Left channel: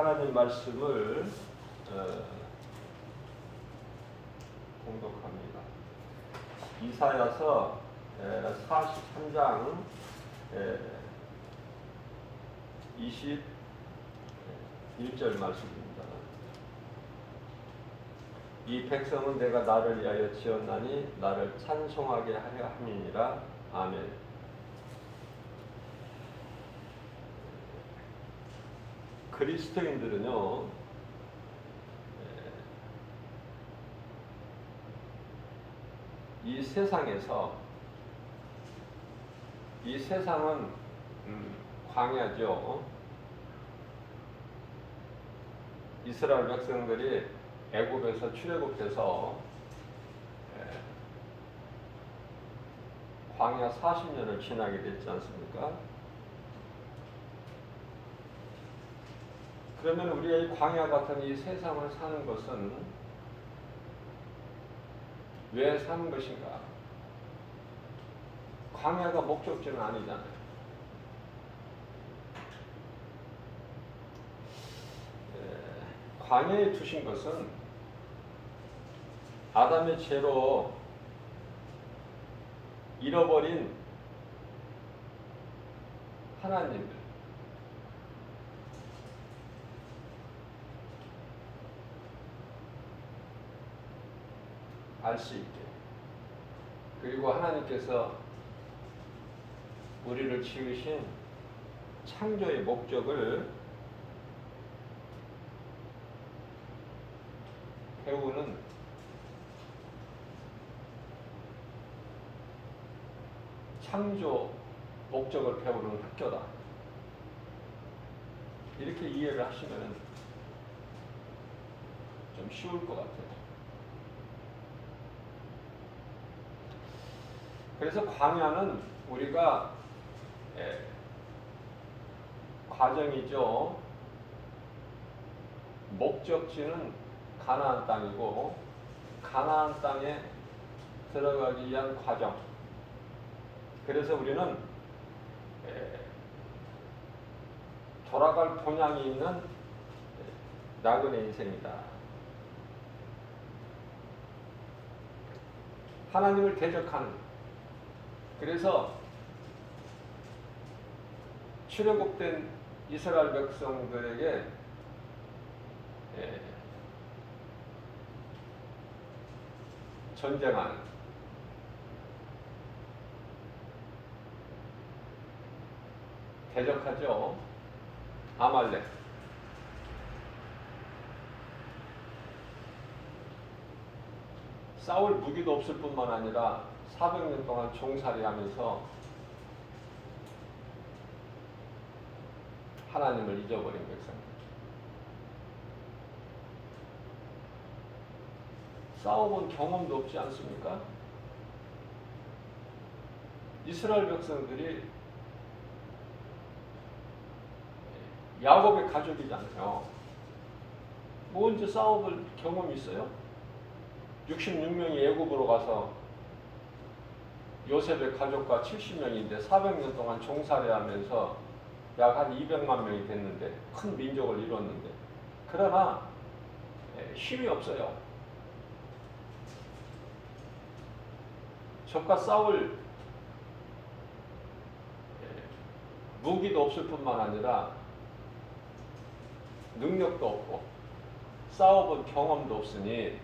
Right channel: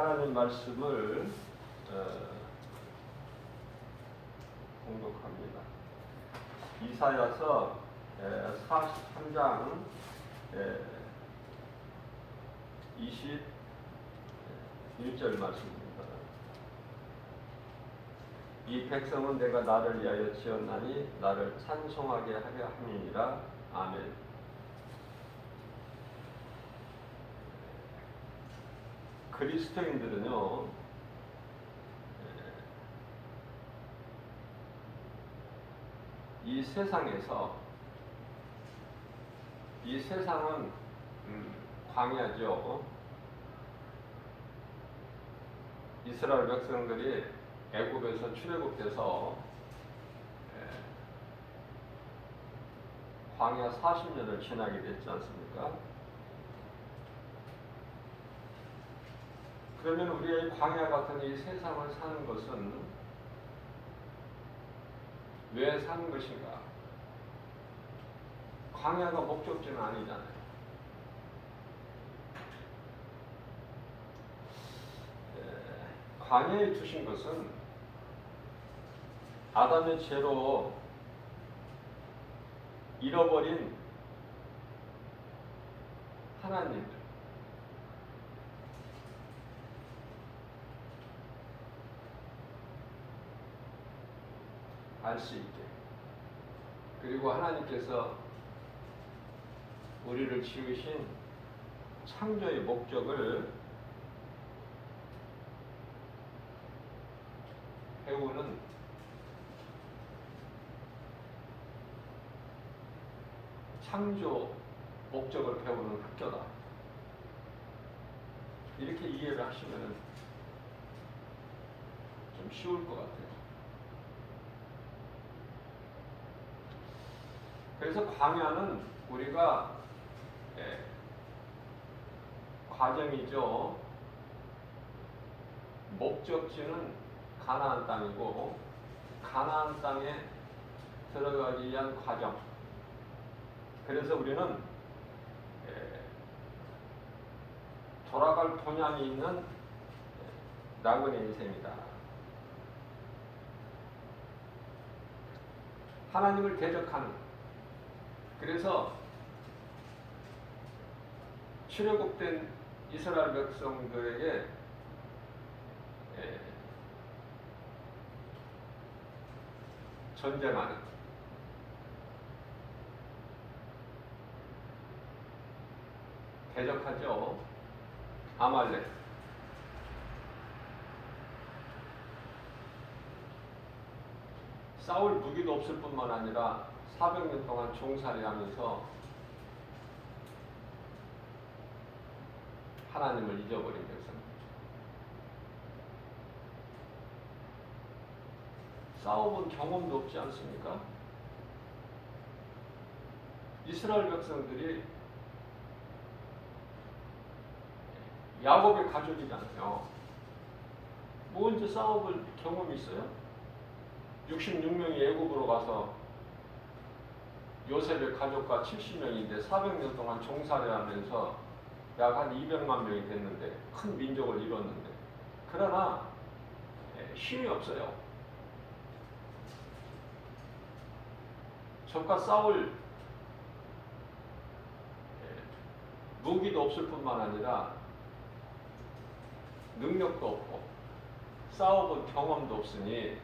하나님 말씀을 공독합니다. 이사야서 43장 21절 말씀입니다. 이 백성은 내가 나를 위하여 지었나니 나를 찬송하게 하려 함이니라. 아멘. 그리스도인들은요, 이 세상에서, 이 세상은 광야죠. 이스라엘 백성들이 애굽에서 출애굽해서 광야 40년을 지나게 됐지 않습니까? 그러면 우리가 이 광야 같은 이 세상을 사는 것은 왜 사는 것인가? 광야가 목적지는 아니잖아요. 광야에 두신 것은 아담의 죄로 잃어버린 하나님을 알 수 있게, 그리고 하나님께서 우리를 지으신 창조의 목적을 배우는 창조 목적을 배우는 학교다. 이렇게 이해를 하시면 좀 쉬울 것 같아요. 그래서 광야는 우리가 과정이죠. 목적지는 가나안 땅이고 가나안 땅에 들어가기 위한 과정. 그래서 우리는 돌아갈 본향이 있는 나그네 인생이다. 하나님을 대적하는, 그래서 출애굽된 이스라엘 백성들에게 전쟁하는, 대적하죠. 아말렉. 싸울 무기도 없을 뿐만 아니라 400년 동안 종살이하면서 하나님을 잊어버린 백성. 싸워본 경험도 없지 않습니까? 이스라엘 백성들이 야곱의 가족이잖아요. 뭐 언제 싸워볼 경험이 있어요? 66명이 애굽으로 가서 요셉의 가족과 70명인데 400년 동안 종살이하면서 약 한 200만 명이 됐는데, 큰 민족을 이뤘는데, 그러나 힘이 없어요. 적과 싸울 무기도 없을 뿐만 아니라 능력도 없고 싸워본 경험도 없으니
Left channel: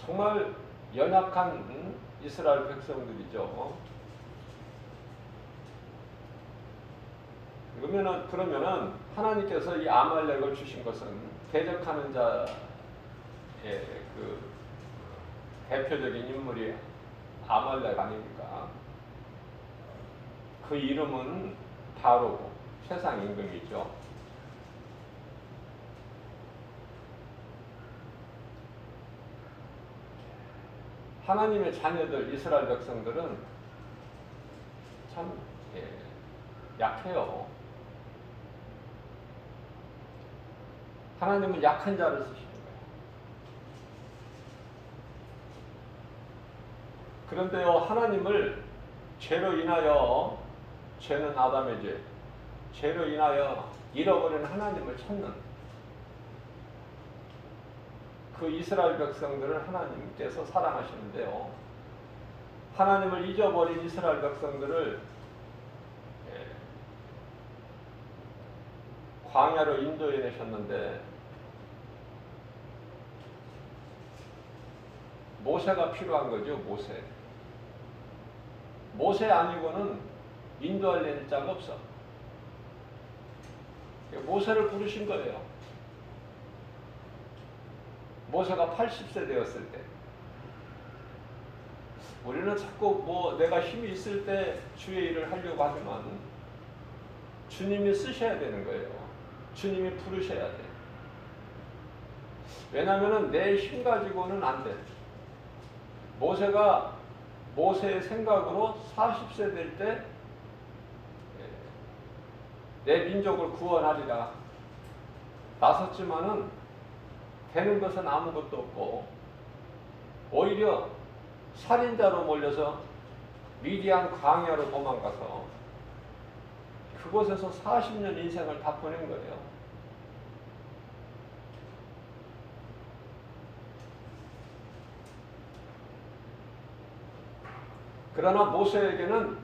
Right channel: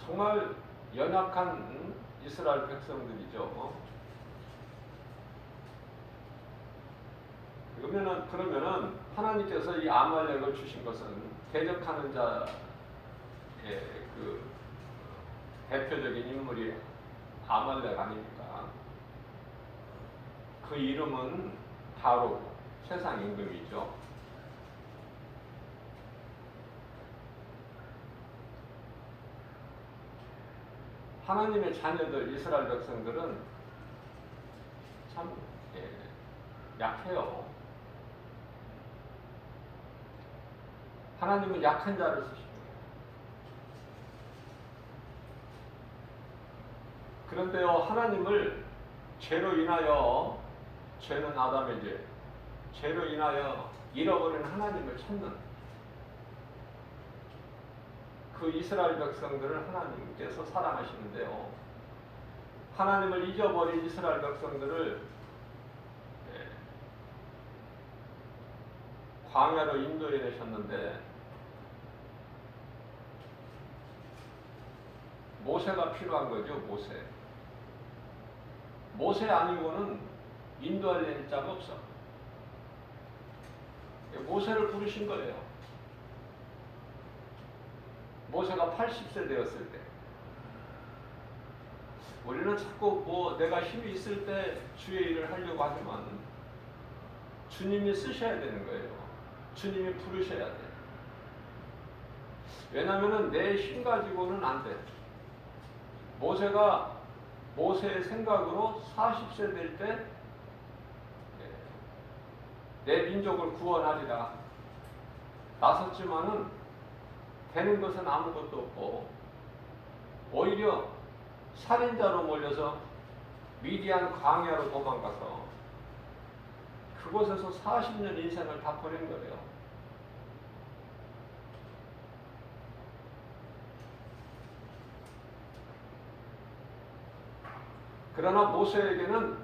정말 연약한 이스라엘 백성들이죠. 그러면은 하나님께서 이 아말렉을 주신 것은 대적하는 자의 그 대표적인 인물이 아말렉 아닙니까? 그 이름은 바로 세상 임금이죠. 하나님의 자녀들 이스라엘 백성들은 참 약해요. 하나님은 약한 자를 쓰십니다. 그런데요, 하나님을 죄로 인하여, 죄는 아담의 죄, 죄로 인하여 잃어버린 하나님을 찾는 그 이스라엘 백성들을 하나님께서 사랑하시는데요. 하나님을 잊어버린 이스라엘 백성들을 광야로 인도해 내셨는데 모세가 필요한 거죠. 모세 아니고는 인도할 자가 없어. 모세를 부르신 거예요. 모세가 80세 되었을 때. 우리는 자꾸 내가 힘이 있을 때 주의 일을 하려고 하지만 주님이 쓰셔야 되는 거예요. 주님이 부르셔야 돼. 왜냐하면 내 힘 가지고는 안 돼. 모세가 모세의 생각으로 40세 될 때 내 민족을 구원하리라 나섰지만은 되는 것은 아무것도 없고 오히려 살인자로 몰려서 미디안 광야로 도망가서 그곳에서 40년 인생을 다 보낸 거예요. 그러나 모세에게는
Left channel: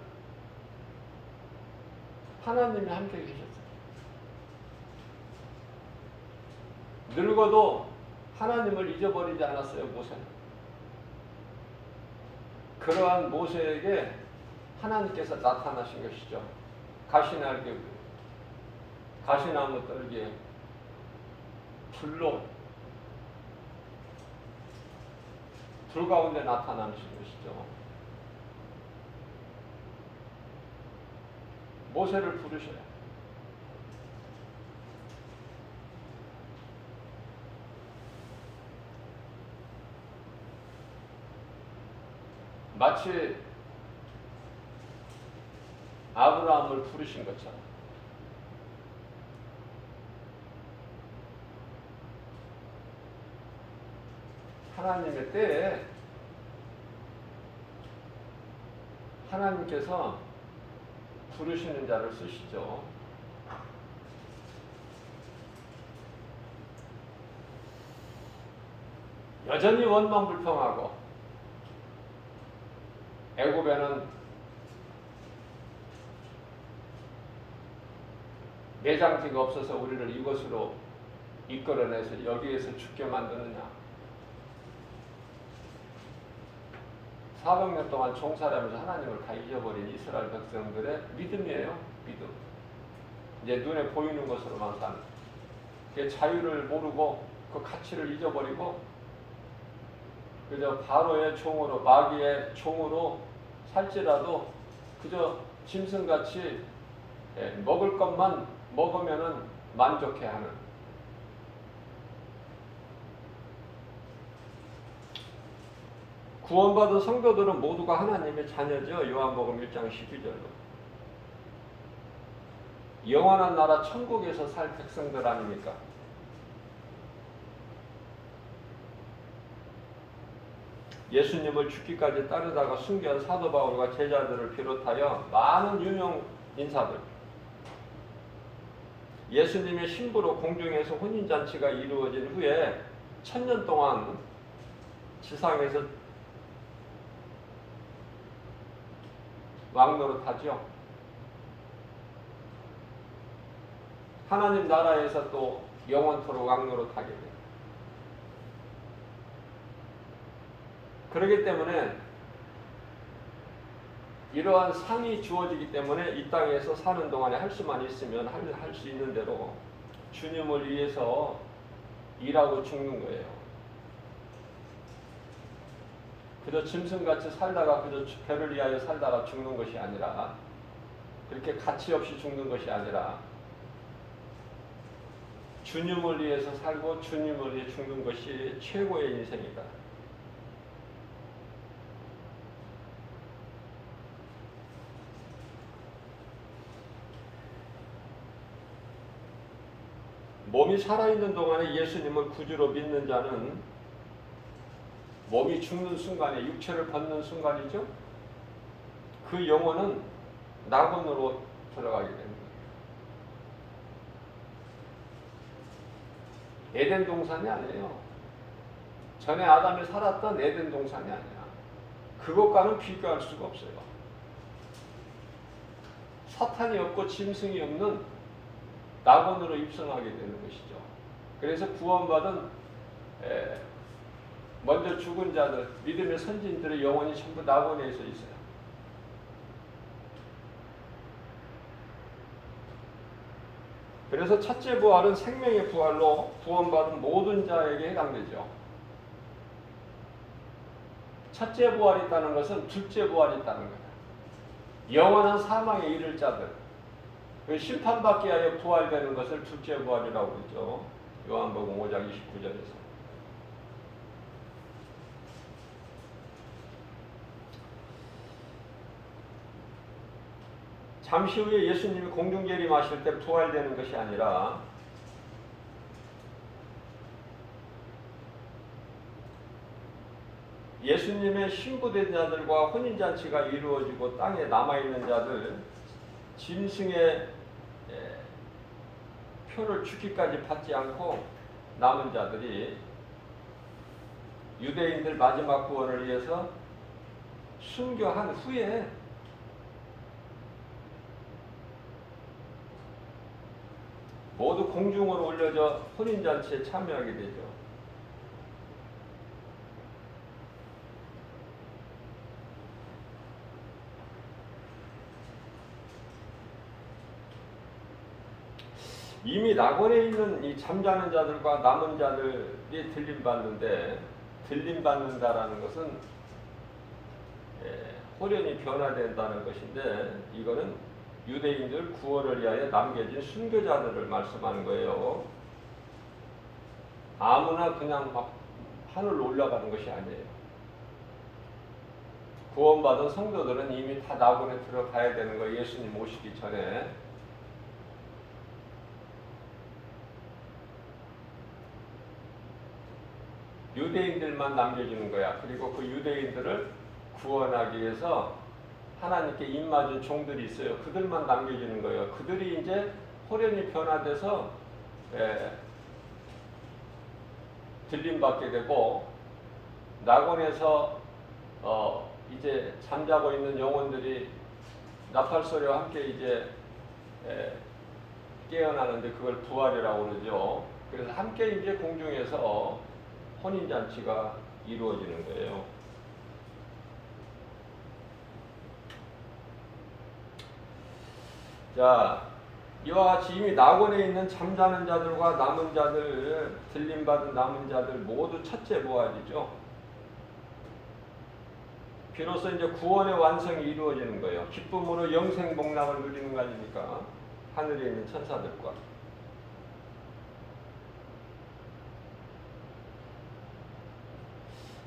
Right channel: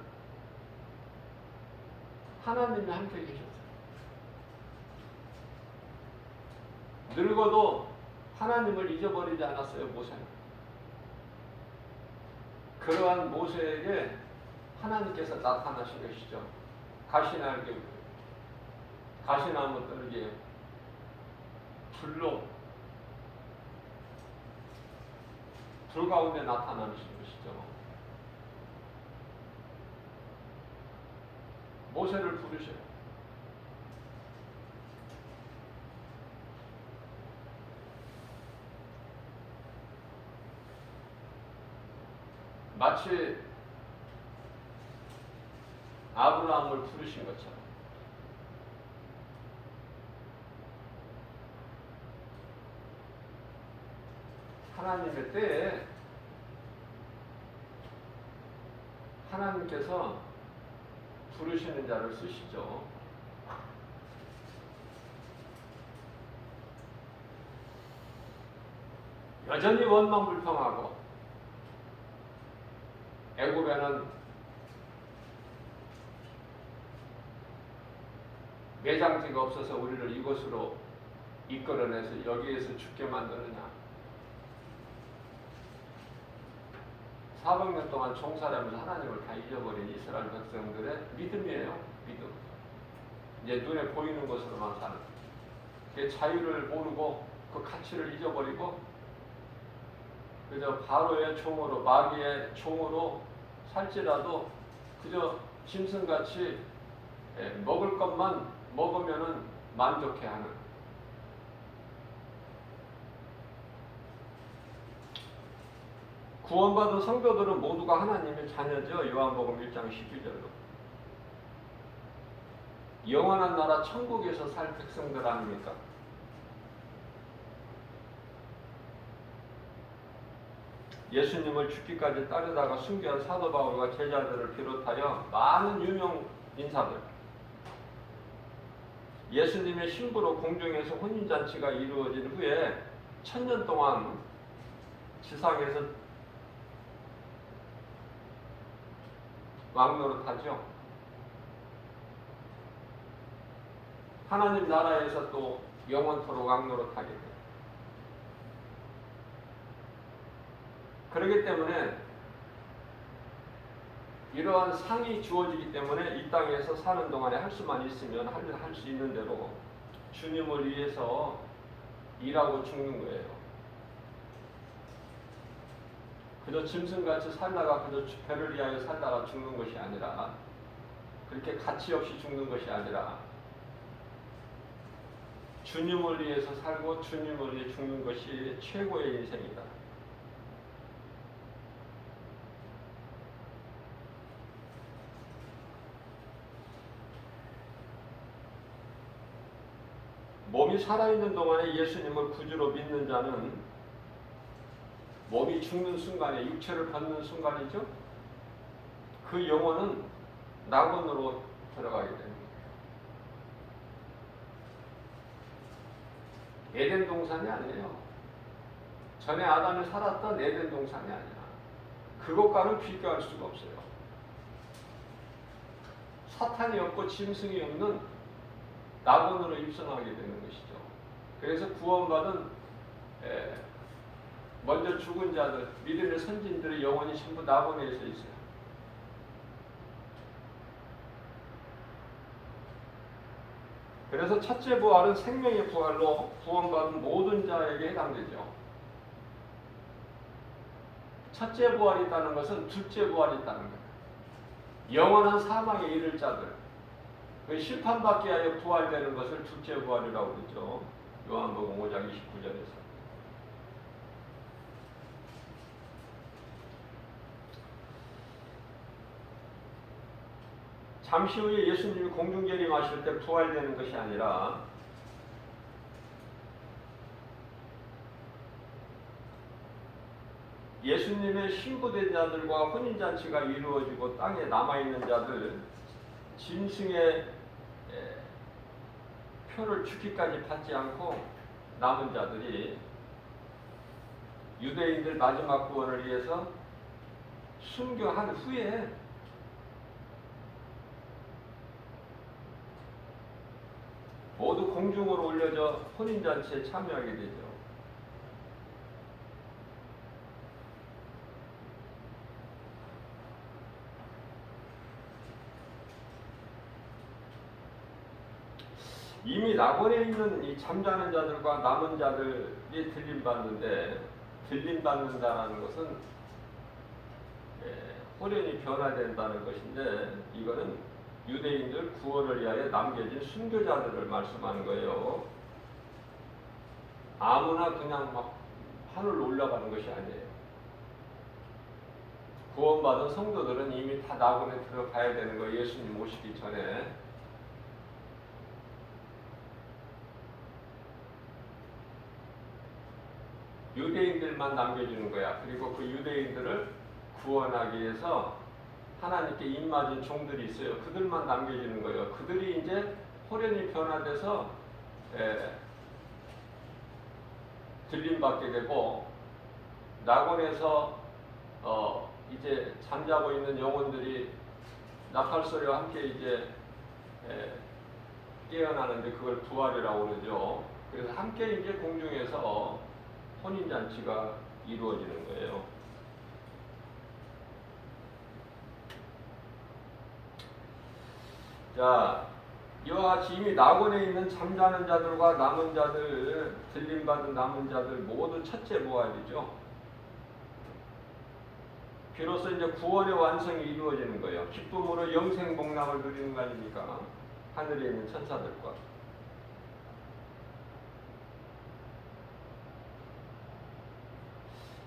하나님이 함께 계셨어요. 늙어도 하나님을 잊어버리지 않았어요. 모세는. 그러한 모세에게 하나님께서 나타나신 것이죠. 가시나무 떨기에 불 가운데 나타나신 것이죠. 모세를 부르셔요. 마치 아브라함을 부르신 것처럼 하나님의 때에 하나님께서 부르시는 자를 쓰시죠. 여전히 원망불평하고 애굽에는 매장지가 없어서 우리를 이것으로 이끌어내서 여기에서 죽게 만드느냐. 400년 동안 종살이하면서 하나님을 다 잊어버린 이스라엘 백성들의 믿음이에요. 믿음. 이제 눈에 보이는 것으로만 사는. 자유를 모르고 그 가치를 잊어버리고 그저 바로의 종으로 마귀의 종으로 살지라도 그저 짐승같이 먹을 것만 먹으면은 만족해하는 구원받은 성도들은 모두가 하나님의 자녀죠. 요한복음 1장 12절로 영원한 나라 천국에서 살 백성들 아닙니까? 예수님을 죽기까지 따르다가 순교한 사도 바울과 제자들을 비롯하여 많은 유명 인사들 예수님의 신부로 공중에서 혼인잔치가 이루어진 후에 1000년 동안 지상에서 왕노릇하죠. 하나님 나라에서 또 영원토록 왕노릇하게 돼요. 그렇기 때문에 이러한 상이 주어지기 때문에 이 땅에서 사는 동안에 할 수만 있으면 할 수 있는 대로 주님을 위해서 일하고 죽는 거예요. 그저 짐승같이 살다가 그저 배를 위하여 살다가 죽는 것이 아니라 그렇게 가치 없이 죽는 것이 아니라 주님을 위해서 살고 주님을 위해 죽는 것이 최고의 인생이다. 몸이 살아있는 동안에 예수님을 구주로 믿는 자는 몸이 죽는 순간에 육체를 벗는 순간이죠. 그 영혼은 낙원으로 들어가게 됩니다. 에덴 동산이 아니에요. 전에 아담이 살았던 에덴 동산이 아니야. 그것과는 비교할 수가 없어요. 사탄이 없고 짐승이 없는 낙원으로 입성하게 되는 것이죠. 그래서 구원받은 먼저 죽은 자들, 믿음의 선진들의 영혼이 전부 낙원에 있어요. 그래서 첫째 부활은 생명의 부활로 구원받은 모든 자에게 해당되죠. 첫째 부활이 있다는 것은 둘째 부활이 있다는 거예요. 영원한 사망에 이를 자들, 심판받기 위하여 부활되는 것을 둘째 부활이라고 그러죠. 요한복음 5장 29절에서. 잠시 후에 예수님이 공중재림하실 때 부활되는 것이 아니라 예수님의 신부된 자들과 혼인잔치가 이루어지고 땅에 남아있는 자들, 짐승의 표를 죽기까지 받지 않고 남은 자들이 유대인들 마지막 구원을 위해서 순교한 후에 모두 공중으로 올려져 혼인잔치에 참여하게 되죠. 이미 낙원에 있는 이 잠자는 자들과 남은 자들이 들림받는다라는 것은 호련히 변화된다는 것인데, 이거는 유대인들 구원을 위하여 남겨진 순교자들을 말씀하는 거예요. 아무나 그냥 막 하늘로 올라가는 것이 아니에요. 구원받은 성도들은 이미 다 낙원에 들어가야 되는 거예요. 예수님 오시기 전에. 유대인들만 남겨주는 거야. 그리고 그 유대인들을 구원하기 위해서 하나님께 입맞은 종들이 있어요. 그들만 남겨주는 거예요. 그들이 이제 호련히 변화돼서 들림받게 되고, 낙원에서 이제 잠자고 있는 영혼들이 나팔소리와 함께 이제 깨어나는데 그걸 부활이라고 그러죠. 그래서 함께 이제 공중에서 혼인잔치가 이루어지는 거예요. 자, 이와 같이 이미 낙원에 있는 잠자는 자들과 남은 자들, 들림받은 남은 자들 모두 첫째 부활이죠. 비로소 이제 구원의 완성이 이루어지는 거예요. 기쁨으로 영생 복락을 누리는 거 아닙니까? 하늘에 있는 천사들과.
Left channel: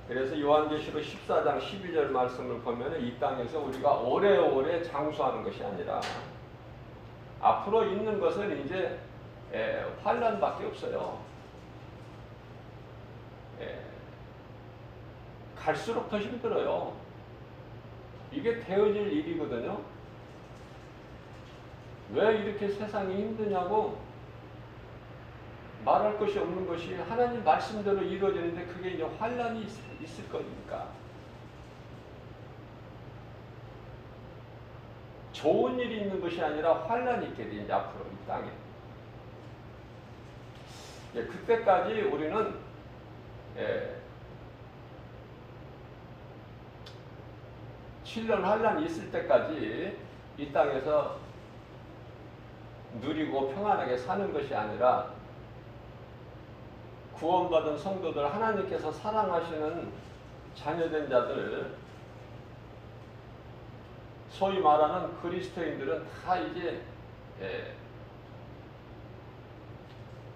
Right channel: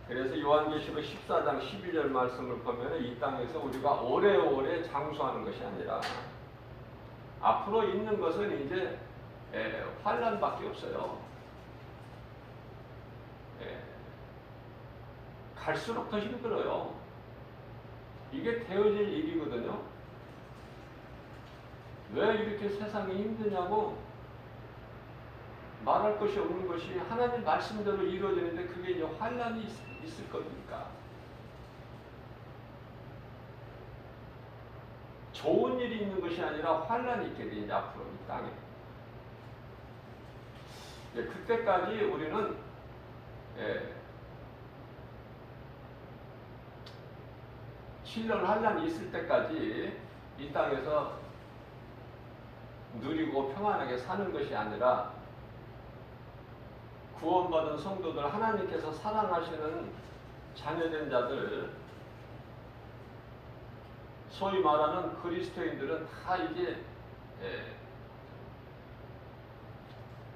그래서 요한계시록 14장 12절 말씀을 보면 이 땅에서 우리가 오래오래 장수하는 것이 아니라 앞으로 있는 것은 이제 환난밖에 없어요. 갈수록 더 힘들어요. 이게 되어질 일이거든요. 왜 이렇게 세상이 힘드냐고 말할 것이 없는 것이 하나님 말씀대로 이루어지는데 그게 이제 환난이 있을 겁니까? 좋은 일이 있는 것이 아니라 환난이 있게 돼, 이제 앞으로 이 땅에. 그때까지 우리는 7년 환난이 있을 때까지 이 땅에서 누리고 평안하게 사는 것이 아니라 구원받은 성도들, 하나님께서 사랑하시는 자녀된 자들, 소위 말하는 그리스도인들은 다 이제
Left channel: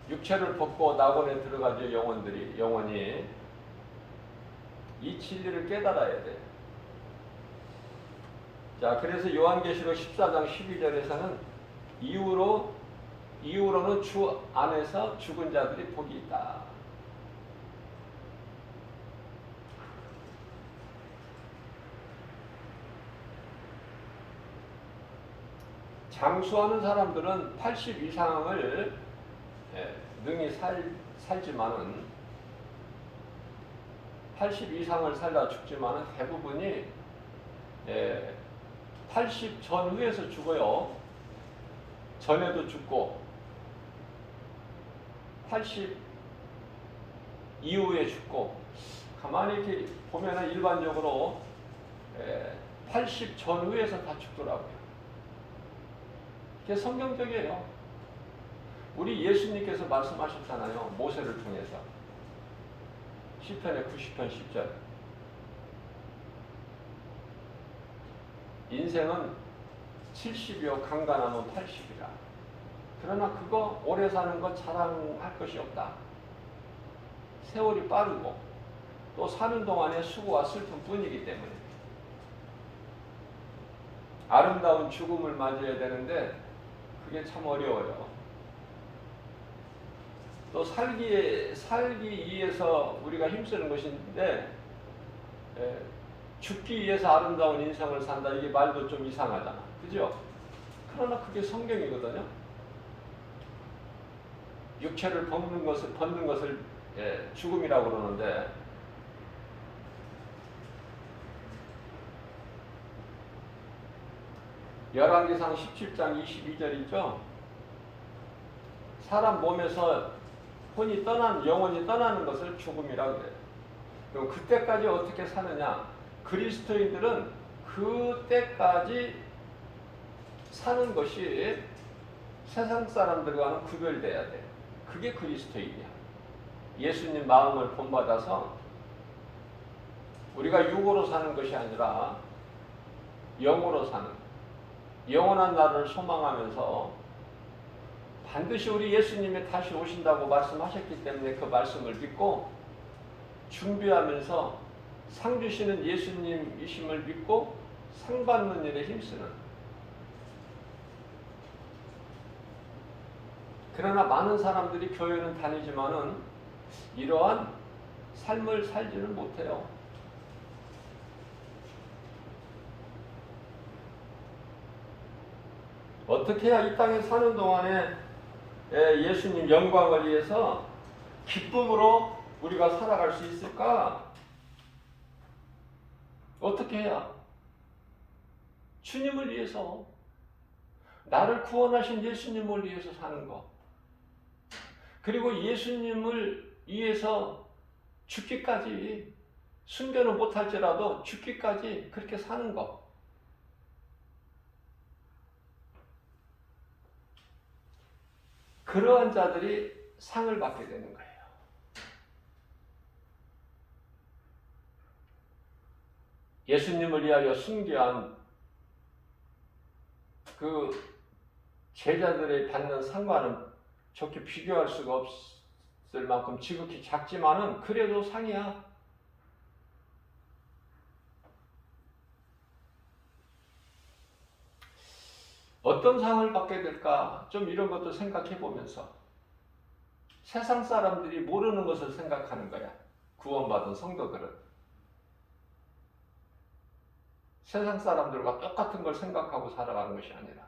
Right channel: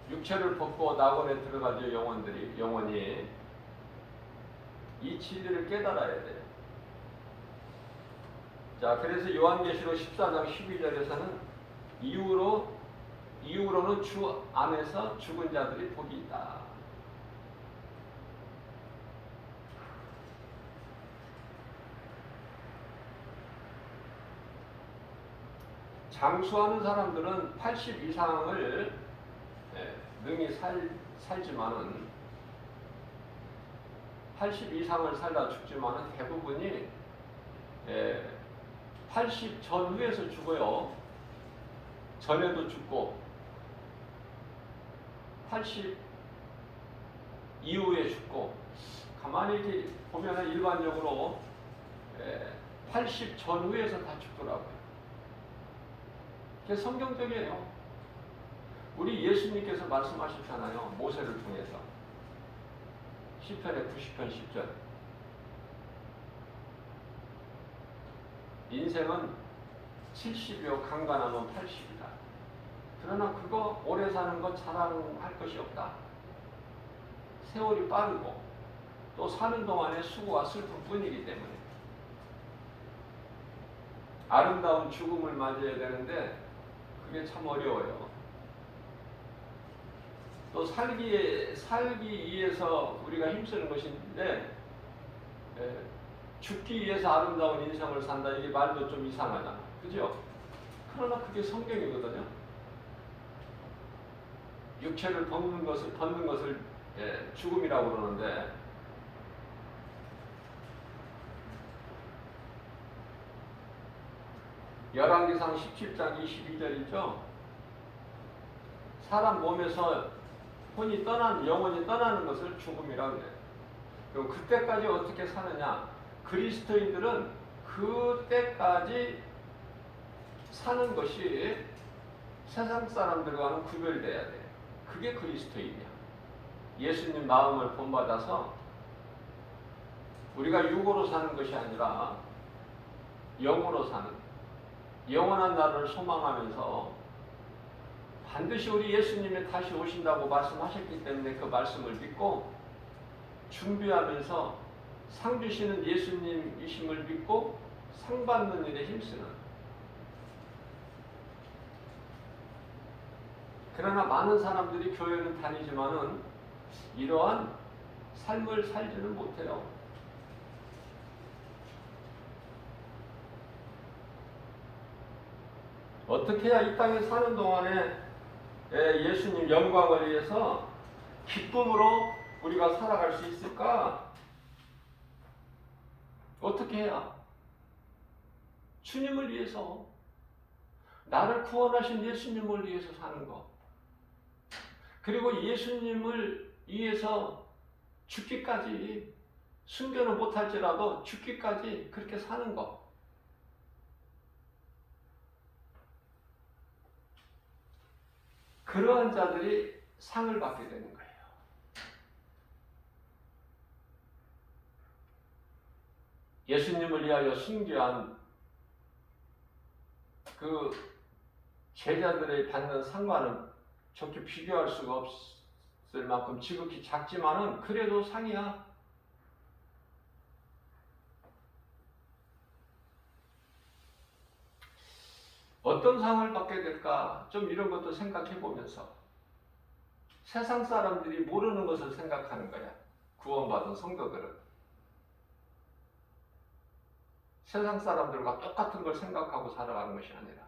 육체를 벗고 낙원에 들어가죠. 영원히 이 진리를 깨달아야 돼요. 자, 그래서 요한계시록 14장 12절에서는 이후로는 주 안에서 죽은 자들이 복이 있다. 장수하는 사람들은 80 이상을 능히 살지만은 80 이상을 살다 죽지만은 대부분이 80 전후에서 죽어요. 전에도 죽고 80 이후에 죽고 가만히 이렇게 보면 일반적으로 80 전후에서 다 죽더라고요. 그게 성경적이에요. 우리 예수님께서 말씀하셨잖아요. 모세를 통해서. 시편의 90편 10절. 인생은 70이요 강간하면 80이다. 그러나 그거 오래 사는 거 자랑할 것이 없다. 세월이 빠르고 또 사는 동안에 수고와 슬픔 뿐이기 때문에 아름다운 죽음을 맞이해야 되는데 그게 참 어려워요. 또 살기 위해서 우리가 힘쓰는 것인데 죽기 위해서 아름다운 인생을 산다. 이게 말도 좀 이상하잖아. 그죠? 그러나 그게 성경이거든요. 육체를 벗는 것을 죽음이라고 그러는데 열왕기상 17장 22절이죠. 사람 몸에서 영혼이 떠나는 것을 죽음이라고 그래요. 그럼 그때까지 어떻게 사느냐? 그리스도인들은 그때까지 사는 것이 세상 사람들과는 구별돼야 돼. 그게 그리스도인이야. 예수님 마음을 본받아서 우리가 육으로 사는 것이 아니라 영으로 사는, 영원한 날을 소망하면서 반드시 우리 예수님이 다시 오신다고 말씀하셨기 때문에 그 말씀을 믿고 준비하면서 상 주시는 예수님이심을 믿고 상 받는 일에 힘쓰는. 그러나 많은 사람들이 교회는 다니지만은 이러한 삶을 살지는 못해요. 어떻게 해야 이 땅에 사는 동안에 예수님 영광을 위해서 기쁨으로 우리가 살아갈 수 있을까? 어떻게 해야? 주님을 위해서, 나를 구원하신 예수님을 위해서 사는 것. 그리고 예수님을 위해서 죽기까지, 순교는 못할지라도 죽기까지 그렇게 사는 것. 그러한 자들이 상을 받게 되는 거예요. 예수님을 위하여 순교한 그 제자들의 받는 상과는 좋게 비교할 수가 없을 만큼 지극히 작지만은 그래도 상이야. 어떤 상을 받게 될까? 좀 이런 것도 생각해 보면서 세상 사람들이 모르는 것을 생각하는 거야. 구원받은 성도들은. 세상 사람들과 똑같은 걸 생각하고 살아가는 것이 아니라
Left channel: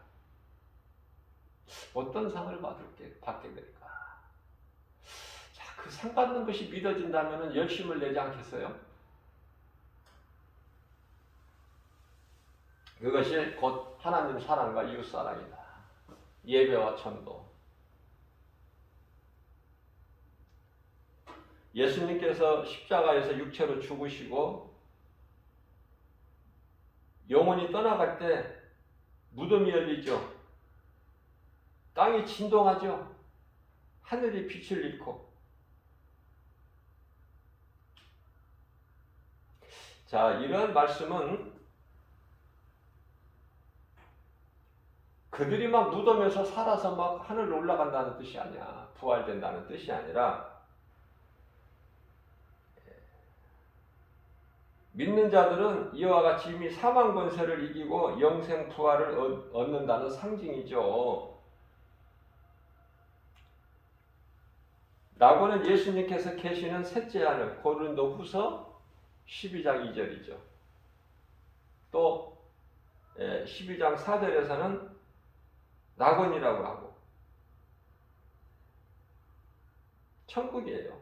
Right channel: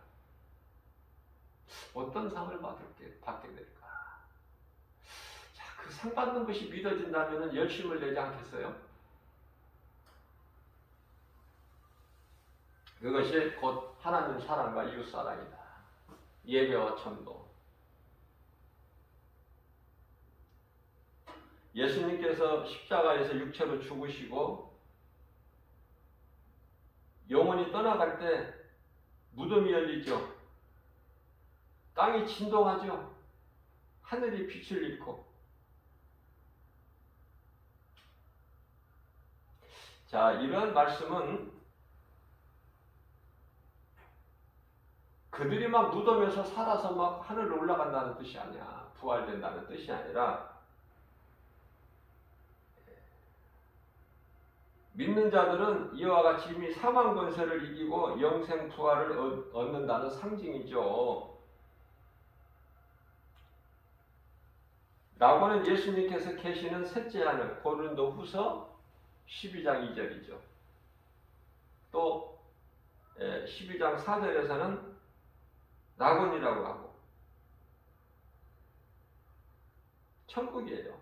어떤 상을 받게 될까? 자, 그 상 받는 것이 믿어진다면 열심을 내지 않겠어요? 그것이 곧 하나님 사랑과 이웃 사랑이다. 예배와 전도. 예수님께서 십자가에서 육체로 죽으시고 영혼이 떠나갈 때 무덤이 열리죠. 땅이 진동하죠. 하늘이 빛을 잃고. 자, 이런 말씀은 그들이 막 무덤에서 살아서 막 하늘로 올라간다는 뜻이 아니야. 부활된다는 뜻이 아니라 믿는 자들은 이와 같이 이미 사망 권세를 이기고 영생 부활을 얻는다는 상징이죠. 나고는 예수님께서 계시는 셋째 하늘, 고린도후서 12장 2절이죠. 또 12장 4절에서는 낙원이라고 하고 천국이에요.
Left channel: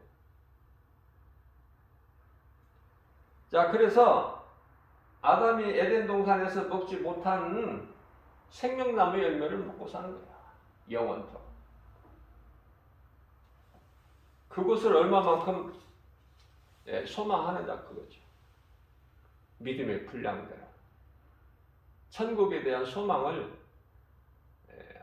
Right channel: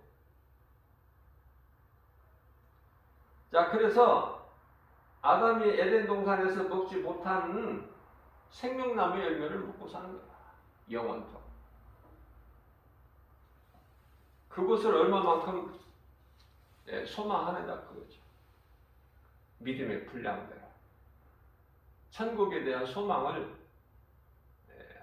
자, 그래서 아담이 에덴 동산에서 먹지 못한 생명나무 열매를 먹고 사는 거야. 영원토록. 그것을 얼마만큼 소망하느냐 그거죠. 믿음의 분량대로. 천국에 대한 소망을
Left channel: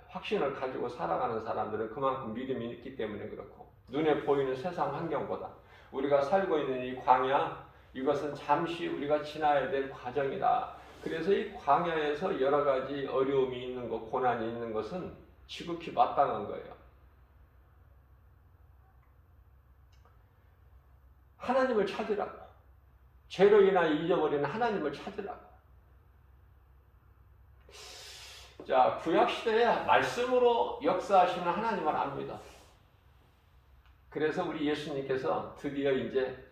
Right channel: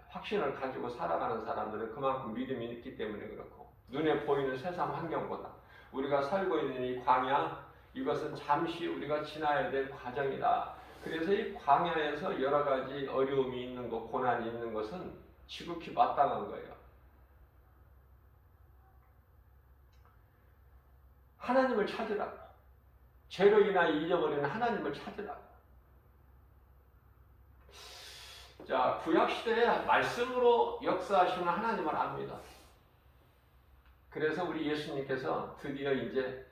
확신을 가지고 살아가는 사람들은 그만큼 믿음이 있기 때문에 그렇고, 눈에 보이는 세상 환경보다 우리가 살고 있는 이 광야, 이것은 잠시 우리가 지나야 될 과정이다. 그래서 이 광야에서 여러 가지 어려움이 있는 것, 고난이 있는 것은 지극히 마땅한 거예요. 하나님을 찾으라고. 죄로 인하여 잊어버리는 하나님을 찾으라고. 자, 구약시대에 말씀으로 역사하시는 하나님을 압니다. 그래서 우리 예수님께서 드디어 이제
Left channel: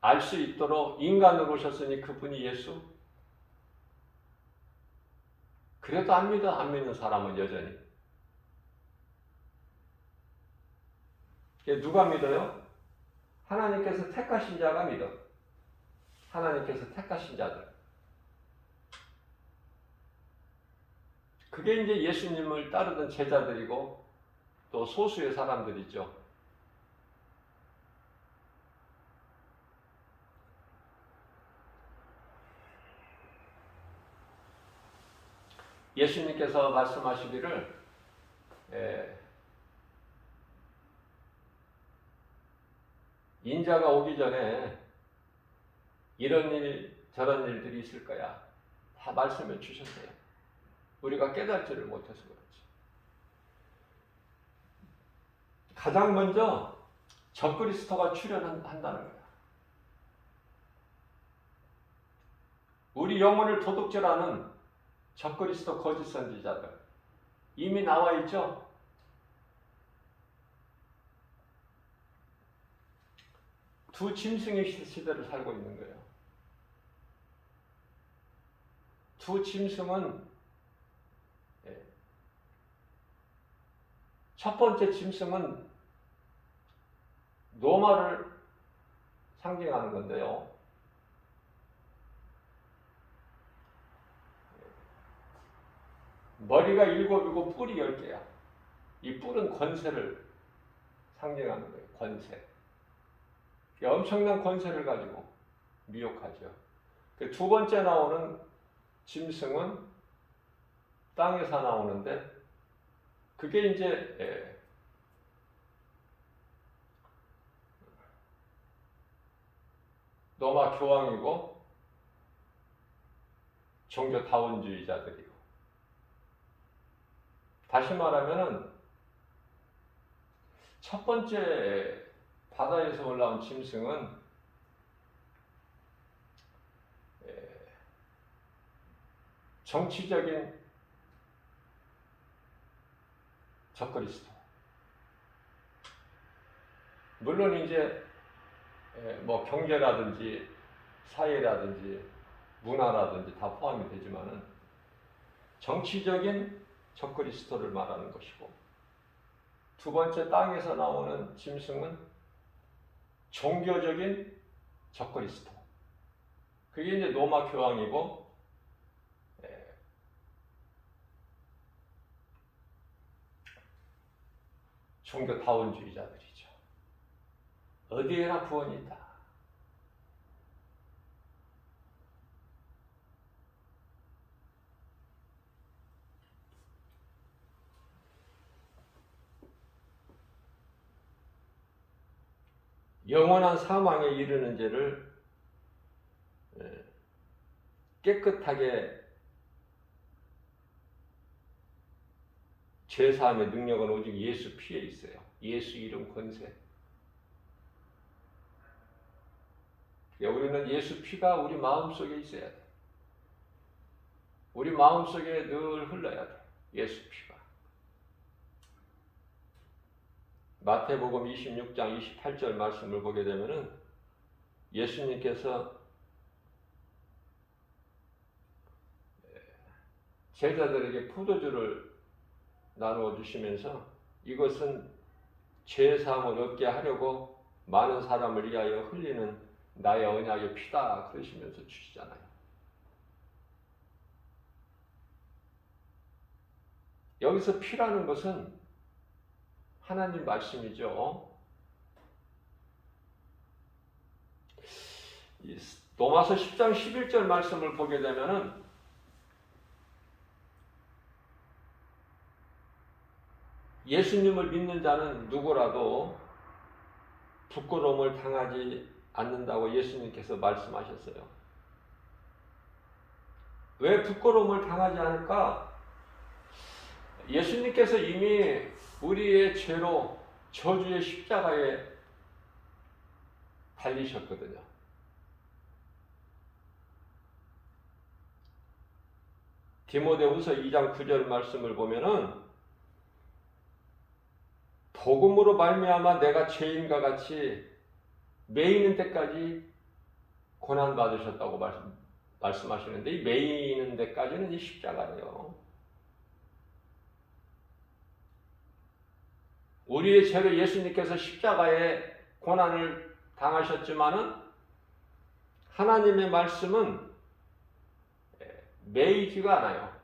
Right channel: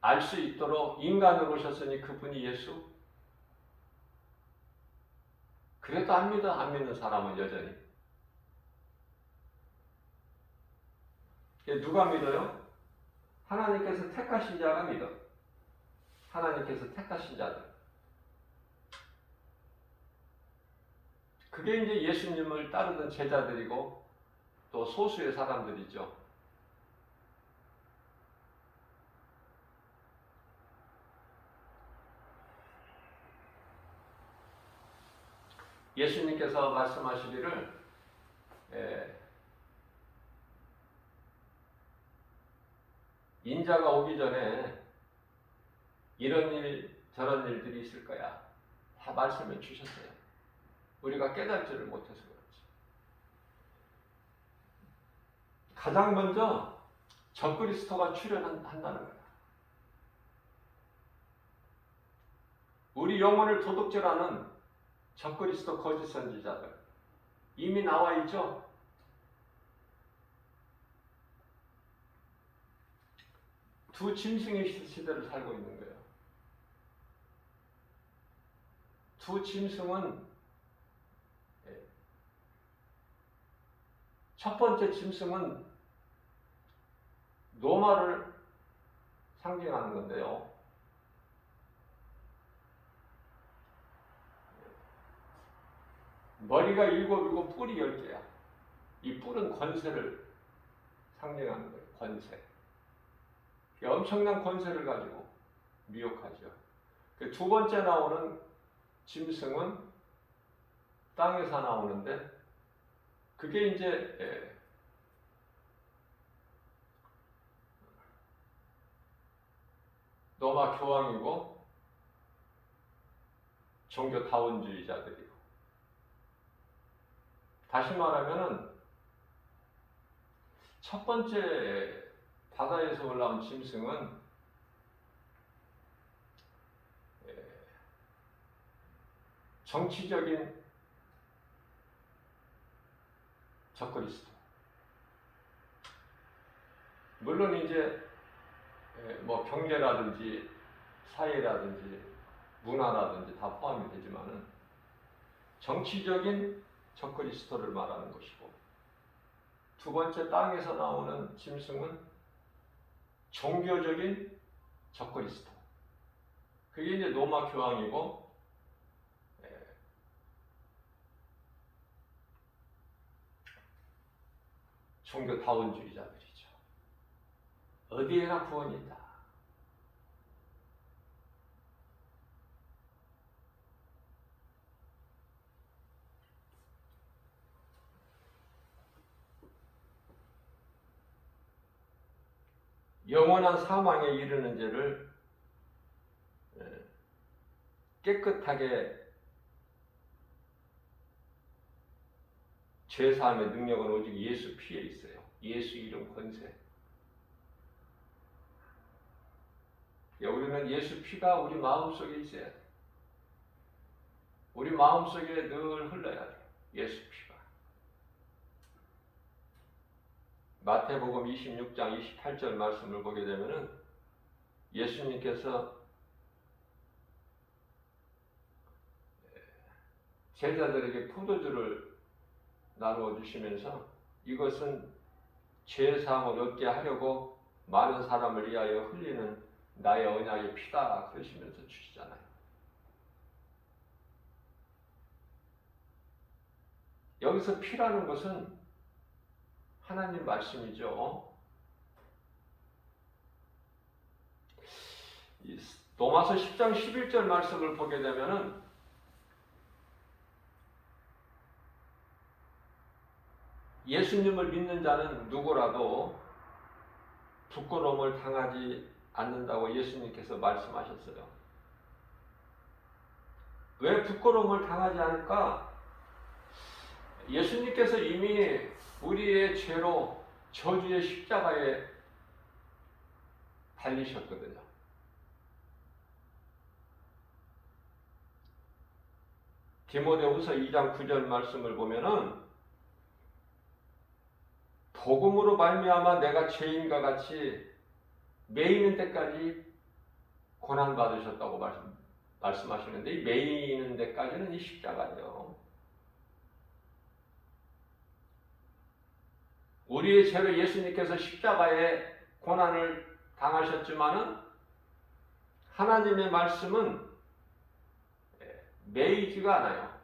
알 수 있도록 인간으로 오셨으니 그분이 예수. 그래도 안 믿어. 안 믿는 사람은 여전히. 누가 믿어요? 하나님께서 택하신 자가 믿어. 하나님께서 택하신 자들. 그게 이제 예수님을 따르던 제자들이고 또 소수의 사람들이죠. 예수님께서 말씀하시기를 인자가 오기 전에 이런 일 저런 일들이 있을 거야. 다 말씀해 주셨어요. 우리가 깨닫지를 못해서 그렇지. 가장 먼저 적그리스도가 출현한다는 거야. 우리 영혼을 도둑질하는 적그리스도 거짓 선지자들 이미 나와 있죠. 두 짐승의 시대를 살고 있는 거예요. 두 짐승은 첫 번째 짐승은 노마를 상징하는 건데요. 머리가 7이고 뿔이 10개야. 이 뿔은 권세를 상징하는 거예요. 권세. 엄청난 권세를 가지고 미혹하죠. 두 번째 나오는 짐승은 땅에서 나오는데 그게 이제 노마 교황이고 종교 다원주의자들이고, 다시 말하면은 첫 번째 바다에서 올라온 짐승은 정치적인 적그리스도. 물론 이제 뭐 경제라든지 사회라든지 문화라든지 다 포함이 되지만은 정치적인 적그리스도를 말하는 것이고, 두 번째 땅에서 나오는 짐승은 종교적인 적그리스도. 그게 이제 로마 교황이고 종교 다원주의자들이죠. 어디에나 구원이 있다. 영원한 사망에 이르는 죄를 깨끗하게 죄사함의 능력은 오직 예수 피에 있어요. 예수 이름 권세. 우리는 예수 피가 우리 마음속에 있어야 돼. 우리 마음속에 늘 흘러야 돼. 예수 피가. 마태복음 26장 28절 말씀을 보게 되면은 예수님께서 제자들에게 포도주를 나누어 주시면서 이것은 죄사함을 얻게 하려고 많은 사람을 위하여 흘리는 나의 언약의 피다 그러시면서 주시잖아요. 여기서 피라는 것은 하나님 말씀이죠. 로마서 10장 11절 말씀을 보게 되면은 예수님을 믿는 자는 누구라도 부끄러움을 당하지 않는다고 예수님께서 말씀하셨어요. 왜 부끄러움을 당하지 않을까? 예수님께서 이미 우리의 죄로 저주의 십자가에 달리셨거든요. 디모데후서 2장 9절 말씀을 보면은 복음으로 말미암아 내가 죄인과 같이 매이는 데까지 고난 받으셨다고 말씀하시는데 이 매이는 데까지는 이 십자가예요. 우리의 죄로 예수님께서 십자가에 고난을 당하셨지만은 하나님의 말씀은 매이지가 않아요.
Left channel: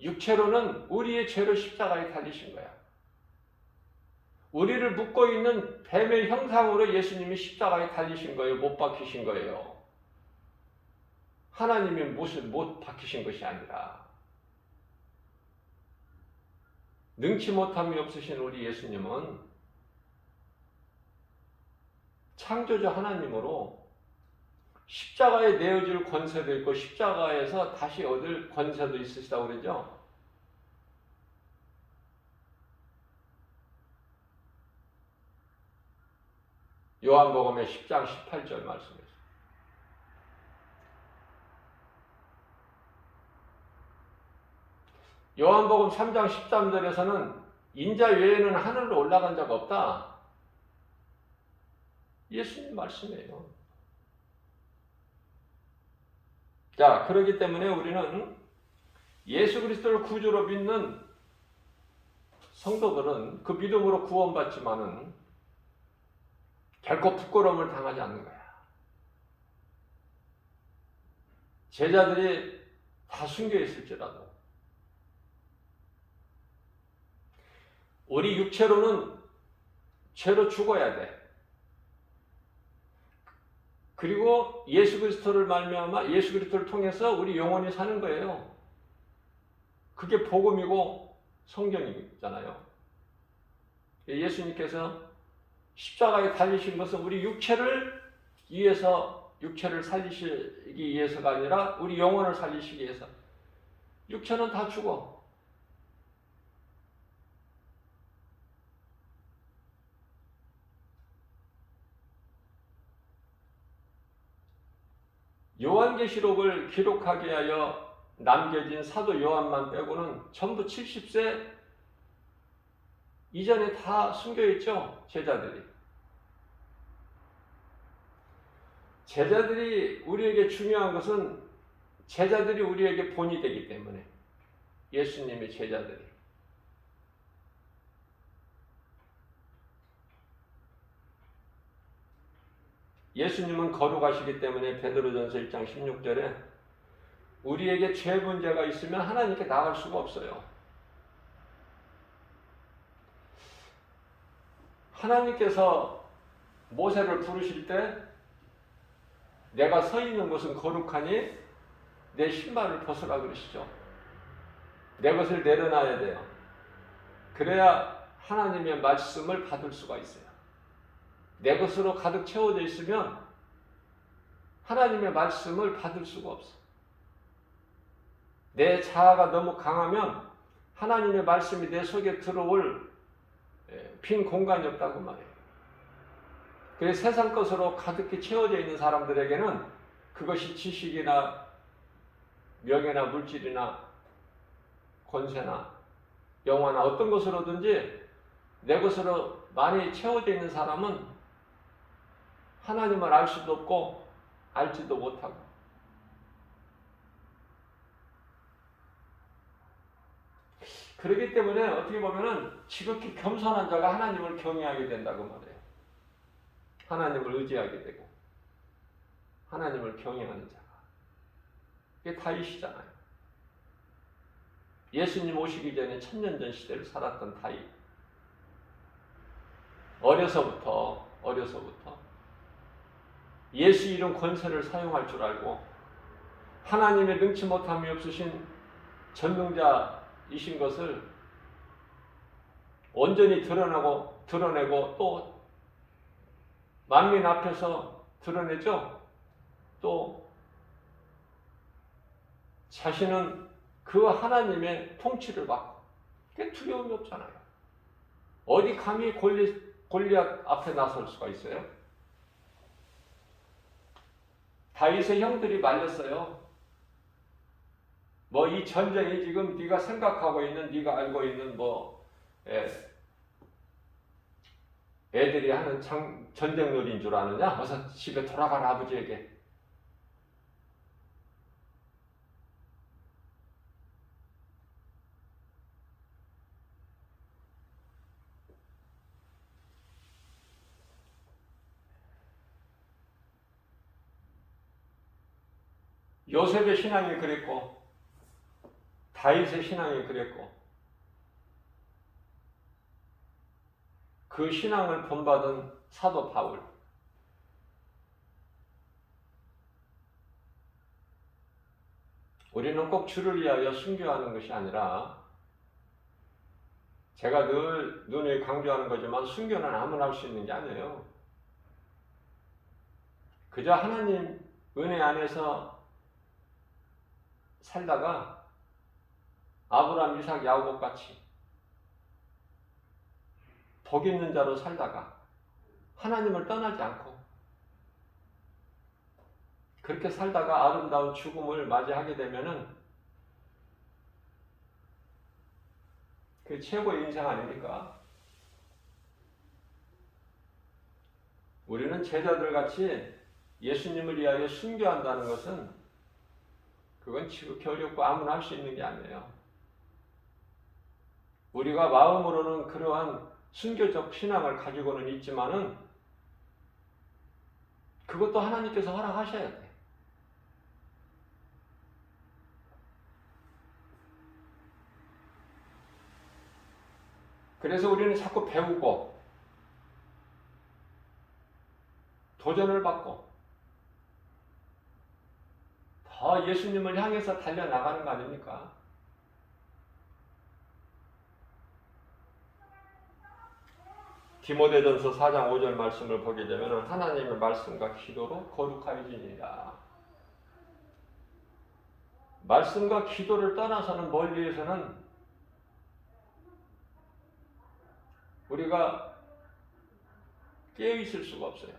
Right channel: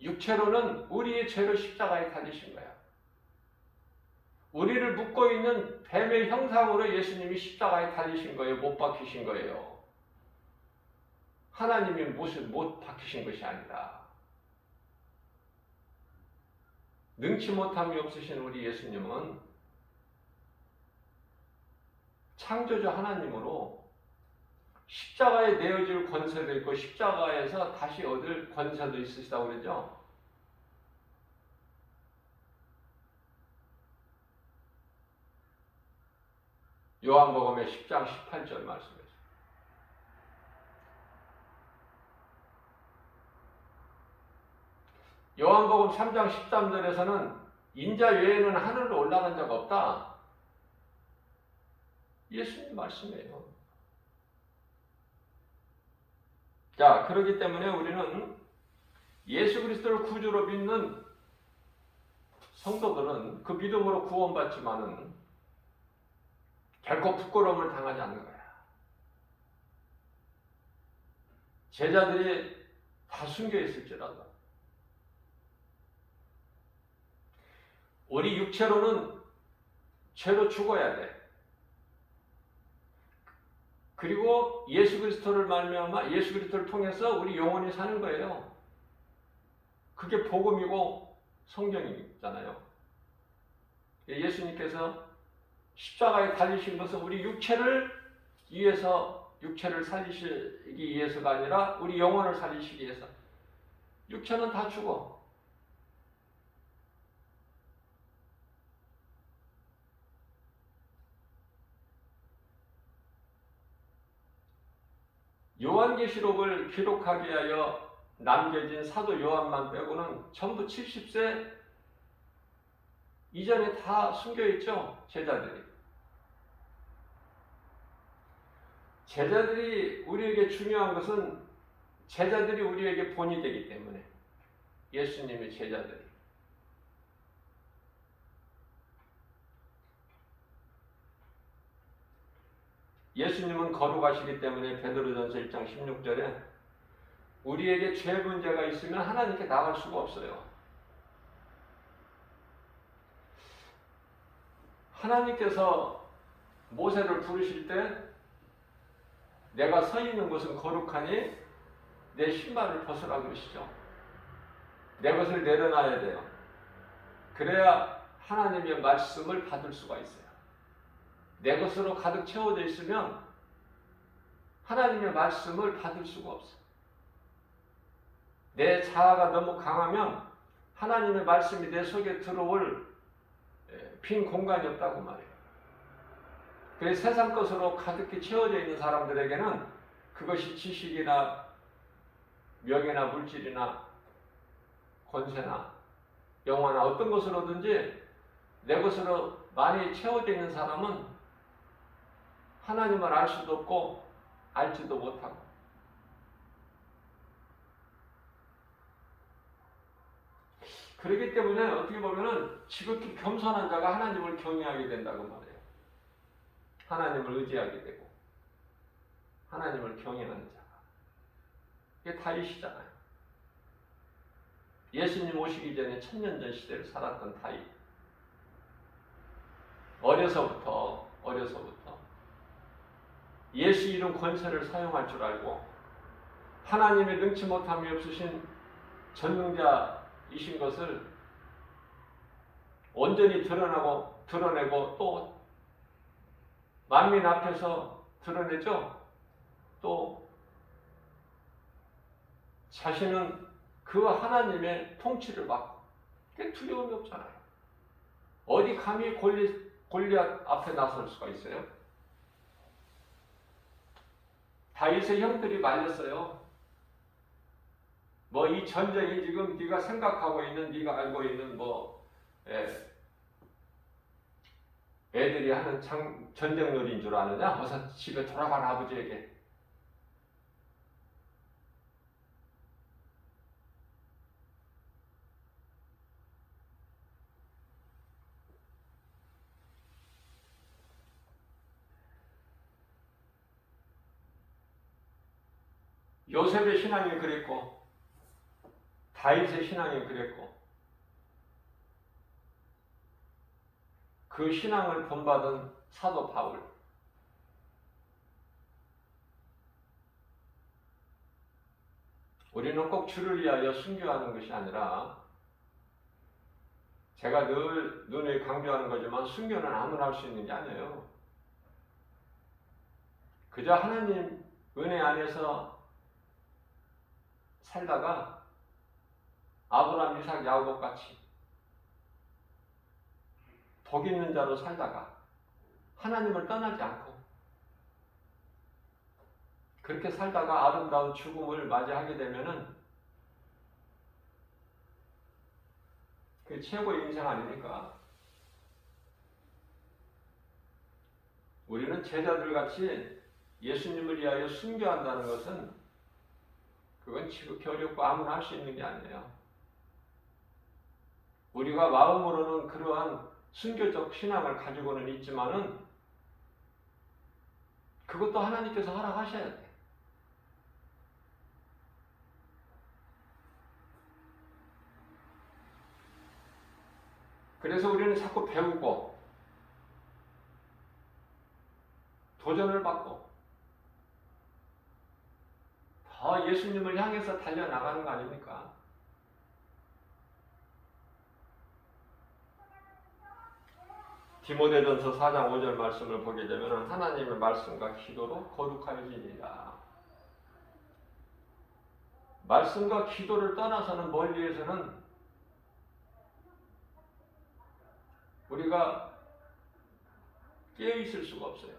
육체로는 우리의 죄로 십자가에 달리신 거야. 우리를 묶고 있는 뱀의 형상으로 예수님이 십자가에 달리신 거예요. 못 박히신 거예요. 하나님이 못 박히신 것이 아니라 능치 못함이 없으신 우리 예수님은 창조주 하나님으로 십자가에 내어줄 권세도 있고 십자가에서 다시 얻을 권세도 있으시다고 그러죠. 요한복음의 10장 18절 말씀이에요. 요한복음 3장 13절에서는 인자 외에는 하늘로 올라간 자가 없다. 예수님 말씀이에요. 자, 그렇기 때문에 우리는 예수 그리스도를 구주로 믿는 성도들은 그 믿음으로 구원받지만은 결코 부끄러움을 당하지 않는 거야. 제자들이 다 숨겨 있을지라도 우리 육체로는 죄로 죽어야 돼. 그리고 예수 그리스도를 말미암아 예수 그리스도를 통해서 우리 영혼이 사는 거예요. 그게 복음이고 성경이잖아요. 예수님께서 십자가에 달리신 것은 우리 육체를 위해서 육체를 살리시기 위해서가 아니라 우리 영혼을 살리시기 위해서. 육체는 다 죽어. 요한계시록을 기록하게 하여 남겨진 사도 요한만 빼고는 전부 70세 이전에 다 숨겨있죠. 제자들이 우리에게 중요한 것은 제자들이 우리에게 본이 되기 때문에 예수님의 제자들이 예수님은 거룩하시기 때문에 베드로전서 1장 16절에 우리에게 죄 문제가 있으면 하나님께 나갈 수가 없어요. 하나님께서 모세를 부르실 때 내가 서 있는 곳은 거룩하니 내 신발을 벗으라 그러시죠. 내 것을 내려놔야 돼요. 그래야 하나님의 말씀을 받을 수가 있어요. 내 것으로 가득 채워져 있으면 하나님의 말씀을 받을 수가 없어요. 내 자아가 너무 강하면 하나님의 말씀이 내 속에 들어올 빈 공간이 없다고 말해요. 그래서 세상 것으로 가득히 채워져 있는 사람들에게는 그것이 지식이나 명예나 물질이나 권세나 영화나 어떤 것으로든지 내 것으로 많이 채워져 있는 사람은 하나님을 알 수도 없고 알지도 못하고 그렇기 때문에 어떻게 보면은 지극히 겸손한 자가 하나님을 경외하게 된다고 말해요. 하나님을 의지하게 되고 하나님을 경외하는 자가. 이게 다윗이잖아요. 예수님 오시기 전에 천년전 시대를 살았던 다윗. 어려서부터 예수 이름 권세를 사용할 줄 알고 하나님의 능치 못함이 없으신 전능자이신 것을 온전히 드러내고 또 만민 앞에서 드러내죠. 또 자신은 그 하나님의 통치를 받고 그게 두려움이 없잖아요. 어디 감히 골리앗 앞에 나설 수가 있어요? 다윗의 형들이 말렸어요. 뭐 이 전쟁이 지금 네가 생각하고 있는, 네가 알고 있는 애들이 하는 전쟁놀이인 줄 아느냐? 어서 집에 돌아가라 아버지에게. 요셉의 신앙이 그랬고 다윗의 신앙이 그랬고 그 신앙을 본받은 사도 바울. 우리는 꼭 주를 위하여 순교하는 것이 아니라 제가 늘 눈에 강조하는 거지만 순교는 아무나 할 수 있는 게 아니에요. 그저 하나님 은혜 안에서 살다가 아브라함, 이삭, 야곱 같이 복 있는 자로 살다가 하나님을 떠나지 않고 그렇게 살다가 아름다운 죽음을 맞이하게 되면은 그 최고의 인생 아닙니까? 우리는 제자들 같이 예수님을 위하여 순교한다는 것은 그건 지극히 어렵고 아무나 할 수 있는 게 아니에요. 우리가 마음으로는 그러한 순교적 신앙을 가지고는 있지만은 그것도 하나님께서 허락하셔야 돼. 그래서 우리는 자꾸 배우고 도전을 받고 더 예수님을 향해서 달려나가는 거 아닙니까? 디모데전서 4장 5절 말씀을 보게 되면 하나님의 말씀과 기도로 거룩하여지니라. 말씀과 기도를 떠나서는 멀리에서는 우리가 깨어있을 수가 없어요.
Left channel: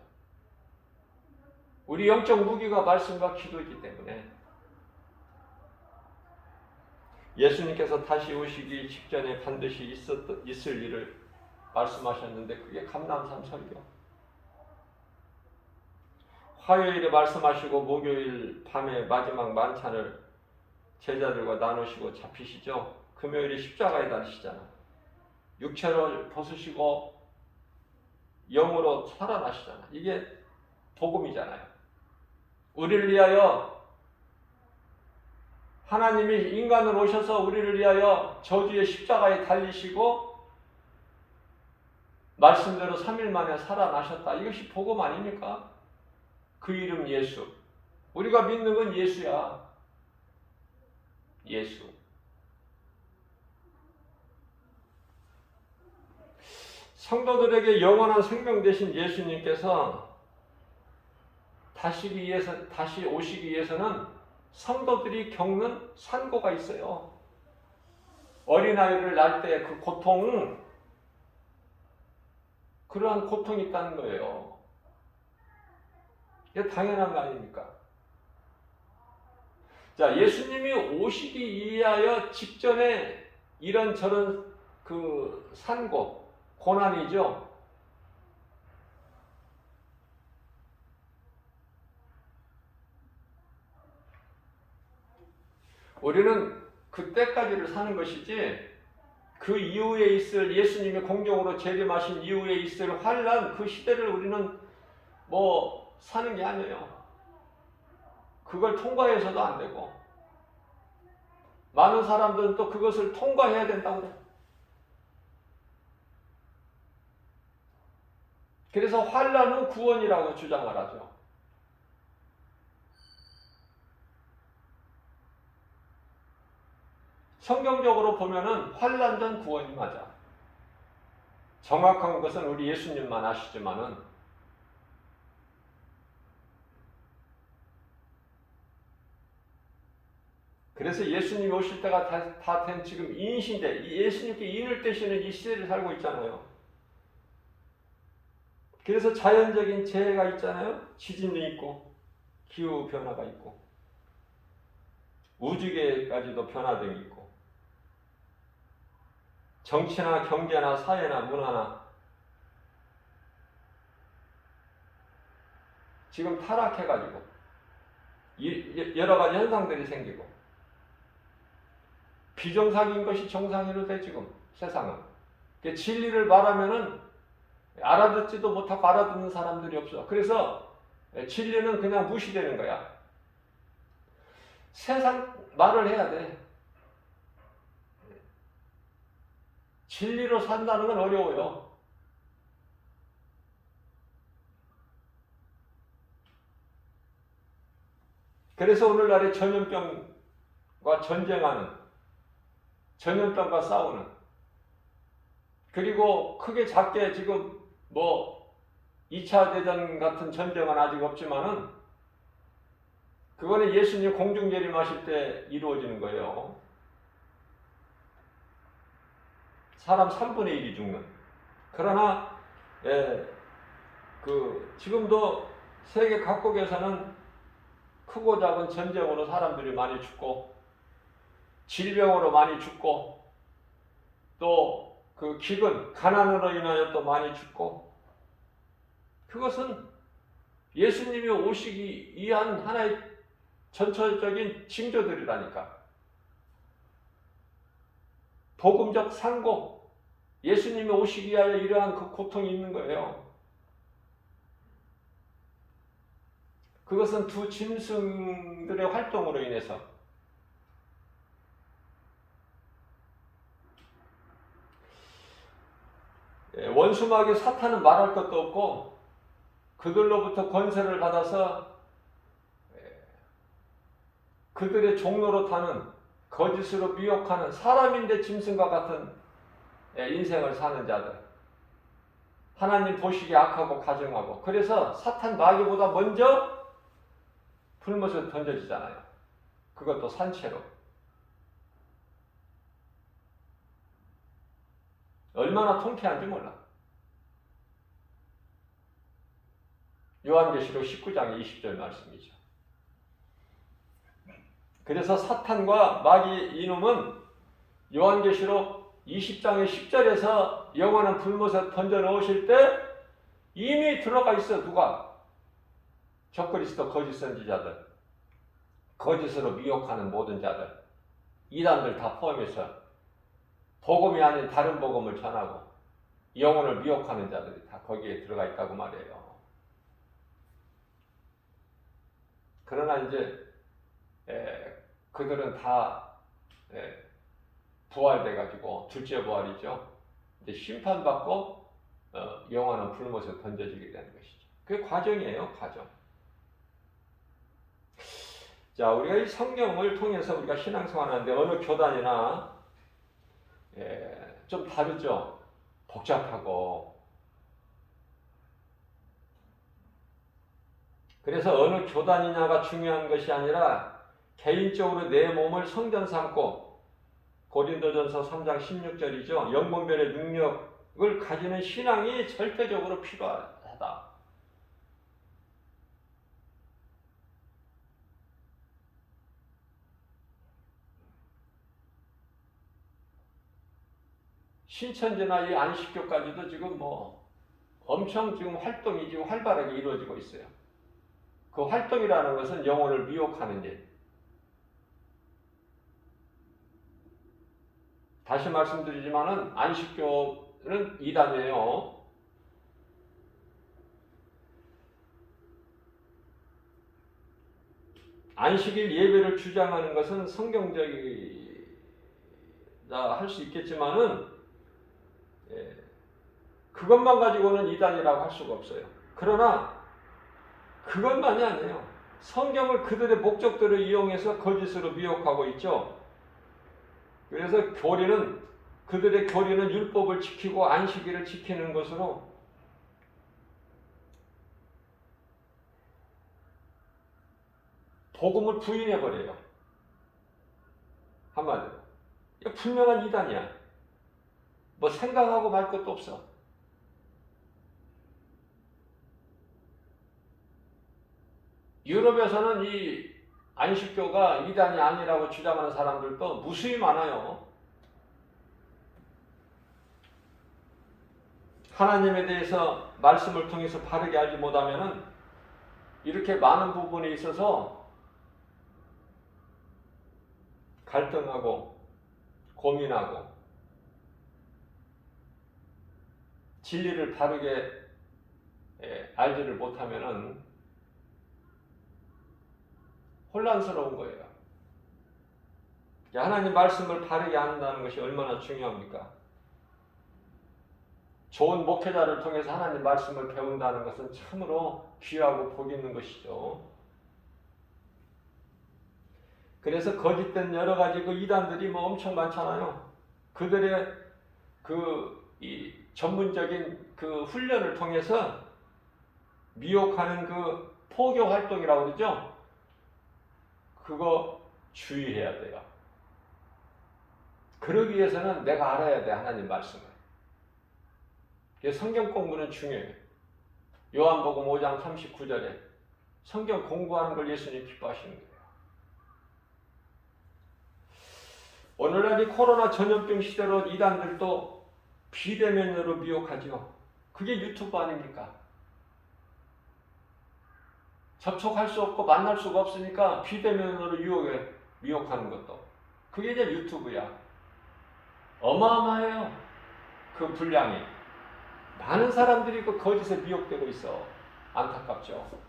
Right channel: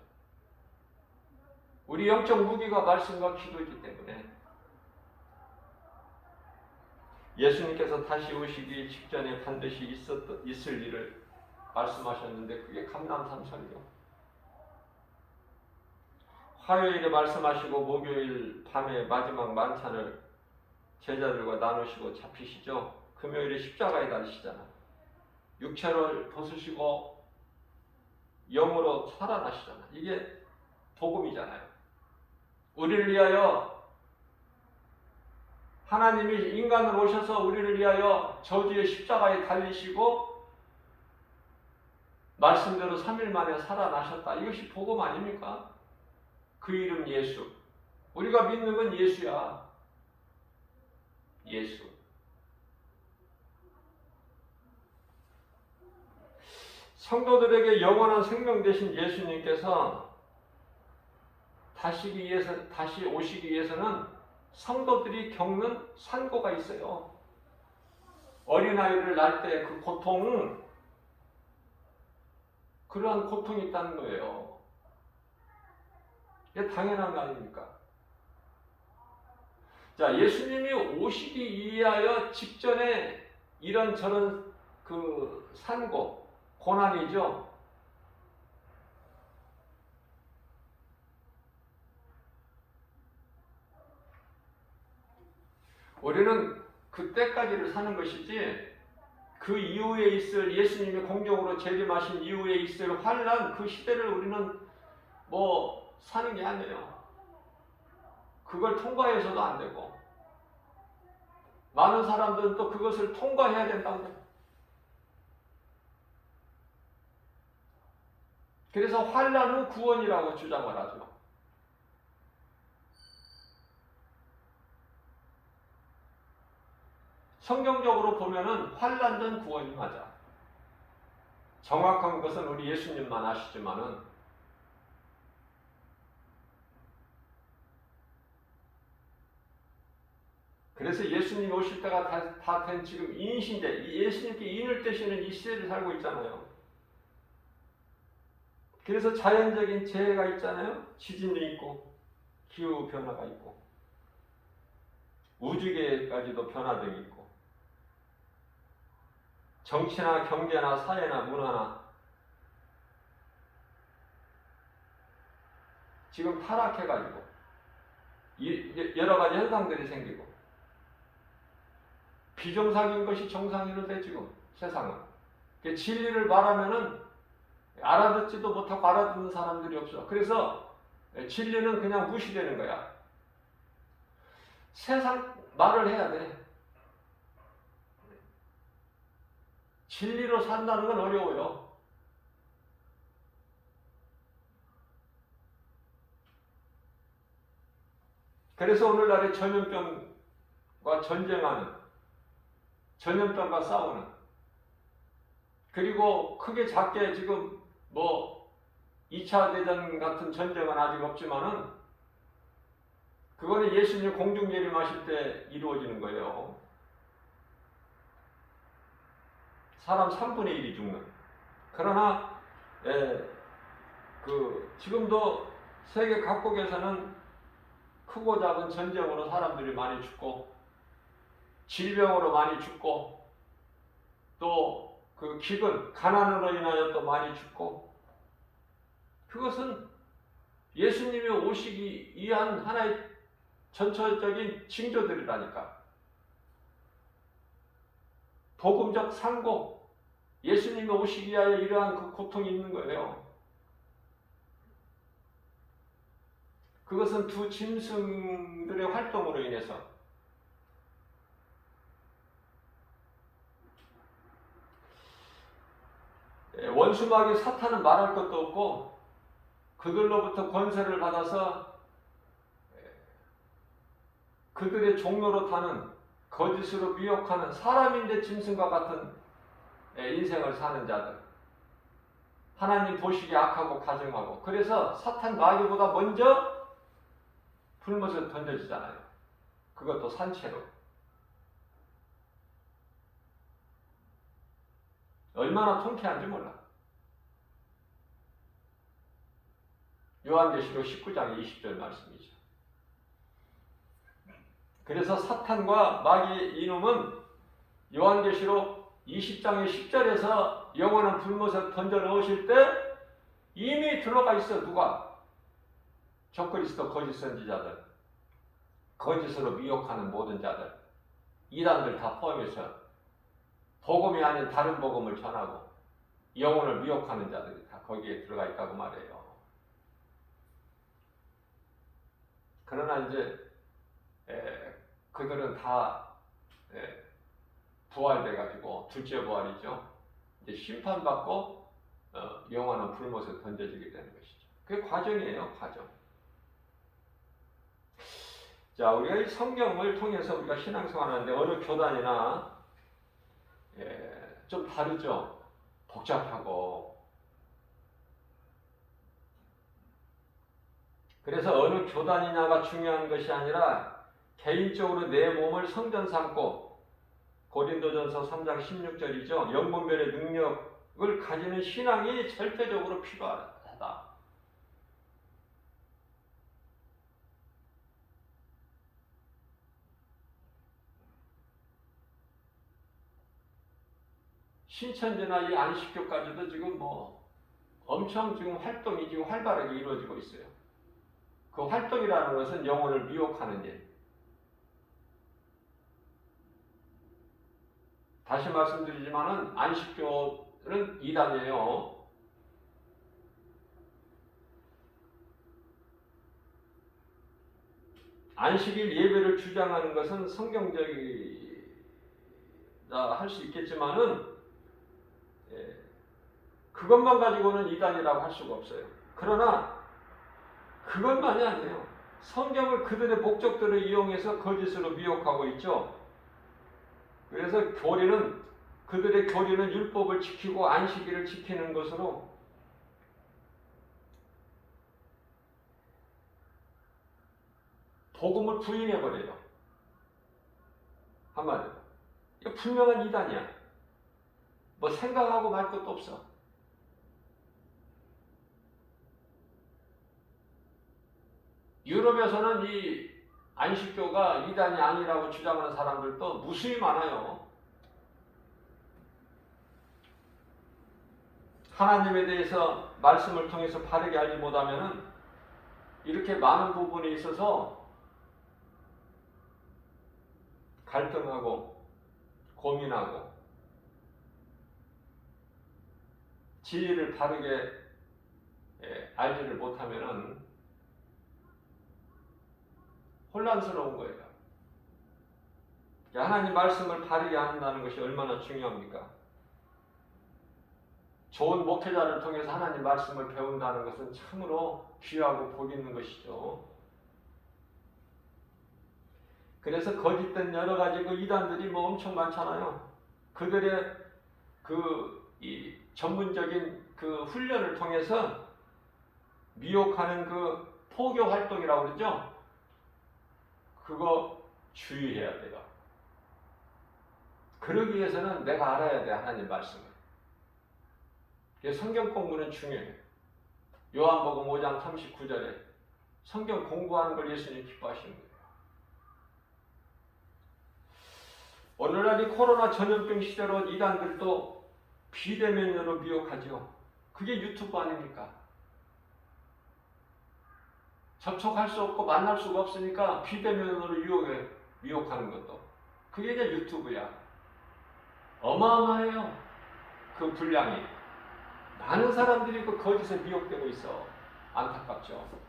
우리 영적 무기가 말씀과 기도이기 때문에 예수님께서 다시 오시기 직전에 반드시 있을 일을 말씀하셨는데 그게 감람산 설교. 화요일에 말씀하시고 목요일 밤에 마지막 만찬을 제자들과 나누시고 잡히시죠. 금요일에 십자가에 달리시잖아요. 육체를 벗으시고 영으로 살아나시잖아요. 이게 복음이잖아요. 우리를 위하여 하나님이 인간으로 오셔서 우리를 위하여 저주의 십자가에 달리시고 말씀대로 3일 만에 살아나셨다. 이것이 복음 아닙니까? 그 이름 예수. 우리가 믿는 건 예수야. 예수. 성도들에게 영원한 생명 되신 예수님께서 다시 오시기 위해서는 성도들이 겪는 산고가 있어요. 어린아이를 낳을 때 그 고통은 그러한 고통이 있다는 거예요. 이게 당연한 거 아닙니까? 자, 예수님이 오시기 위하여 직전에 이런저런 그 산고, 고난이죠. 우리는 그때까지를 사는 것이지 그 이후에 있을 예수님이 공적으로 재림하신 이후에 있을 환란 그 시대를 우리는 뭐 사는 게 아니에요. 그걸 통과해서도 안 되고 많은 사람들은 또 그것을 통과해야 된다고 그래요. 그래서 환란 후 구원이라고 주장을 하죠. 성경적으로 보면은 환란 전 구원이 맞아. 정확한 것은 우리 예수님만 아시지만은 그래서 예수님이 오실 때가 다 된 지금 인시대, 예수님께 인을 떼시는 이 시대를 살고 있잖아요. 그래서 자연적인 재해가 있잖아요. 지진이 있고 기후 변화가 있고 우주계까지도 변화등이 있고 정치나 경제나 사회나 문화나 지금 타락해가지고 여러 가지 현상들이 생기고 비정상인 것이 정상으로 돼 지금 세상은. 진리를 말하면은 알아듣지도 못하고 알아듣는 사람들이 없어. 그래서 진리는 그냥 무시되는 거야. 세상 말을 해야 돼. 진리로 산다는 건 어려워요. 그래서 오늘날의 전염병과 전쟁하는, 전염병과 싸우는, 그리고 크게 작게 지금 뭐 2차 대전 같은 전쟁은 아직 없지만은 그거는 예수님 공중재림하실 때 이루어지는 거예요. 사람 3분의 1이 죽는. 그러나 지금도 세계 각국에서는 크고 작은 전쟁으로 사람들이 많이 죽고 질병으로 많이 죽고 또 그 기근, 가난으로 인하여 또 많이 죽고 그것은 예수님이 오시기 위한 하나의 전철적인 징조들이라니까. 복음적 상고, 예수님이 오시기 위하여 이러한 그 고통이 있는 거예요. 그것은 두 짐승들의 활동으로 인해서 원수마귀 사탄은 말할 것도 없고 그들로부터 권세를 받아서 그들의 종로로 타는 거짓으로 미혹하는 사람인데 짐승과 같은 인생을 사는 자들, 하나님 보시기에 악하고 가증하고, 그래서 사탄 마귀보다 먼저 불못에 던져지잖아요. 그것도 산채로. 얼마나 통쾌한지 몰라. 요한계시록 19장 20절 말씀이죠. 그래서 사탄과 마귀 이놈은 요한계시록 20장의 10절에서 영원한 불못에 던져 넣으실 때 이미 들어가 있어. 누가? 적그리스도 거짓 선지자들, 거짓으로 미혹하는 모든 자들, 이단들 다 포함해서 복음이 아닌 다른 복음을 전하고 영혼을 미혹하는 자들이 다 거기에 들어가 있다고 말해요. 그러나 이제 그들은 다 부활돼 가지고 둘째 부활이죠. 이제 심판받고 영원한 불못에 던져지게 되는 것이죠. 그게 과정이에요, 과정. 자, 우리가 이 성경을 통해서 우리가 신앙생활하는데 어느 교단이나 좀 다르죠. 복잡하고. 그래서 어느 교단이냐가 중요한 것이 아니라 개인적으로 내 몸을 성전 삼고, 고린도전서 3장 16절이죠. 영분별의 능력을 가지는 신앙이 절대적으로 필요하다. 신천지나 이 안식교까지도 지금 뭐 엄청 지금 활동이 지금 활발하게 이루어지고 있어요. 그 활동이라는 것은 영혼을 미혹하는 일. 다시 말씀드리지만은 안식교는 이단이에요. 안식일 예배를 주장하는 것은 성경적이다 할 수 있겠지만은 그것만 가지고는 이단이라고 할 수가 없어요. 그러나 그것만이 아니에요. 성경을 그들의 목적대로 이용해서 거짓으로 미혹하고 있죠. 그래서 그들의 교리는 율법을 지키고 안식일을 지키는 것으로 복음을 부인해버려요. 한마디로. 이거 분명한 이단이야. 뭐 생각하고 말 것도 없어. 유럽에서는 이 안식교가 이단이 아니라고 주장하는 사람들도 무수히 많아요. 하나님에 대해서 말씀을 통해서 바르게 알지 못하면은 이렇게 많은 부분에 있어서 갈등하고 고민하고 진리를 바르게 알지를 못하면은 혼란스러운 거예요. 하나님 말씀을 바르게 안다는 것이 얼마나 중요합니까? 좋은 목회자를 통해서 하나님 말씀을 배운다는 것은 참으로 귀하고 복 있는 것이죠. 그래서 거짓된 여러 가지 그 이단들이 뭐 엄청 많잖아요. 그들의 이 전문적인 그 훈련을 통해서 미혹하는 그 포교 활동이라고 그러죠. 그거 주의해야 돼요. 그러기 위해서는 내가 알아야 돼, 하나님 말씀을. 성경 공부는 중요해요. 요한복음 5장 39절에 성경 공부하는 걸 예수님이 기뻐하시는 거예요. 오늘날 이 코로나 전염병 시대로 이단들도 비대면으로 미혹하죠. 그게 유튜브 아닙니까? 접촉할 수 없고 만날 수가 없으니까 비대면으로 미혹하는 것도. 그게 이제 유튜브야. 어마어마해요. 그 분량이. 많은 사람들이 그 거짓에 미혹되고 있어. 안타깝죠.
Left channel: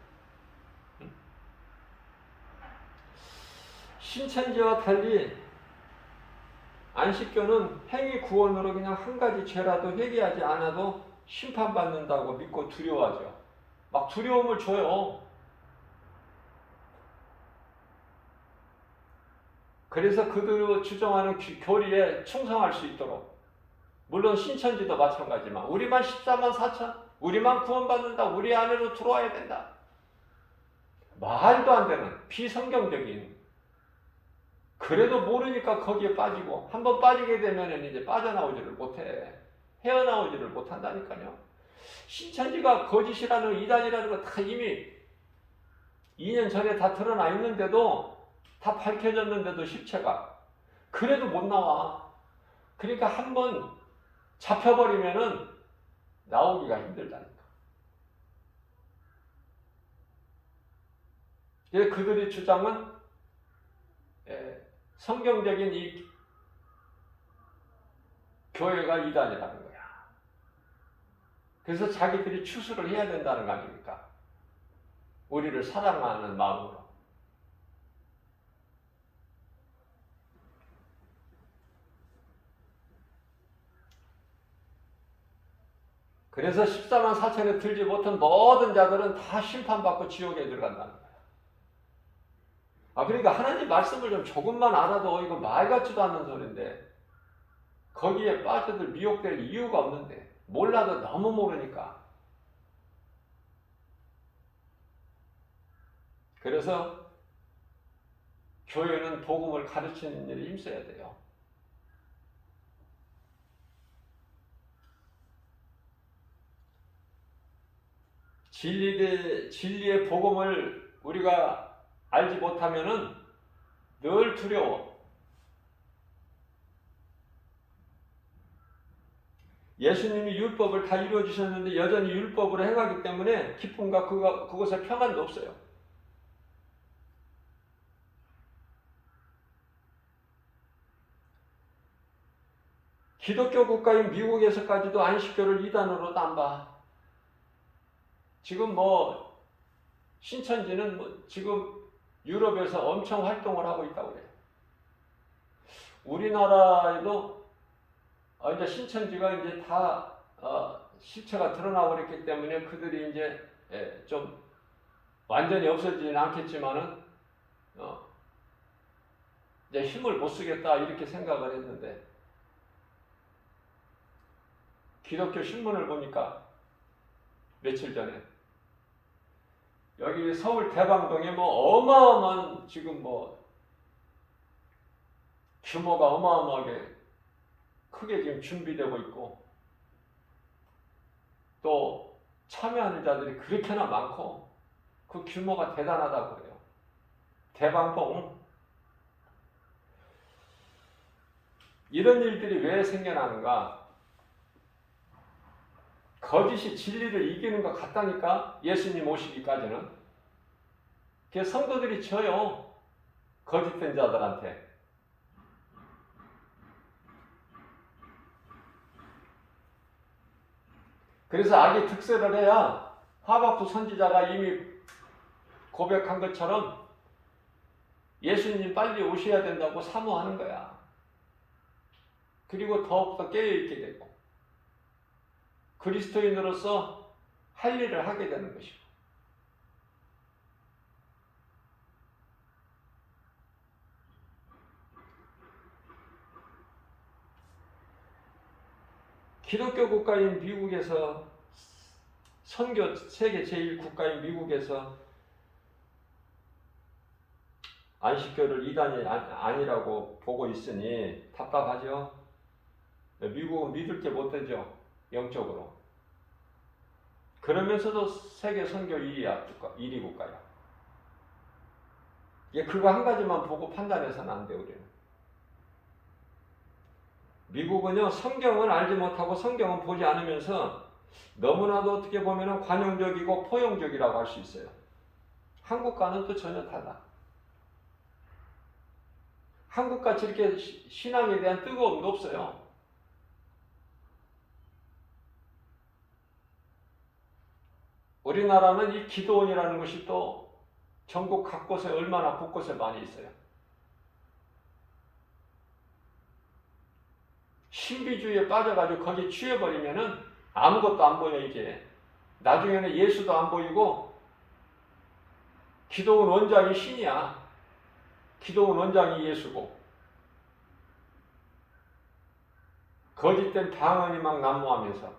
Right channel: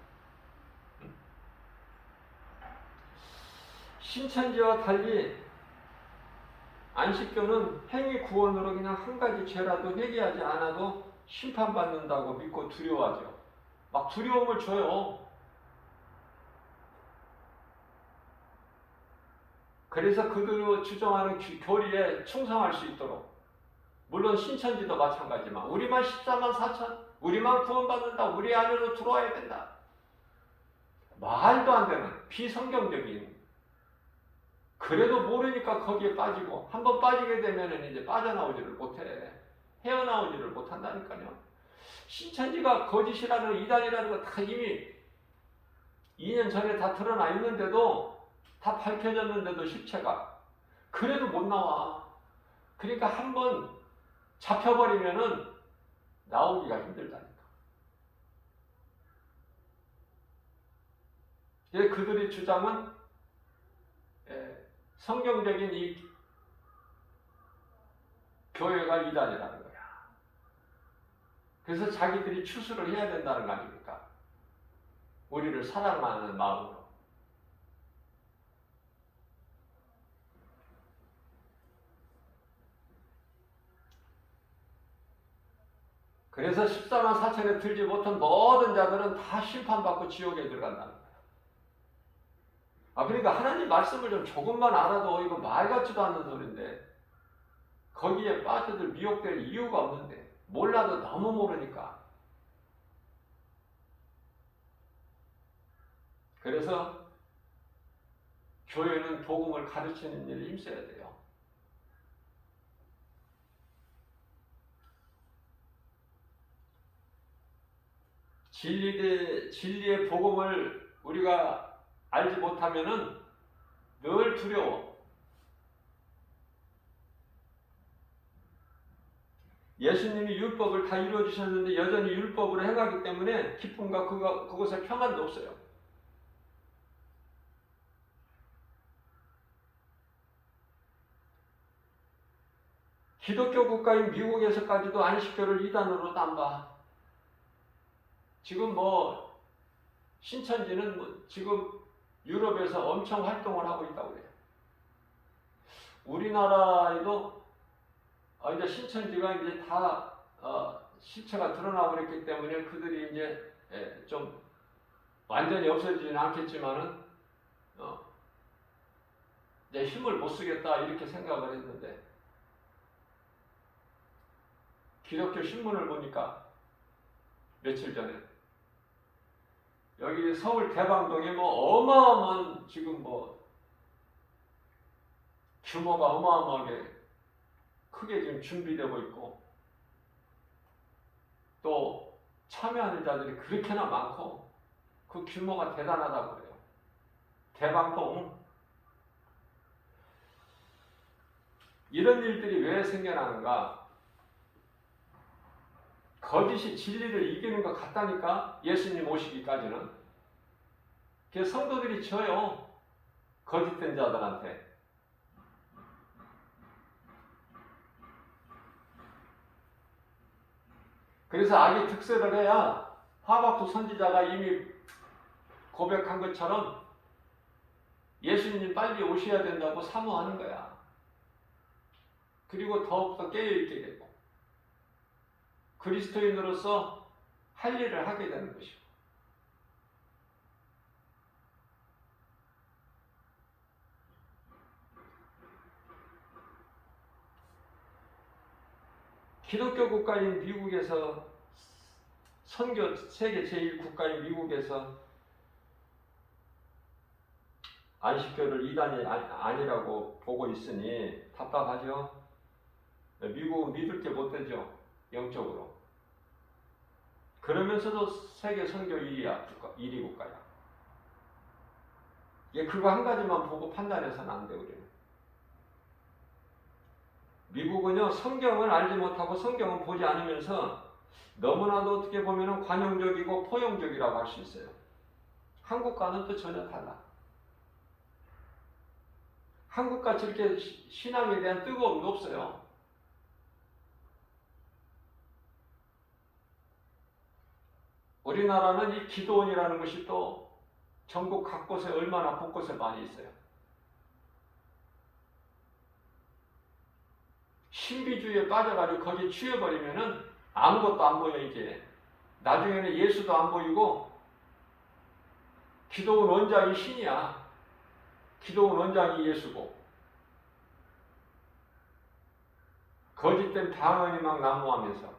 신천지와 달리 안식교는 행위 구원으로 그냥 한 가지 죄라도 회개하지 않아도 심판받는다고 믿고 두려워하죠. 막 두려움을 줘요. 그래서 그들이 주장하는 교리에 충성할 수 있도록. 물론 신천지도 마찬가지지만 우리만 14만 4천, 우리만 구원받는다, 우리 안으로 들어와야 된다. 말도 안 되는 비성경적인. 그래도 모르니까 거기에 빠지고 한번 빠지게 되면 이제 빠져나오지를 못해. 헤어나오지를 못한다니까요. 신천지가 거짓이라는 이단이라는 거 다 이미 2년 전에 다 드러나 있는데도 다 밝혀졌는데도 실체가 그래도 못 나와. 그러니까 한번 잡혀버리면은 나오기가 힘들다니까. 그들의 주장은 성경적인 이 교회가 이단이라는 거야. 그래서 자기들이 추수를 해야 된다는 거 아닙니까? 우리를 사랑하는 마음으로. 그래서 14만 4천에 들지 못한 모든 자들은 다 심판받고 지옥에 들어간다는 거야. 그러니까 하나님 말씀을 좀 조금만 알아도 이거 말 같지도 않는 소리인데 거기에 빠져들 미혹될 이유가 없는데 몰라도 너무 모르니까. 그래서 교회는 복음을 가르치는 일에 힘써야 돼요. 진리의 복음을 우리가 알지 못하면은 늘 두려워. 예수님이 율법을 다 이루어 주셨는데 여전히 율법으로 행하기 때문에 기쁨과 그것에 평안도 없어요. 기독교 국가인 미국에서까지도 안식교를 이단으로 안 봐. 지금 뭐 신천지는 뭐 지금 유럽에서 엄청 활동을 하고 있다고 그래요. 우리나라에도 이제 신천지가 이제 다 실체가 드러나고 그랬기 때문에 그들이 이제 좀 완전히 없어지지는 않겠지만은 이제 힘을 못 쓰겠다 이렇게 생각을 했는데 기독교 신문을 보니까 며칠 전에 여기 서울 대방동에 뭐 어마어마한 지금 뭐 규모가 어마어마하게 크게 지금 준비되고 있고 또 참여하는 자들이 그렇게나 많고 그 규모가 대단하다고 그래요. 대방동. 이런 일들이 왜 생겨나는가? 거짓이 진리를 이기는 것 같다니까. 예수님 오시기까지는. 그게 성도들이 져요. 거짓된 자들한테. 그래서 악이 특세를 해야 하박국 선지자가 이미 고백한 것처럼 예수님 빨리 오셔야 된다고 사모하는 거야. 그리고 더욱더 깨어있게 됐고 그리스도인으로서 할 일을 하게 되는 것이고 기독교 국가인 미국에서 선교 세계 제1국가인 미국에서 안식교를 이단이 아니라고 보고 있으니 답답하죠. 미국은 믿을 게 못 되죠. 영적으로. 그러면서도 세계 선교 1위 국가야. 그거 한 가지만 보고 판단해서는 안 돼요. 우리는. 미국은요, 성경은 알지 못하고 성경은 보지 않으면서 너무나도 어떻게 보면 관용적이고 포용적이라고 할 수 있어요. 한국과는 또 전혀 달라. 한국같이 이렇게 신앙에 대한 뜨거움도 없어요. 우리나라는 이 기도원이라는 것이 또 전국 각곳에 얼마나 곳곳에 많이 있어요. 신비주의에 빠져가지고 거기에 취해버리면은 아무것도 안 보여 이제. 나중에는 예수도 안 보이고 기도원 원장이 신이야. 기도원 원장이 예수고 거짓된 방언이 막 난무하면서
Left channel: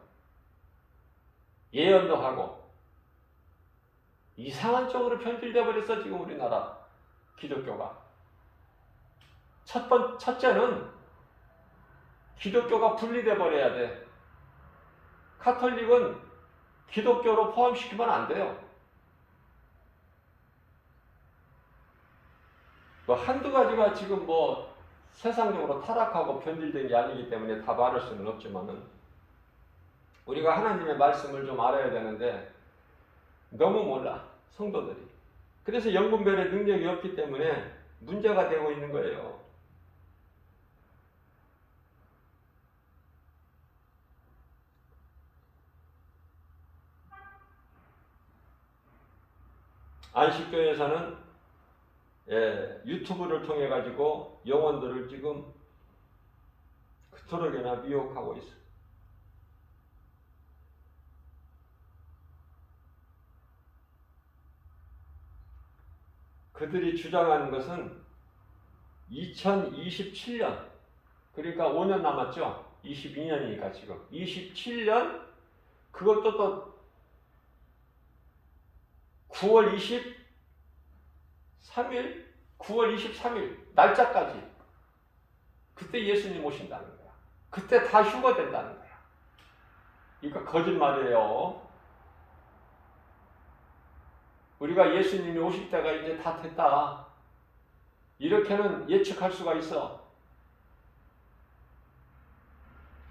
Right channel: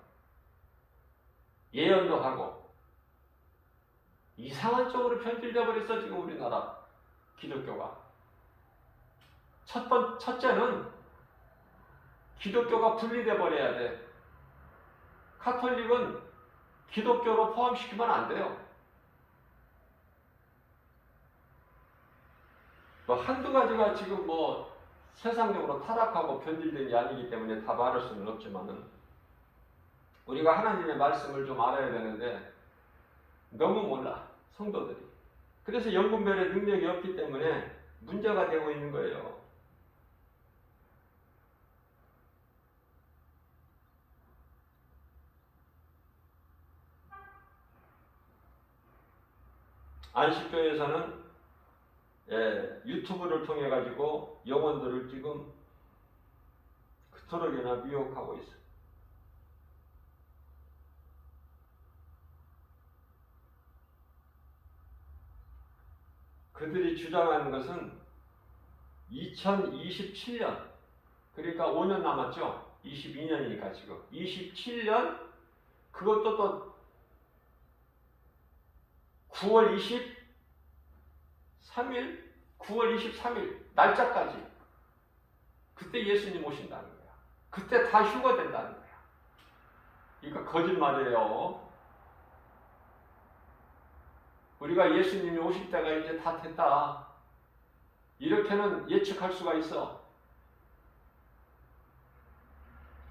예언도 하고 이상한 쪽으로 편들려 버렸어 지금 우리나라 기독교가. 첫째는 기독교가 분리돼 버려야 돼. 카톨릭은 기독교로 포함시키면 안 돼요. 뭐 한두 가지가 지금 뭐 세상적으로 타락하고 변질된 게 아니기 때문에 다 말할 수는 없지만은 우리가 하나님의 말씀을 좀 알아야 되는데 너무 몰라 성도들이. 그래서 영분별의 능력이 없기 때문에 문제가 되고 있는 거예요. 안식교에서는 유튜브를 통해 가지고 영혼들을 지금 그토록이나 미혹하고 있어. 그들이 주장하는 것은 2027년, 그러니까 5년 남았죠. 22년이니까 지금 27년, 그것도 또 9월 23일, 9월 23일 날짜까지 그때 예수님 오신다는 거야. 그때 다 휴거된다는 거야. 이거 거짓말이에요. 우리가 예수님이 오실 때가 이제 다 됐다. 이렇게는 예측할 수가 있어.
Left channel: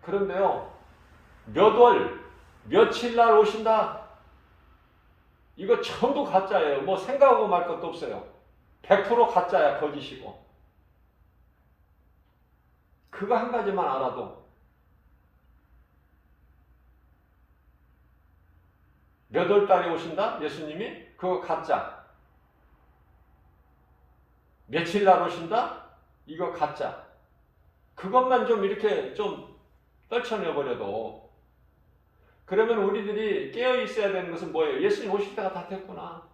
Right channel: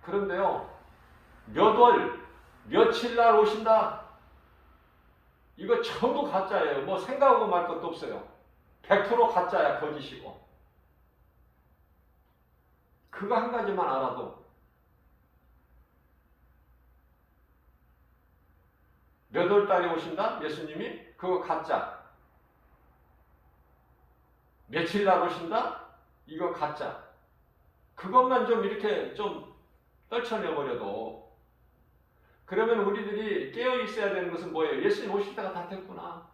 그런데요, 몇 월, 며칠 날 오신다. 이거 전부 가짜예요. 뭐 생각하고 말 것도 없어요. 100% 가짜야, 거짓이고. 그거 한 가지만 알아도 몇 월 달에 오신다? 예수님이? 그거 가짜. 며칠 날 오신다? 이거 가짜. 그것만 좀 이렇게 좀 떨쳐내버려도, 그러면 우리들이 깨어 있어야 되는 것은 뭐예요? 예수님 오실 때가 다 됐구나.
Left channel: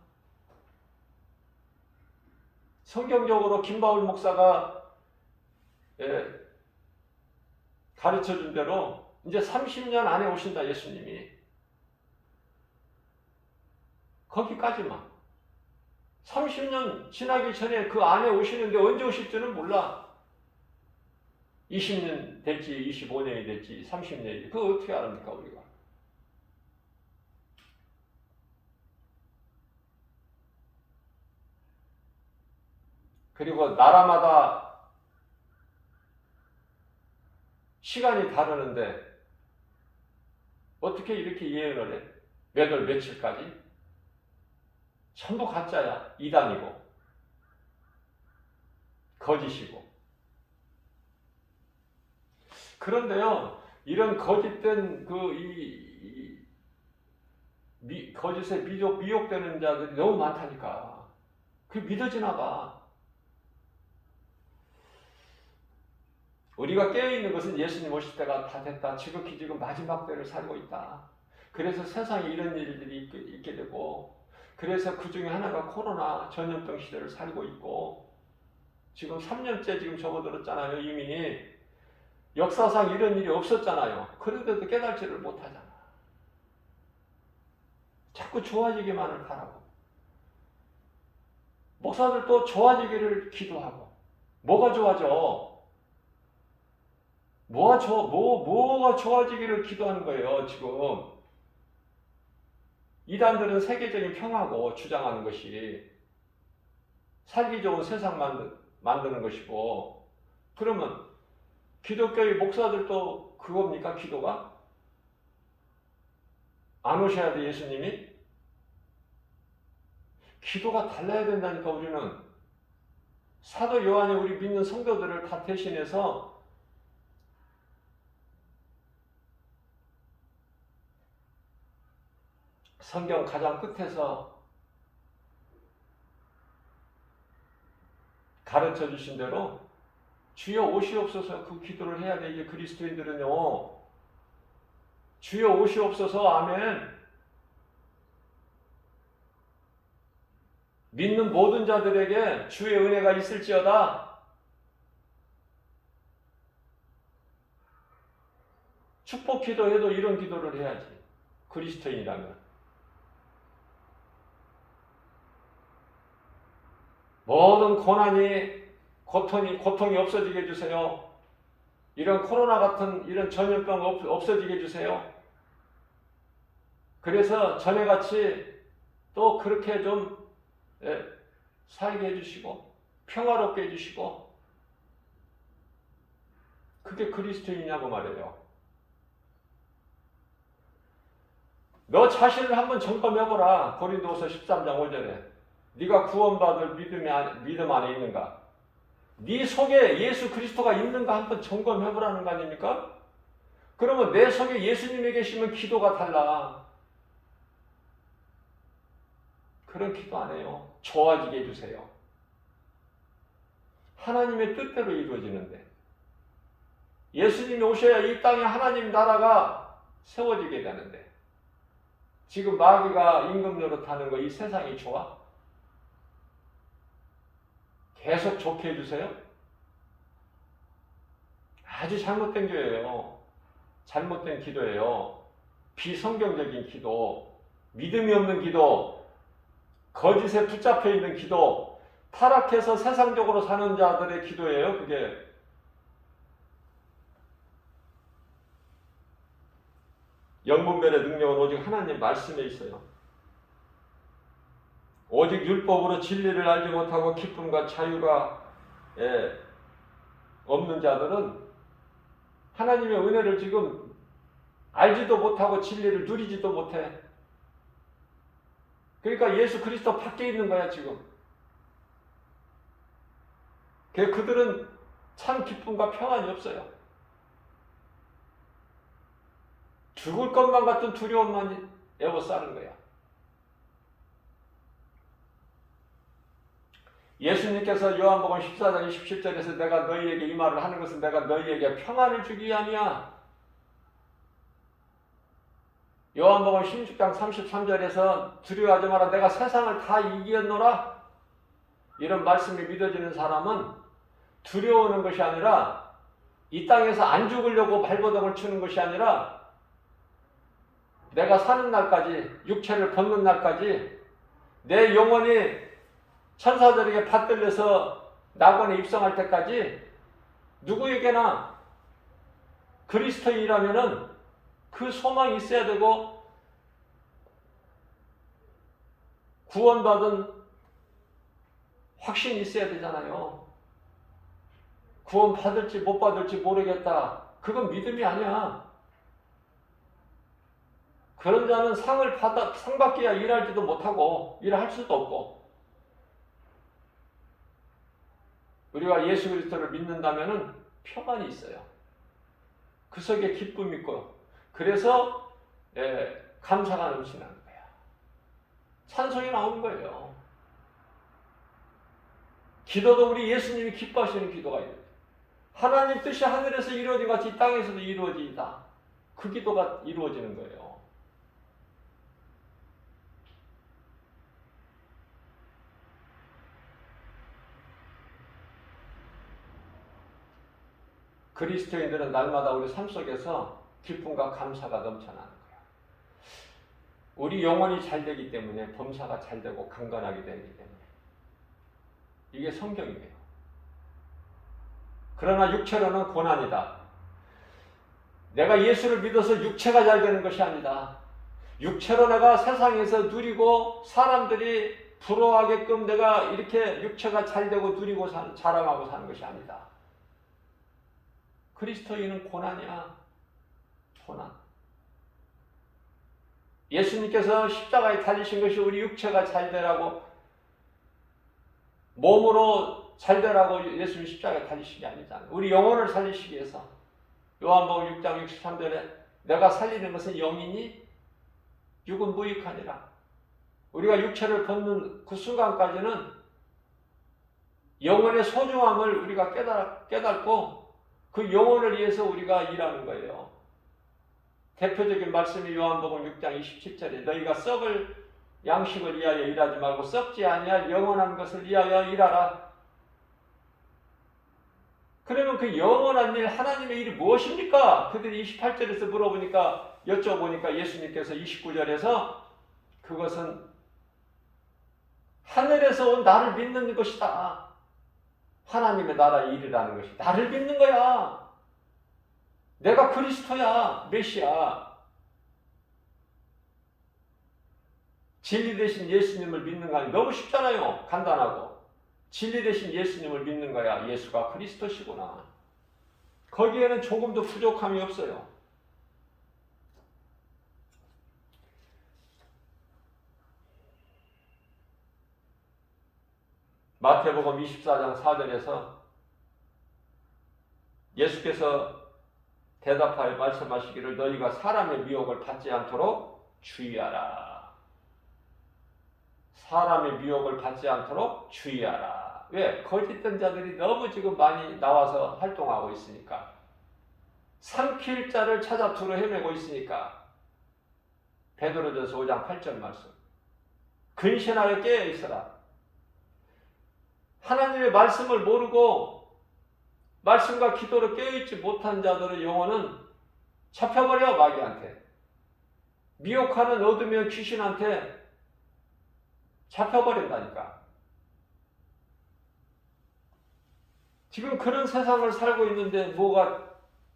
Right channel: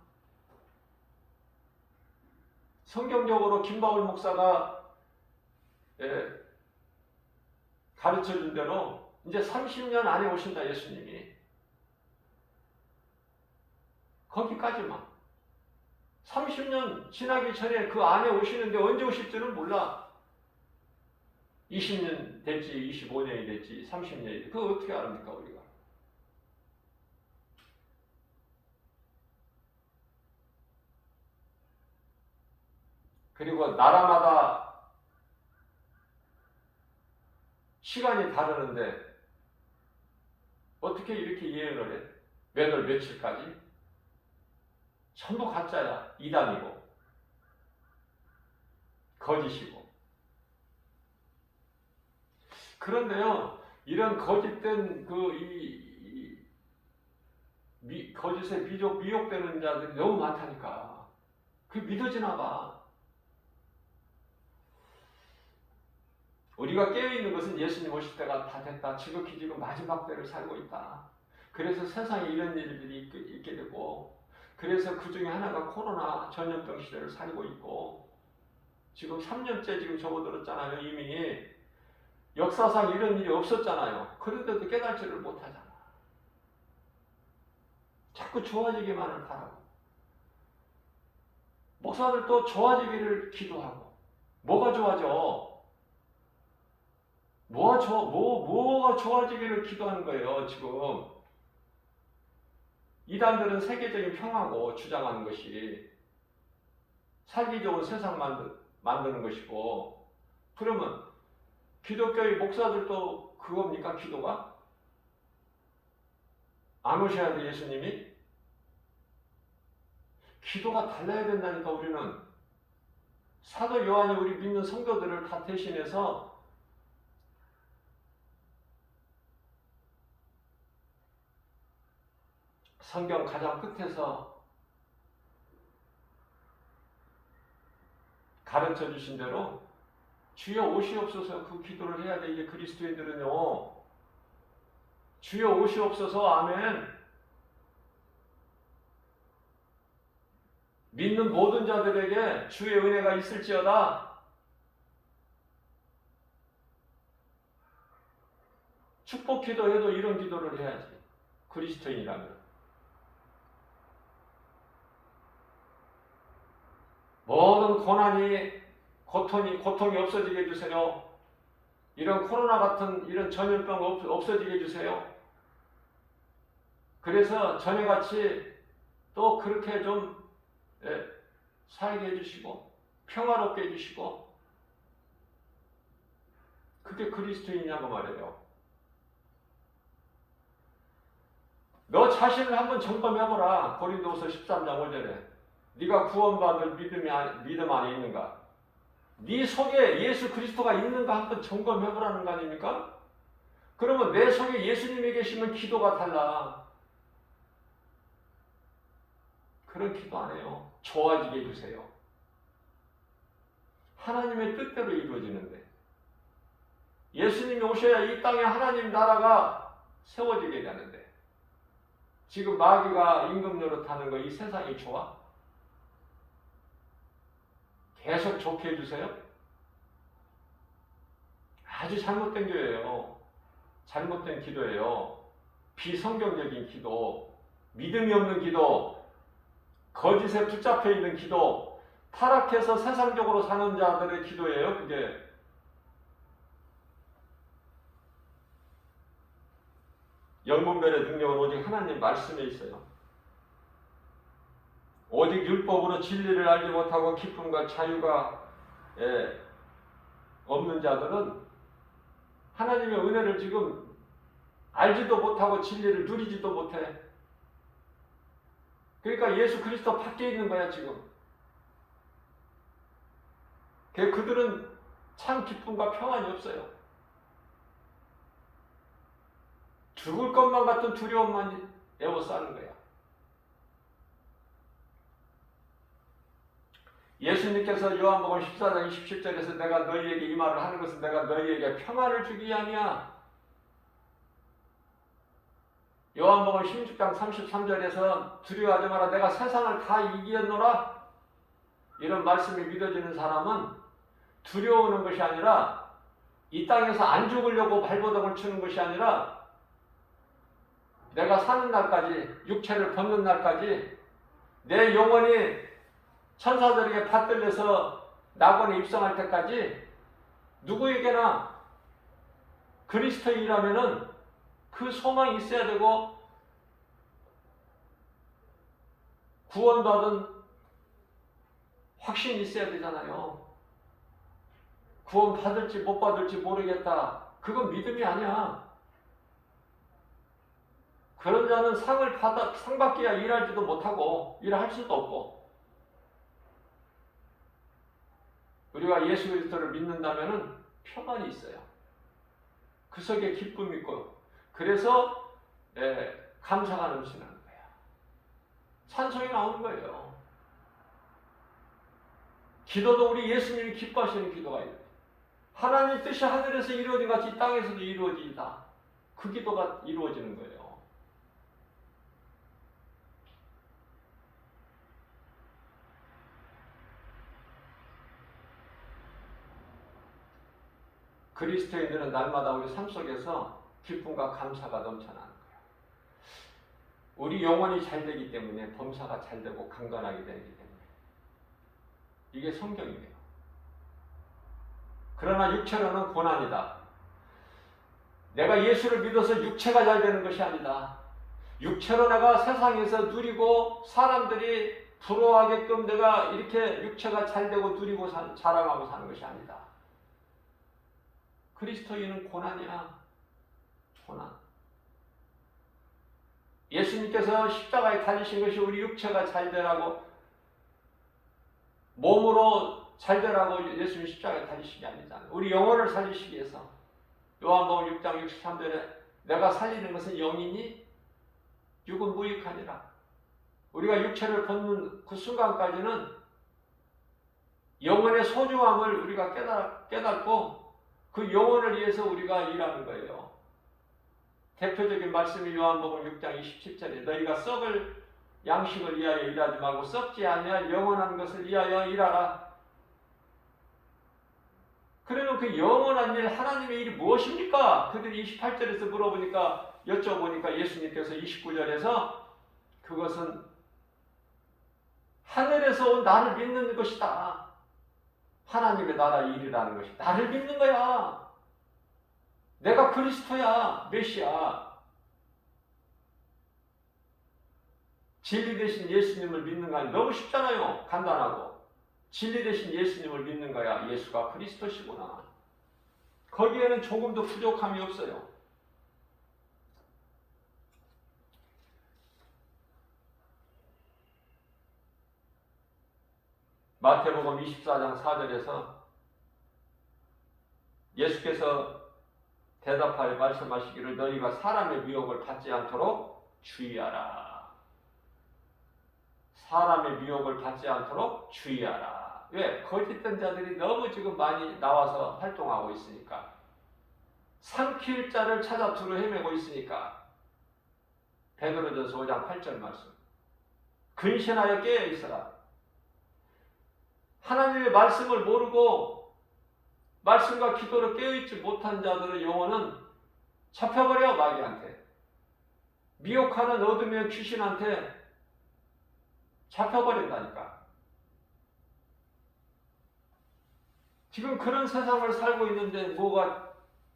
성경적으로 김바울 목사가 가르쳐 준 대로 이제 30년 안에 오신다, 예수님이. 거기까지만. 30년 지나기 전에 그 안에 오시는데 언제 오실지는 몰라. 20년 될지 25년이 될지 30년이, 그거 어떻게 압니까 우리가? 그리고 나라마다 시간이 다르는데 어떻게 이렇게 예언을 해? 몇 월 며칠까지? 전부 가짜야. 이단이고 거짓이고. 그런데요, 이런 거짓된 거짓에 미혹되는 자들이 너무 많다니까. 그게 믿어지나 봐. 우리가 깨어있는 것은 예수님 오실 때가 다 됐다. 지극히 지금 마지막 때를 살고 있다. 그래서 세상에 이런 일들이 있게 되고, 그래서 그 중에 하나가 코로나 전염병 시대를 살고 있고, 지금 3년째 지금 접어들었잖아요. 이미 역사상 이런 일이 없었잖아요. 그런데도 깨달지를 못하잖아. 자꾸 좋아지기만을 바라고, 목사들도 좋아지기를 기도하고. 뭐가 좋아져? 뭐가 좋아지기를 기도하는 거예요, 지금. 이단들은 세계적인 평화고 주장하는 것이 살기 좋은 세상 만드는 것이고, 그러면 기독교의 목사들도 그겁니까, 기도가? 안 오셔야 돼, 예수님이? 기도가 달라야 된다니까, 우리는. 사도 요한이 우리 믿는 성도들을 다 대신해서 성경 가장 끝에서 가르쳐 주신 대로 주여 오시옵소서, 그 기도를 해야 돼. 이제 그리스도인들은요, 주여 오시옵소서, 아멘. 믿는 모든 자들에게 주의 은혜가 있을지어다. 축복 기도해도 이런 기도를 해야지, 그리스도인이라면. 모든 고통이 없어지게 해주세요. 이런 코로나 같은 이런 전염병 없어지게 해주세요. 그래서 전에같이 또 그렇게 좀 살게 해주시고 평화롭게 해주시고. 그게 그리스도이냐고 말이에요. 너 자신을 한번 점검해보라. 고린도후서 13장 5절에 네가 구원받을 믿음 안에 있는가? 네 속에 예수 그리스도가 있는가 한번 점검해보라는 거 아닙니까? 그러면 내 속에 예수님이 계시면 기도가 달라. 그런 기도 안 해요. 좋아지게 해주세요. 하나님의 뜻대로 이루어지는데, 예수님이 오셔야 이 땅에 하나님 나라가 세워지게 되는데, 지금 마귀가 임금 노릇하는 거 이 세상이 좋아? 계속 좋게 해주세요? 아주 잘못된 교회예요. 잘못된 기도예요. 비성경적인 기도, 믿음이 없는 기도, 거짓에 붙잡혀 있는 기도, 타락해서 세상적으로 사는 자들의 기도예요, 그게. 영분별의 능력은 오직 하나님 말씀에 있어요. 오직 율법으로 진리를 알지 못하고 기쁨과 자유가 없는 자들은 하나님의 은혜를 지금 알지도 못하고 진리를 누리지도 못해. 그러니까 예수 그리스도 밖에 있는 거야, 지금. 그들은 참 기쁨과 평안이 없어요. 죽을 것만 같은 두려움만 에워싸는 거야. 예수님께서 요한복음 14장 27절에서 내가 너희에게 이 말을 하는 것은 내가 너희에게 평안을 주기 위함이야. 요한복음 16장 33절에서 두려워하지 마라. 내가 세상을 다 이기었노라. 이런 말씀이 믿어지는 사람은 두려워하는 것이 아니라 이 땅에서 안 죽으려고 발버둥을 치는 것이 아니라 내가 사는 날까지, 육체를 벗는 날까지 내 영혼이 천사들에게 받들려서 낙원에 입성할 때까지 누구에게나 그리스도인이라면은 그 소망이 있어야 되고 구원받은 확신이 있어야 되잖아요. 구원 받을지 못 받을지 모르겠다. 그건 믿음이 아니야. 그런 자는 상 받기야 일하지도 못하고 일할 수도 없고. 우리가 예수 그리스도를 믿는다면은 평안이 있어요. 그 속에 기쁨이 있고, 그래서 감사가 넘치는 거예요. 찬송이 나오는 거예요. 기도도 우리 예수님이 기뻐하시는 기도가 있어요. 하나님 뜻이 하늘에서 이루어진 같이 이 땅에서도 이루어지다. 그 기도가 이루어지는 거예요. 그리스도인들은 날마다 우리 삶 속에서 기쁨과 감사가 넘쳐나는 거예요. 우리 영혼이 잘 되기 때문에 범사가 잘 되고 강건하게 되기 때문에 이게 성경이에요. 그러나 육체로는 고난이다. 내가 예수를 믿어서 육체가 잘 되는 것이 아니다. 육체로 내가 세상에서 누리고 사람들이 부러워하게끔 내가 이렇게 육체가 잘 되고 누리고 자랑하고 사는 것이 아니다. 그리스도인은 고난이야. 고난. 예수님께서 십자가에 달리신 것이 우리 육체가 잘 되라고, 몸으로 잘 되라고 예수님이 십자가에 달리신 게 아니잖아요. 우리 영혼을 살리시기 위해서. 요한복음 6장 63절에 내가 살리는 것은 영이니 육은 무익하니라. 우리가 육체를 벗는 그 순간까지는 영혼의 소중함을 우리가 깨닫고 그 영혼을 위해서 우리가 일하는 거예요. 대표적인 말씀이 요한복음 6장 27절에 너희가 썩을 양식을 위하여 일하지 말고 썩지 아니할 영원한 것을 위하여 일하라. 그러면 그 영원한 일, 하나님의 일이 무엇입니까? 그들이 28절에서 물어보니까, 여쭤보니까 예수님께서 29절에서 그것은 하늘에서 온 나를 믿는 것이다. 하나님의 나라의 일이라는 것이 나를 믿는 거야. 내가 그리스도야, 메시아. 진리 되신 예수님을 믿는 거 아니에요. 너무 쉽잖아요. 간단하고. 진리 되신 예수님을 믿는 거야. 예수가 그리스도시구나. 거기에는 조금도 부족함이 없어요. 마태복음 24장 4절에서 예수께서 대답하여 말씀하시기를 너희가 사람의 미혹을 받지 않도록 주의하라. 사람의 미혹을 받지 않도록 주의하라. 왜? 거짓된 자들이 너무 지금 많이 나와서 활동하고 있으니까. 삼킬 자를 찾아 두루 헤매고 있으니까. 베드로전서 5장 8절 말씀. 근신하여 깨어 있어라. 하나님의 말씀을 모르고 말씀과 기도로 깨어있지 못한 자들의 영혼은 잡혀버려. 마귀한테. 미혹하는 어둠의 귀신한테 잡혀버린다니까. 지금 그런 세상을 살고 있는데 뭐가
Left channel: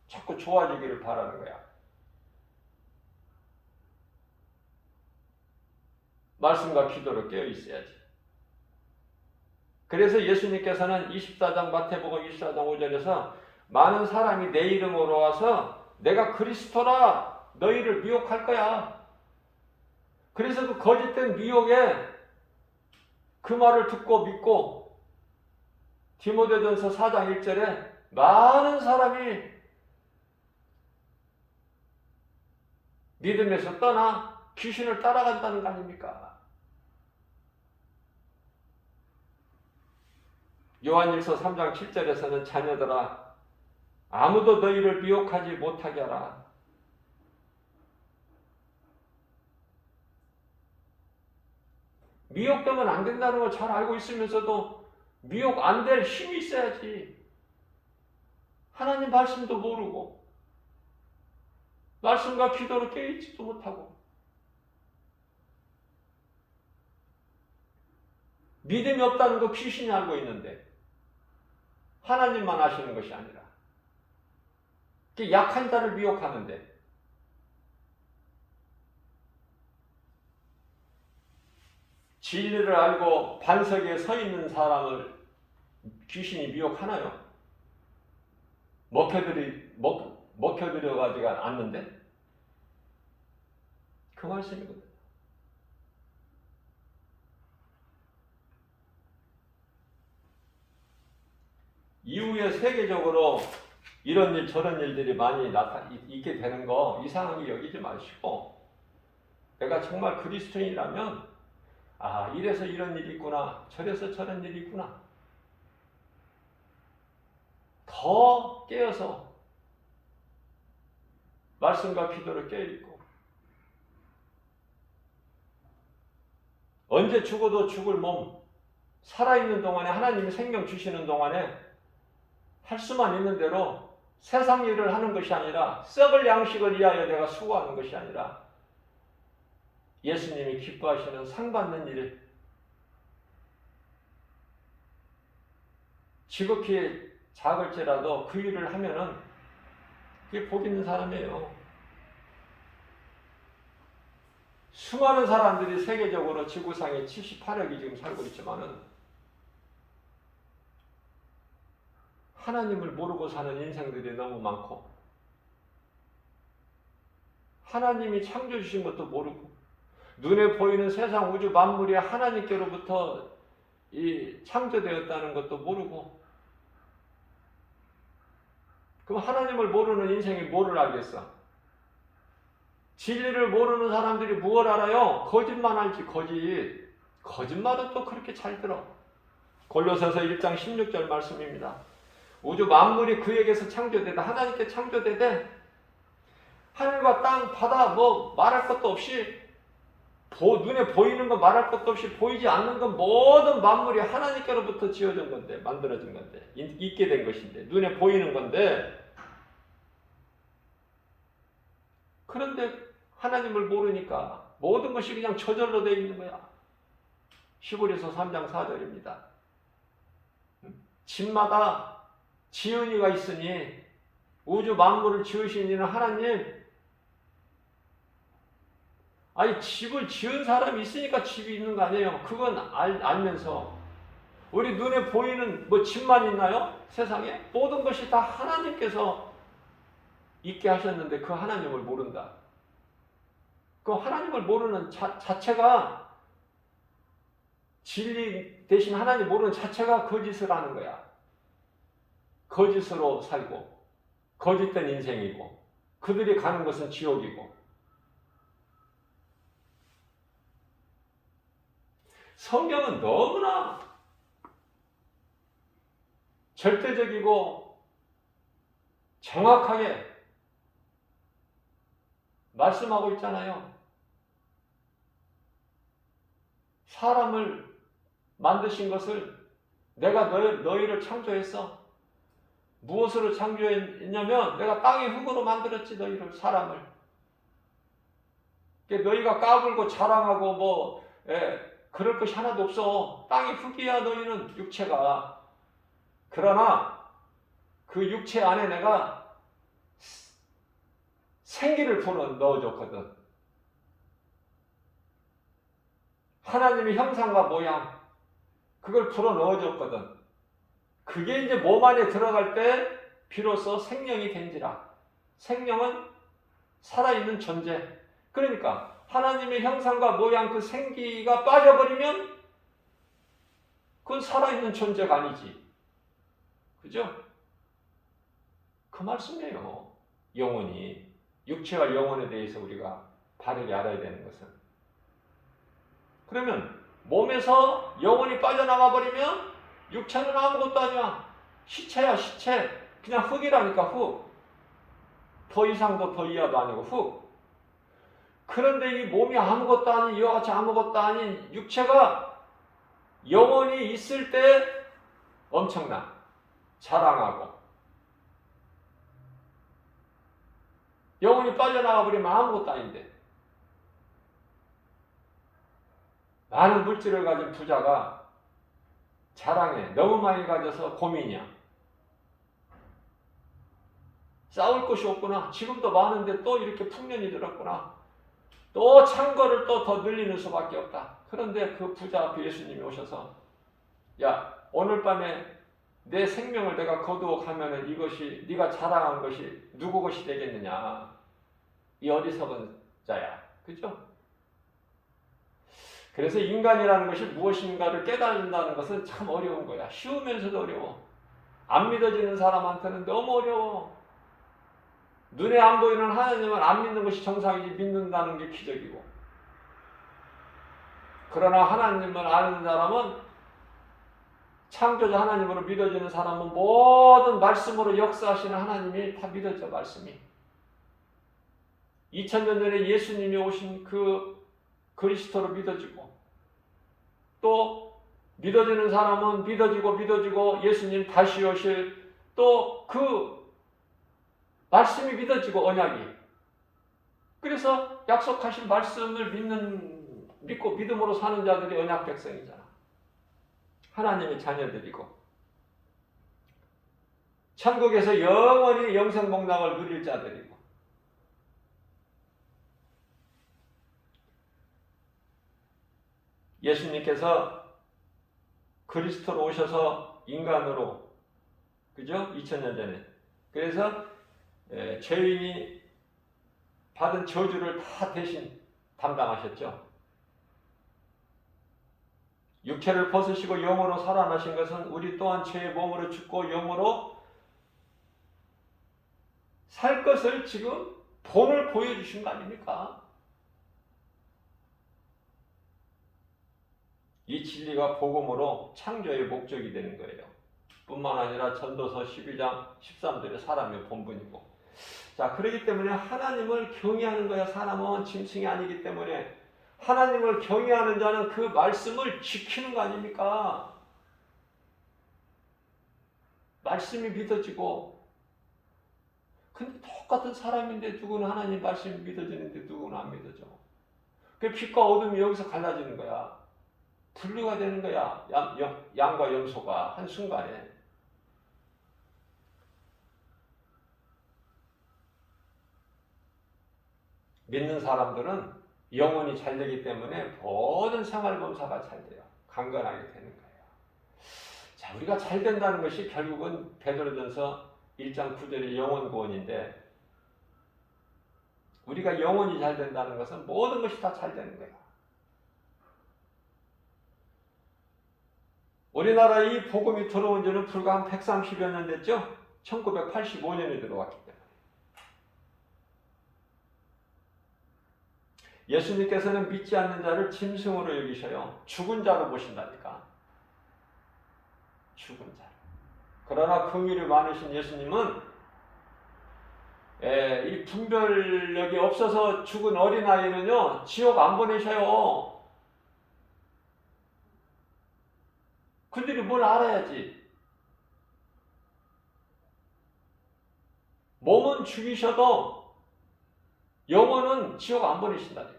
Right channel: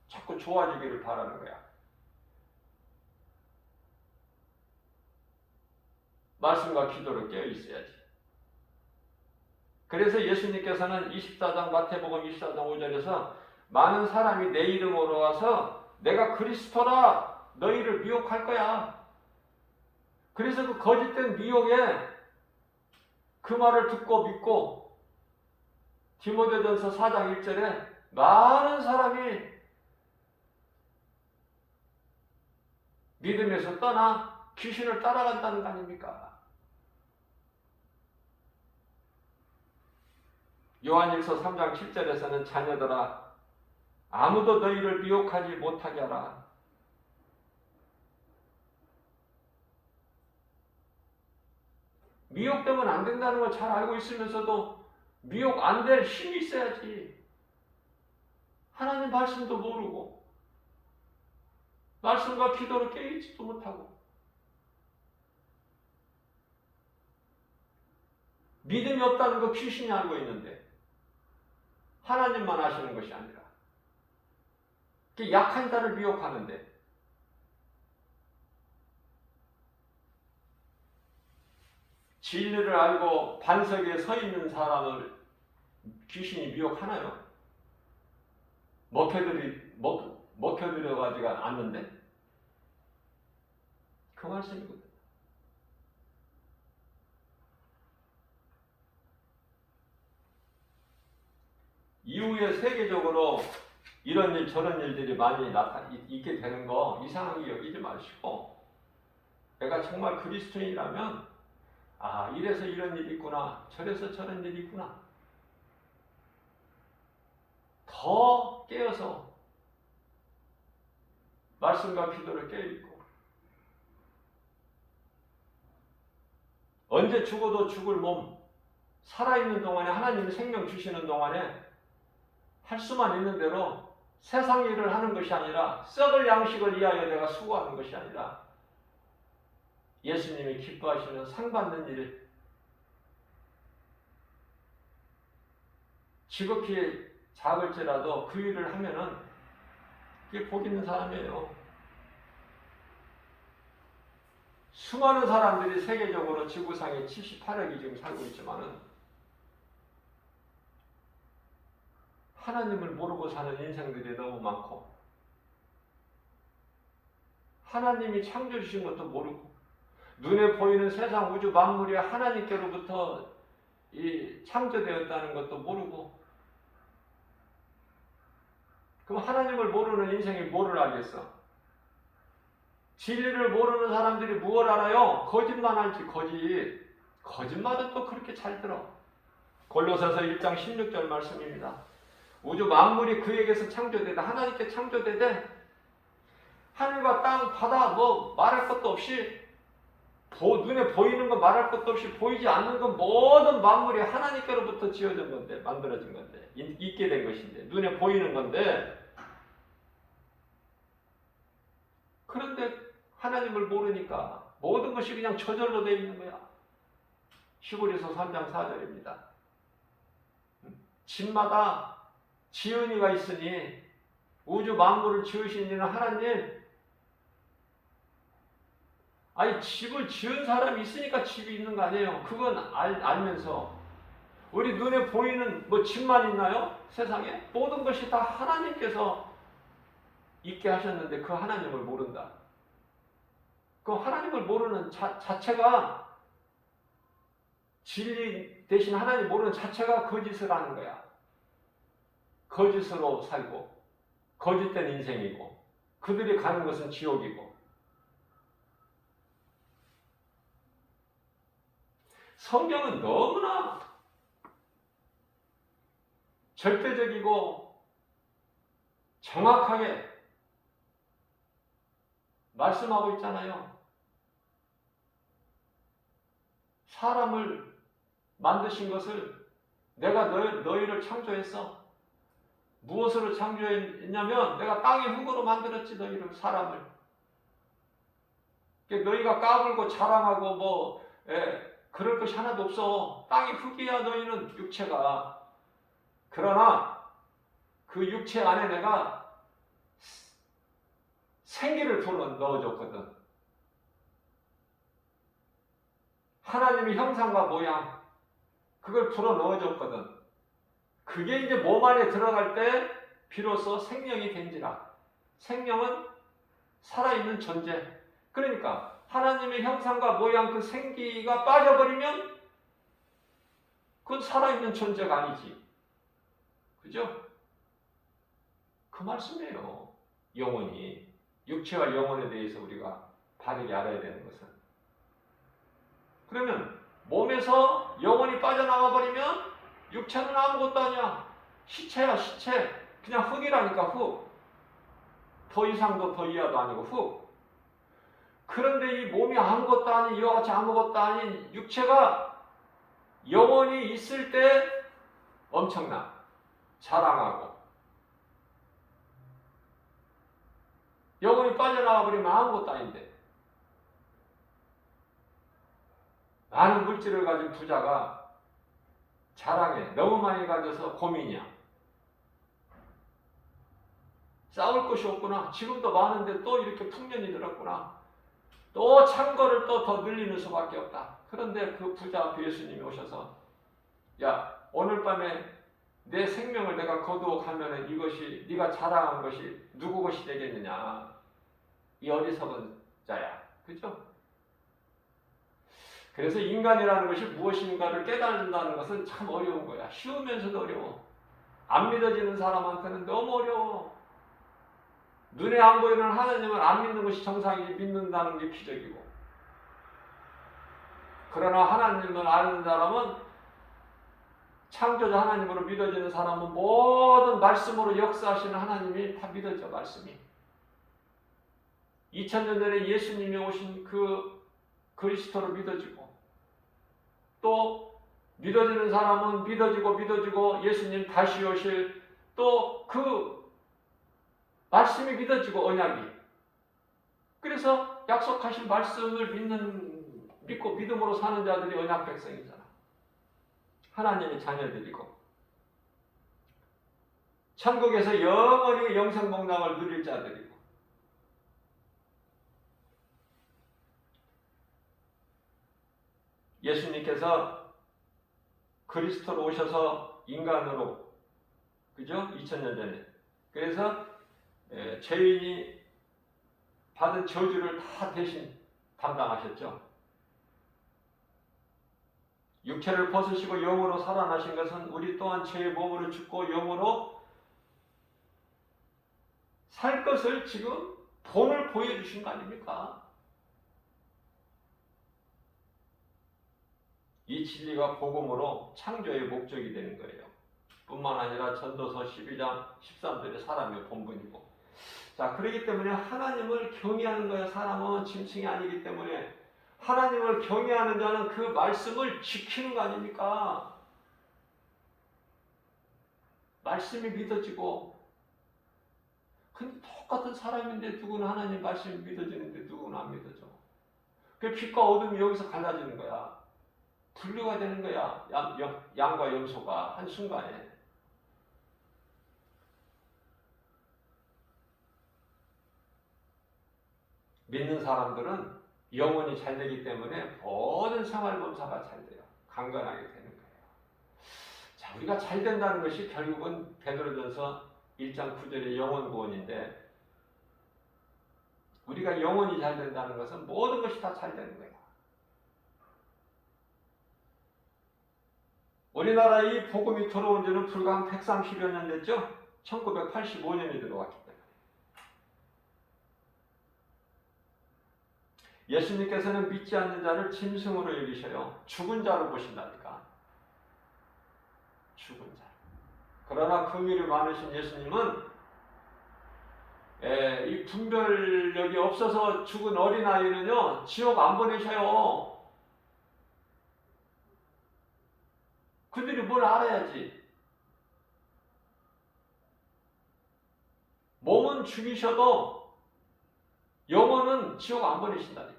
자꾸 좋아지기를 바라는 거야. 말씀과 기도로 깨어 있어야지. 그래서 예수님께서는 24장 마태복음 24장 5절에서 많은 사람이 내 이름으로 와서 내가 그리스도라 너희를 미혹할 거야. 그래서 그 거짓된 미혹에 그 말을 듣고 믿고 디모데전서 4장 1절에 많은 사람이 믿음에서 떠나 귀신을 따라간다는 거 아닙니까? 요한일서 3장 7절에서는 자녀들아 아무도 너희를 미혹하지 못하게 하라. 미혹되면 안 된다는 걸 잘 알고 있으면서도 미혹 안 될 힘이 있어야지. 하나님 말씀도 모르고 말씀과 기도로 깨있지도 못하고 믿음이 없다는 거 귀신이 알고 있는데 하나님만 아시는 것이 아니라 약한 자를 미혹하는데 진리를 알고 반석에 서 있는 사람을 귀신이 미혹하나요? 먹혀들여가지고 않는데? 그 말씀이거든. 이후에 세계적으로 이런 일 저런 일들이 많이 있게 되는 거 이상하게 여기지 마시고 내가 정말 그리스도인이라면 아 이래서 이런 일이 있구나 저래서 저런 일이 있구나 더 깨어서 말씀과 기도를 깨어있고 언제 죽어도 죽을 몸 살아있는 동안에 하나님이 생명 주시는 동안에 할 수만 있는 대로 세상 일을 하는 것이 아니라 썩을 양식을 위하여 내가 수고하는 것이 아니라 예수님이 기뻐하시는 상 받는 일 지극히 작을지라도 그 일을 하면은 그게 복 있는 사람이에요. 수많은 사람들이 세계적으로 지구상에 78억이 지금 살고 있지만은 하나님을 모르고 사는 인생들이 너무 많고 하나님이 창조 주신 것도 모르고 눈에 보이는 세상 우주 만물이 하나님께로부터 창조되었다는 것도 모르고 그럼 하나님을 모르는 인생이 뭐를 알겠어? 진리를 모르는 사람들이 무엇을 알아요? 거짓말 알지 거짓말은 또 그렇게 잘 들어. 골로새서 1장 16절 말씀입니다. 우주 만물이 그에게서 창조되다 하나님께 창조되되 하늘과 땅 바다 뭐 말할 것도 없이 눈에 보이는 건 말할 것도 없이 보이지 않는 건 모든 만물이 하나님께로부터 지어진 건데 만들어진 건데 있게 된 것인데 눈에 보이는 건데 그런데 하나님을 모르니까 모든 것이 그냥 저절로 되어 있는 거야. 히브리서 3장 4절입니다. 집마다 지은이가 있으니 우주 만물을 지으신 이는 하나님. 아니 집을 지은 사람이 있으니까 집이 있는 거 아니에요. 그건 알면서 우리 눈에 보이는 뭐 집만 있나요? 세상에 모든 것이 다 하나님께서 있게 하셨는데 그 하나님을 모른다. 그 하나님을 모르는 자체가 진리 대신 하나님 모르는 자체가 거짓을 하는 거야. 거짓으로 살고 거짓된 인생이고 그들이 가는 것은 지옥이고 성경은 너무나 절대적이고 정확하게 말씀하고 있잖아요. 사람을 만드신 것을 내가 너희를 창조했어. 무엇으로 창조했냐면 내가 땅의 흙으로 만들었지 너희를 사람을. 너희가 까불고 자랑하고 그럴 것이 하나도 없어. 땅의 흙이야 너희는 육체가. 그러나 그 육체 안에 내가 생기를 불어넣어줬거든. 하나님의 형상과 모양 그걸 불어넣어줬거든. 그게 이제 몸 안에 들어갈 때 비로소 생명이 된지라. 생명은 살아있는 존재. 그러니까 하나님의 형상과 모양 그 생기가 빠져버리면 그건 살아있는 존재가 아니지. 그죠? 그 말씀이에요. 영혼이. 육체와 영혼에 대해서 우리가 바르게 알아야 되는 것은. 그러면 몸에서 영혼이 빠져나가 버리면 육체는 아무것도 아니야. 시체야, 시체. 그냥 흙이라니까, 흙. 더 이상도 더 이하도 아니고 흙. 그런데 이 몸이 아무것도 아닌, 이와 같이 아무것도 아닌 육체가 영원히 있을 때 엄청나. 자랑하고. 영혼이 빠져나가 버리면 아무것도 아닌데. 많은 물질을 가진 부자가 자랑해. 너무 많이 가져서 고민이야. 싸울 것이 없구나. 지금도 많은데 또 이렇게 풍년이 들었구나. 또 창고를 또 더 늘리는 수밖에 없다. 그런데 그 부자 앞에 예수님이 오셔서 야, 오늘 밤에 내 생명을 내가 거두어가면 이것이 네가 자랑한 것이 누구 것이 되겠느냐. 이 어리석은 자야. 그죠? 그래서 인간이라는 것이 무엇인가를 깨달는다는 것은 참 어려운 거야. 쉬우면서도 어려워. 안 믿어지는 사람한테는 너무 어려워. 눈에 안 보이는 하나님을 안 믿는 것이 정상이지 믿는다는 게 기적이고. 그러나 하나님을 아는 사람은 창조자 하나님으로 믿어지는 사람은 모든 말씀으로 역사하시는 하나님이 다 믿어져. 말씀이 2000년 전에 예수님이 오신 그 그리스도로 믿어지고, 또 믿어지는 사람은 믿어지고 예수님 다시 오실 또 그 말씀이 믿어지고, 언약이. 그래서 약속하신 말씀을 믿고 믿음으로 사는 자들이 언약 백성이잖아. 하나님의 자녀들이고 천국에서 영원히 영생복락을 누릴 자들이고. 예수님께서 그리스도로 오셔서 인간으로, 그죠? 2000년 전에. 그래서 죄인이 받은 저주를 다 대신 담당하셨죠. 육체를 벗으시고 영으로 살아나신 것은 우리 또한 죄의 몸으로 죽고 영으로 살 것을 지금 본을 보여주신 거 아닙니까? 이 진리가 복음으로 창조의 목적이 되는 거예요. 뿐만 아니라 전도서 12장 13절에 사람의 본분이고. 자, 그렇기 때문에 하나님을 경외하는 거야. 사람은 짐승이 아니기 때문에 하나님을 경외하는 자는 그 말씀을 지키는 거 아닙니까? 말씀이 믿어지고. 근데 똑같은 사람인데 누구는 하나님 말씀이 믿어지는데 누구는 안 믿어져. 그 빛과 어둠이 여기서 갈라지는 거야. 분류가 되는 거야. 양과 염소가 한순간에. 믿는 사람들은 영혼이 잘 되기 때문에 모든 생활범사가 잘 돼요. 강건하게 되는 거예요. 자, 우리가 잘 된다는 것이 결국은 베드로전서 1장 9절의 영혼 구원인데, 우리가 영혼이 잘 된다는 것은 모든 것이 다 잘 되는 거예요. 우리나라에 이 복음이 들어온 지는 불과 한 130여 년 됐죠? 1985년에 들어왔기 때문에. 예수님께서는 믿지 않는 자를 짐승으로 여기셔요. 죽은 자로 보신다니까. 죽은 자. 그러나 긍휼이 많으신 예수님은 이 분별력이 없어서 죽은 어린아이는요, 지옥 안 보내셔요. 그들이 뭘 알아야지. 몸은 죽이셔도 영혼은 지옥 안 보내신다니까.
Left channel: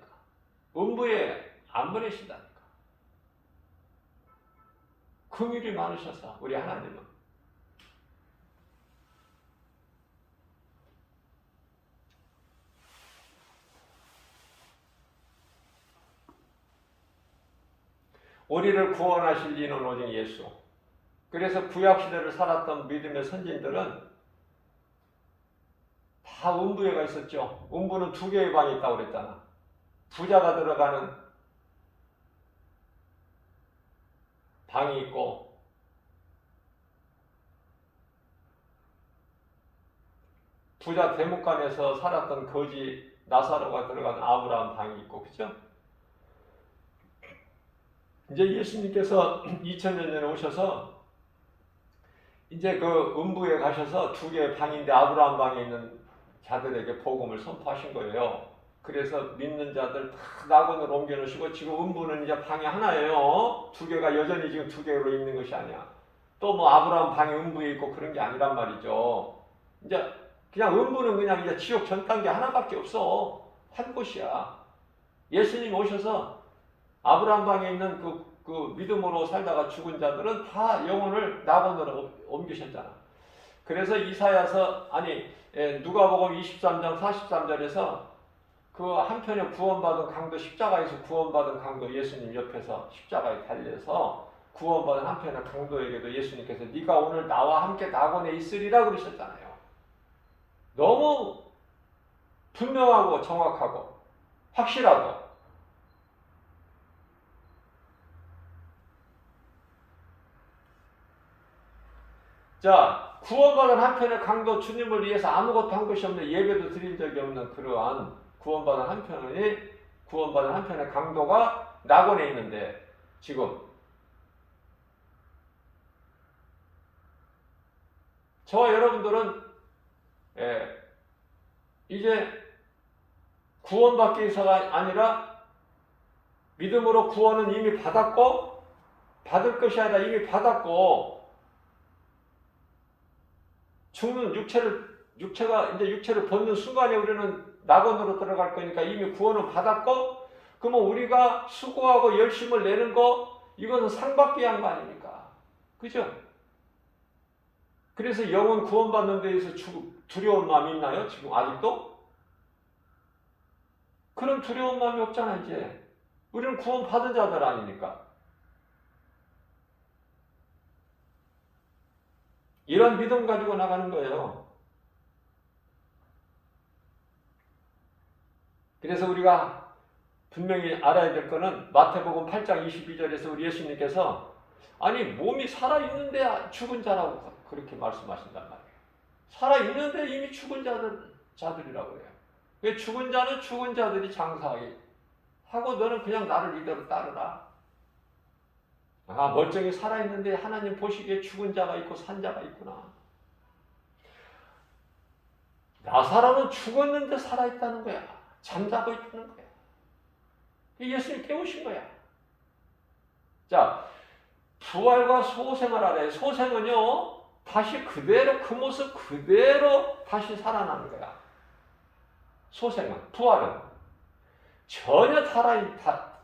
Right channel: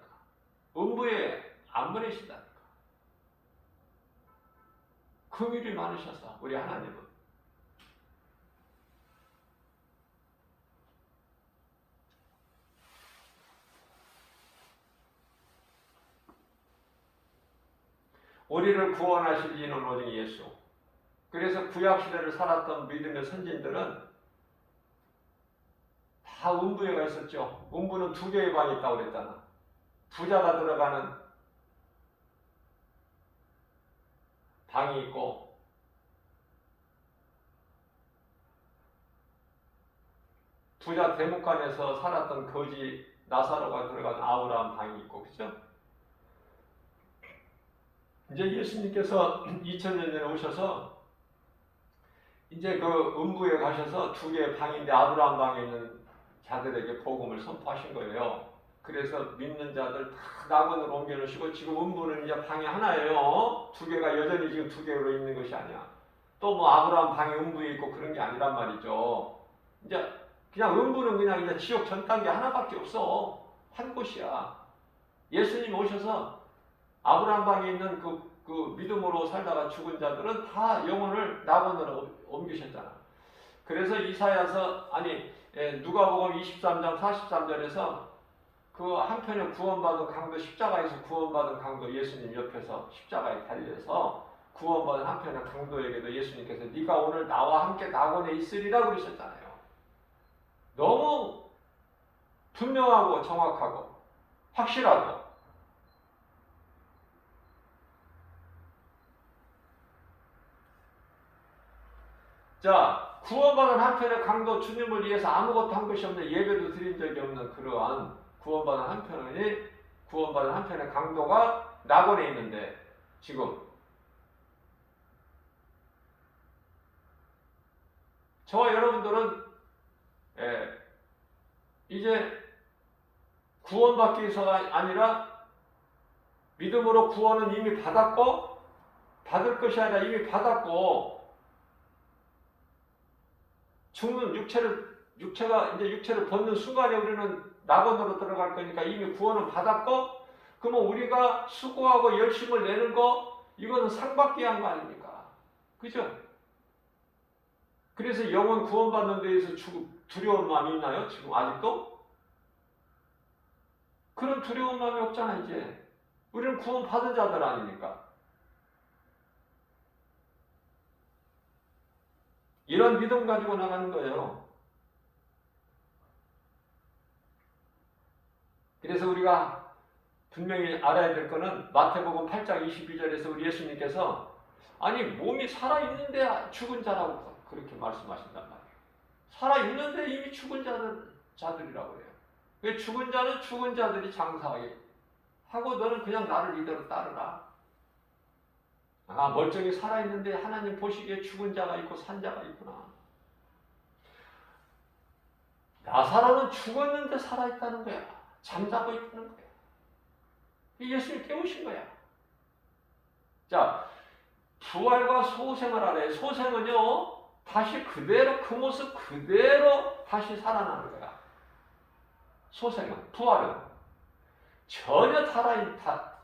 음부에 안 보내신다니까. 긍휼이 많으셔서 우리 하나님은. 우리를 구원하실 이는 오직 예수. 그래서 구약시대를 살았던 믿음의 선진들은 다 음부에 가 있었죠. 음부는 2개의 방이 있다고 그랬잖아. 부자가 들어가는 방이 있고, 부자 대묵간에서 살았던 거지 나사로가 들어가는 아브라함 방이 있고, 그죠? 이제 예수님께서 2000년 전에 오셔서 이제 그 음부에 가셔서 두 개의 방인데 아브라함 방에 있는 자들에게 복음을 선포하신 거예요. 그래서 믿는 자들 다 낙원으로 옮겨놓으시고 지금 음부는 이제 방이 하나예요. 두 개가 여전히 지금 두 개로 있는 것이 아니야. 또 뭐 아브라함 방에 음부에 있고 그런 게 아니란 말이죠. 이제 그냥 음부는 그냥 이제 지옥 전 단계 하나밖에 없어. 한 곳이야. 예수님 오셔서 아브라함 방에 있는 그 믿음으로 살다가 죽은 자들은 다 영혼을 낙원으로 옮기셨잖아. 그래서 이사야서 누가복음 23장 43절에서 그 한편에 구원받은 강도 십자가에서 구원받은 강도 예수님 옆에서 십자가에 달려서 구원받은 한편의 강도에게도 예수님께서 네가 오늘 나와 함께 낙원에 있으리라 그러셨잖아요. 너무 분명하고 정확하고 확실하고. 자, 구원받은 한편의 강도 주님을 위해서 아무것도 한 것이 없는 예배도 드린 적이 없는 그러한 구원받은 한편의 강도가 낙원에 있는데 지금 저와 여러분들은 이제 구원받기 위해서가 아니라 믿음으로 구원은 이미 받았고 받을 것이 아니라 이미 받았고 죽는 육체가 이제 육체를 벗는 순간에 우리는 낙원으로 들어갈 거니까 이미 구원을 받았고 그러면 우리가 수고하고 열심을 내는 거 이거는 상받기 위한 거 아닙니까? 그죠? 그래서 영혼 구원받는 데에서 두려운 마음이 있나요? 지금 아직도? 그런 두려운 마음이 없잖아 이제. 우리는 구원받은 자들 아닙니까? 이런 믿음 가지고 나가는 거예요. 그래서 우리가 분명히 알아야 될 거는 마태복음 8장 22절에서 우리 예수님께서 아니 몸이 살아있는데 죽은 자라고 그렇게 말씀하신단 말이에요. 살아있는데 이미 죽은 자들이라고 해요. 왜 죽은 자는 죽은 자들이 장사하게 하고 너는 그냥 나를 이대로 따르라. 아, 멀쩡히 살아있는데 하나님 보시기에 죽은 자가 있고 산 자가 있구나. 나사로는 죽었는데 살아있다는 거야. 잠자고 있다는 거야. 예수님 깨우신 거야. 자, 부활과 소생을 알아요. 소생은요, 다시 그대로 그 모습 그대로 다시 살아나는 거야. 소생은, 부활은 전혀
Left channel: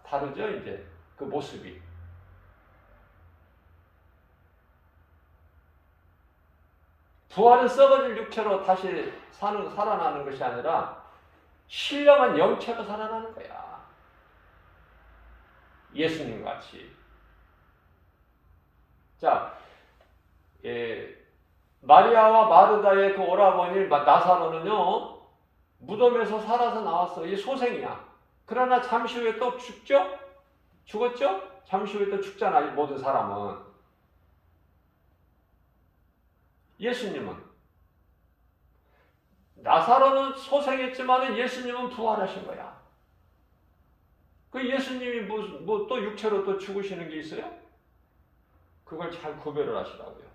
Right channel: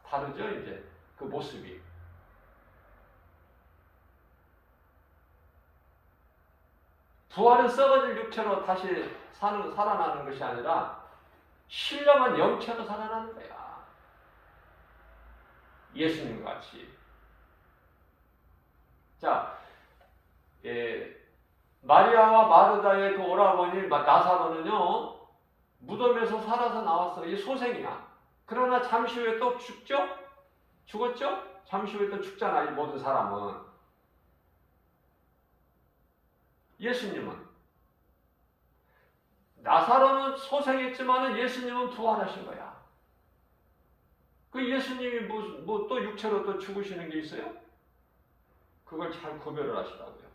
다르죠, 이제 그 모습이. 부활은 썩어질 육체로 다시 살아나는 것이 아니라 신령한 영체로 살아나는 거야. 예수님 같이. 자, 마리아와 마르다의 그 오라버니 나사로는요, 무덤에서 살아서 나왔어. 이 소생이야. 그러나 잠시 후에 또 죽죠? 죽었죠? 잠시 후에 또 죽잖아, 이 모든 사람은. 예수님은 나사로는 소생했지만 예수님은 부활하신 거야. 그 예수님이 뭐 또 육체로 또 죽으시는 게 있어요? 그걸 잘 구별을 하시라고요.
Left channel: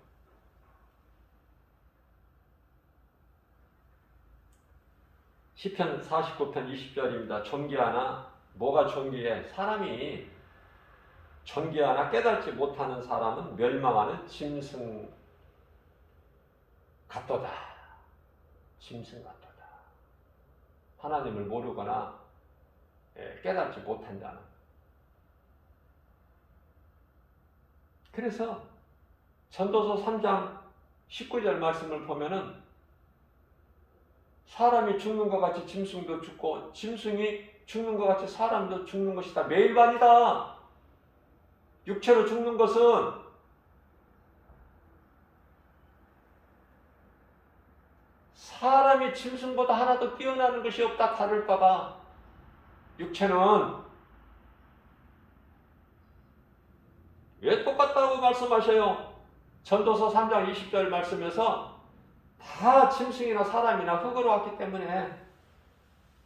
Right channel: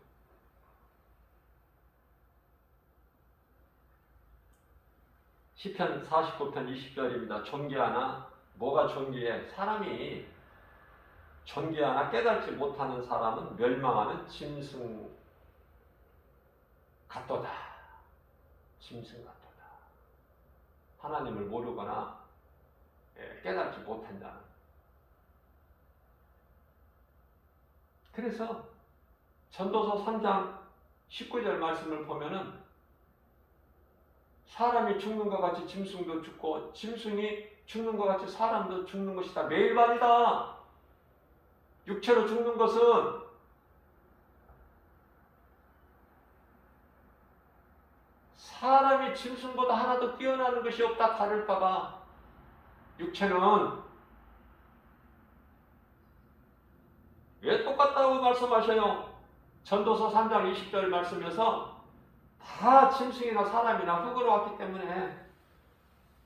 시편 49편 20절입니다. 존귀하나 뭐가 존귀해? 사람이 존귀하나 깨닫지 못하는 사람은 멸망하는 짐승 같도다. 짐승 같도다. 하나님을 모르거나 깨닫지 못한 자는. 그래서 전도서 3장 19절 말씀을 보면은 사람이 죽는 것 같이 짐승도 죽고 짐승이 죽는 것 같이 사람도 죽는 것이다. 매일반이다. 육체로 죽는 것은 사람이 짐승보다 하나도 뛰어나는 것이 없다. 다를 바가. 육체는 왜 똑같다고 말씀하셔요? 전도서 3장 20절 말씀에서 다 짐승이나 사람이나 흙으로 왔기 때문에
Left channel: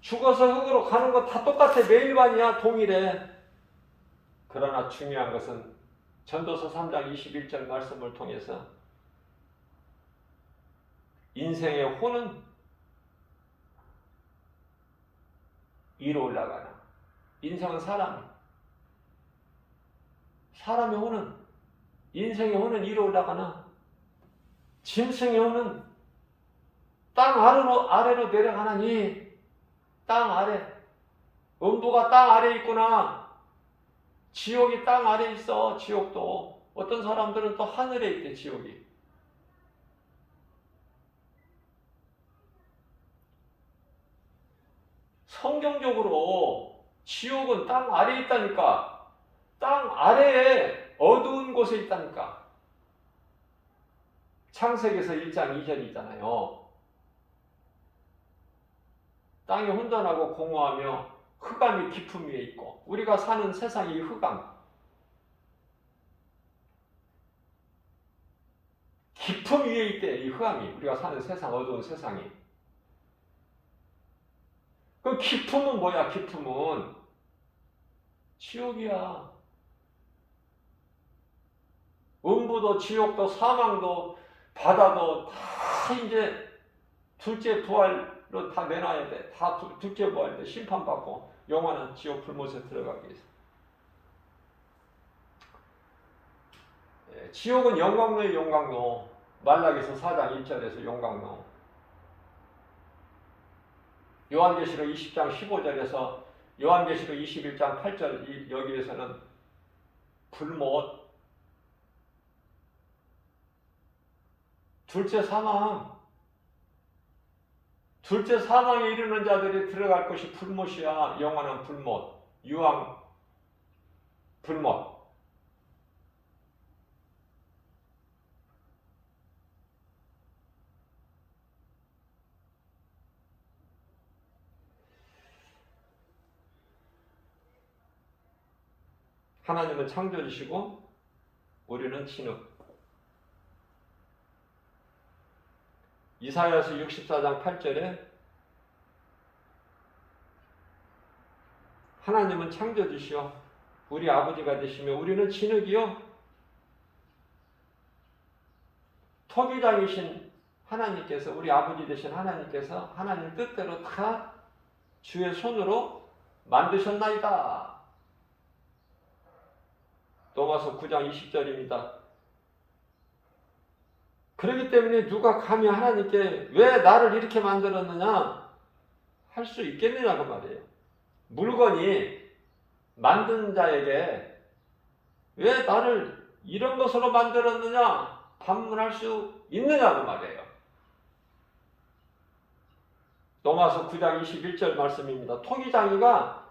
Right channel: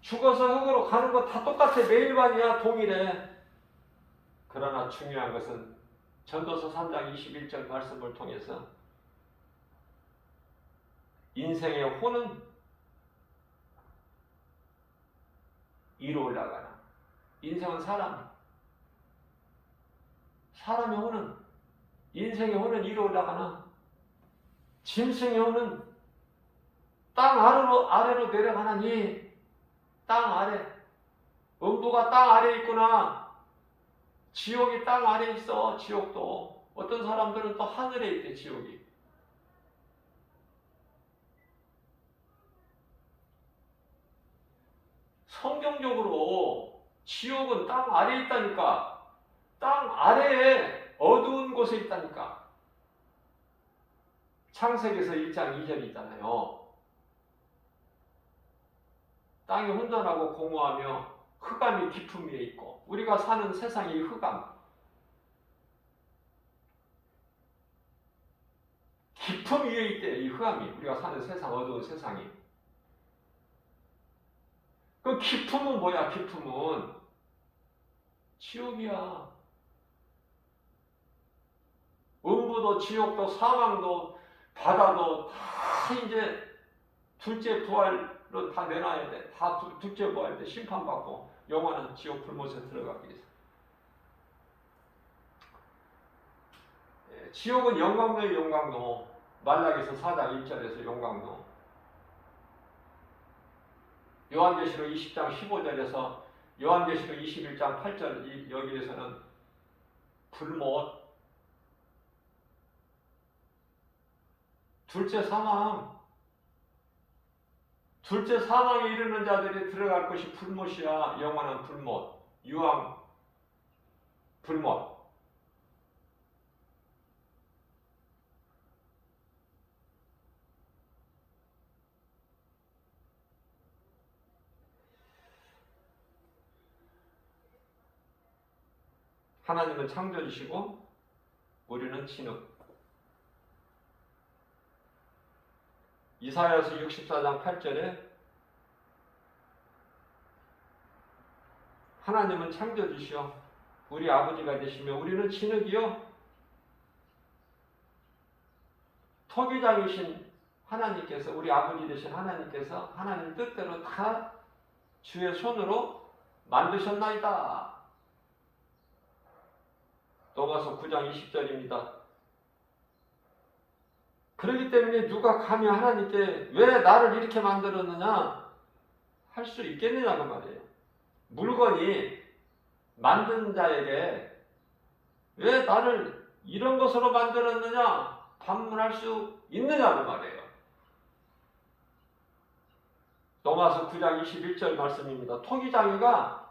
죽어서 흙으로 가는 거 다 똑같아. 매일반이야. 동일해. 그러나 중요한 것은 전도서 3장 21절 말씀을 통해서 인생의 호는 위로 올라가나? 인생은 사람의 호는, 인생의 호는 위로 올라가나? 짐승의 호는 땅 아래로 내려가나니? 땅 아래. 음부가 땅 아래에 있구나. 지옥이 땅 아래에 있어. 지옥도. 어떤 사람들은 또 하늘에 있대, 지옥이. 성경적으로 지옥은 땅 아래에 있다니까. 땅 아래에 어두운 곳에 있다니까. 창세기에서 1장 2절이 있잖아요. 땅이 혼돈하고 공허하며 흑암이 깊음 위에 있고, 우리가 사는 세상이 흑암, 깊음 위에 있대. 이 흑암이, 우리가 사는 세상, 어두운 세상이. 그 깊음은 뭐야? 깊음은 지옥이야. 음부도 지옥도 사망도 바다도 다 이제 둘째 부활로 다 내놔야 돼. 다 둘째 부활 때 심판받고 영원한 지옥 불못에 들어가기 위해서. 지옥은 영광로의 영광로. 말라기서 4장 1절에서 영광로. 요한계시록 20장 15절에서 요한계시록 21장 8절 여기에서는 불못. 둘째 사망에 이르는 자들이 들어갈 것이 불못이야. 영원한 불못, 유황 불못. 하나님은 창조주시고 우리는 진흙. 이사야서 64장 8절에 하나님은 창조주시오 우리 아버지가 되시며 우리는 진흙이요 토기장이신 하나님께서, 우리 아버지 되신 하나님께서 하나님 뜻대로 다 주의 손으로 만드셨나이다. 로마서 9장 20절입니다. 그렇기 때문에 누가 감히 하나님께 왜 나를 이렇게 만들었느냐 할 수 있겠느냐고 말이에요. 물건이 만든 자에게 왜 나를 이런 것으로 만들었느냐 반문할 수 있느냐고 말이에요. 로마서 9장 21절 말씀입니다. 토기장이가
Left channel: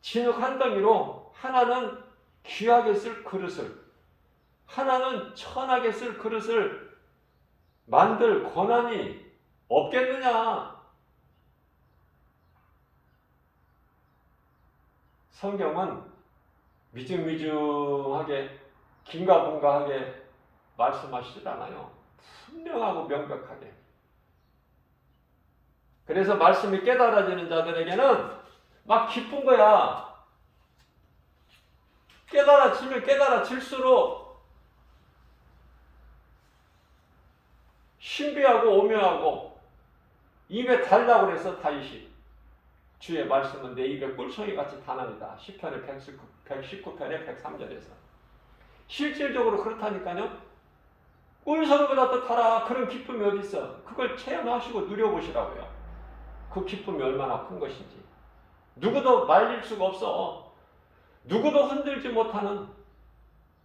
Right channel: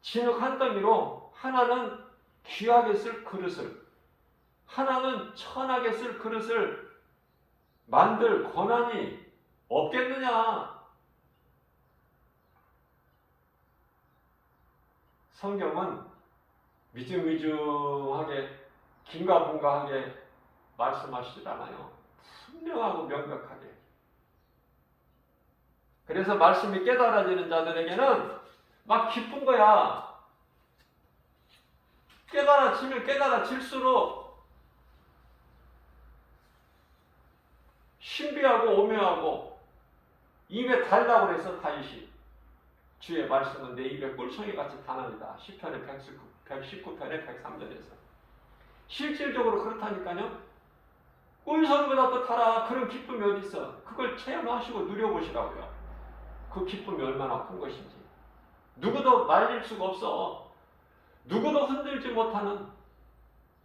진흙 한 덩이로 하나는 귀하게 쓸 그릇을, 하나는 천하게 쓸 그릇을 만들 권한이 없겠느냐. 성경은 미증미증하게 긴가분가하게 말씀하시질 않아요. 분명하고 명백하게. 그래서 말씀이 깨달아지는 자들에게는 막 기쁜 거야. 깨달아지면 깨달아질수록 신비하고 오묘하고 입에 달라고 그래서 다윗이 주의 말씀은 내 입에 꿀송이 같이 단언이다. 시편의 119편의 103절에서 실질적으로 그렇다니까요. 꿀송이보다 더 달아. 그런 기쁨이 어디 있어. 그걸 체험하시고 누려보시라고요. 그 기쁨이 얼마나 큰 것인지. 누구도 말릴 수가 없어. 누구도 흔들지 못하는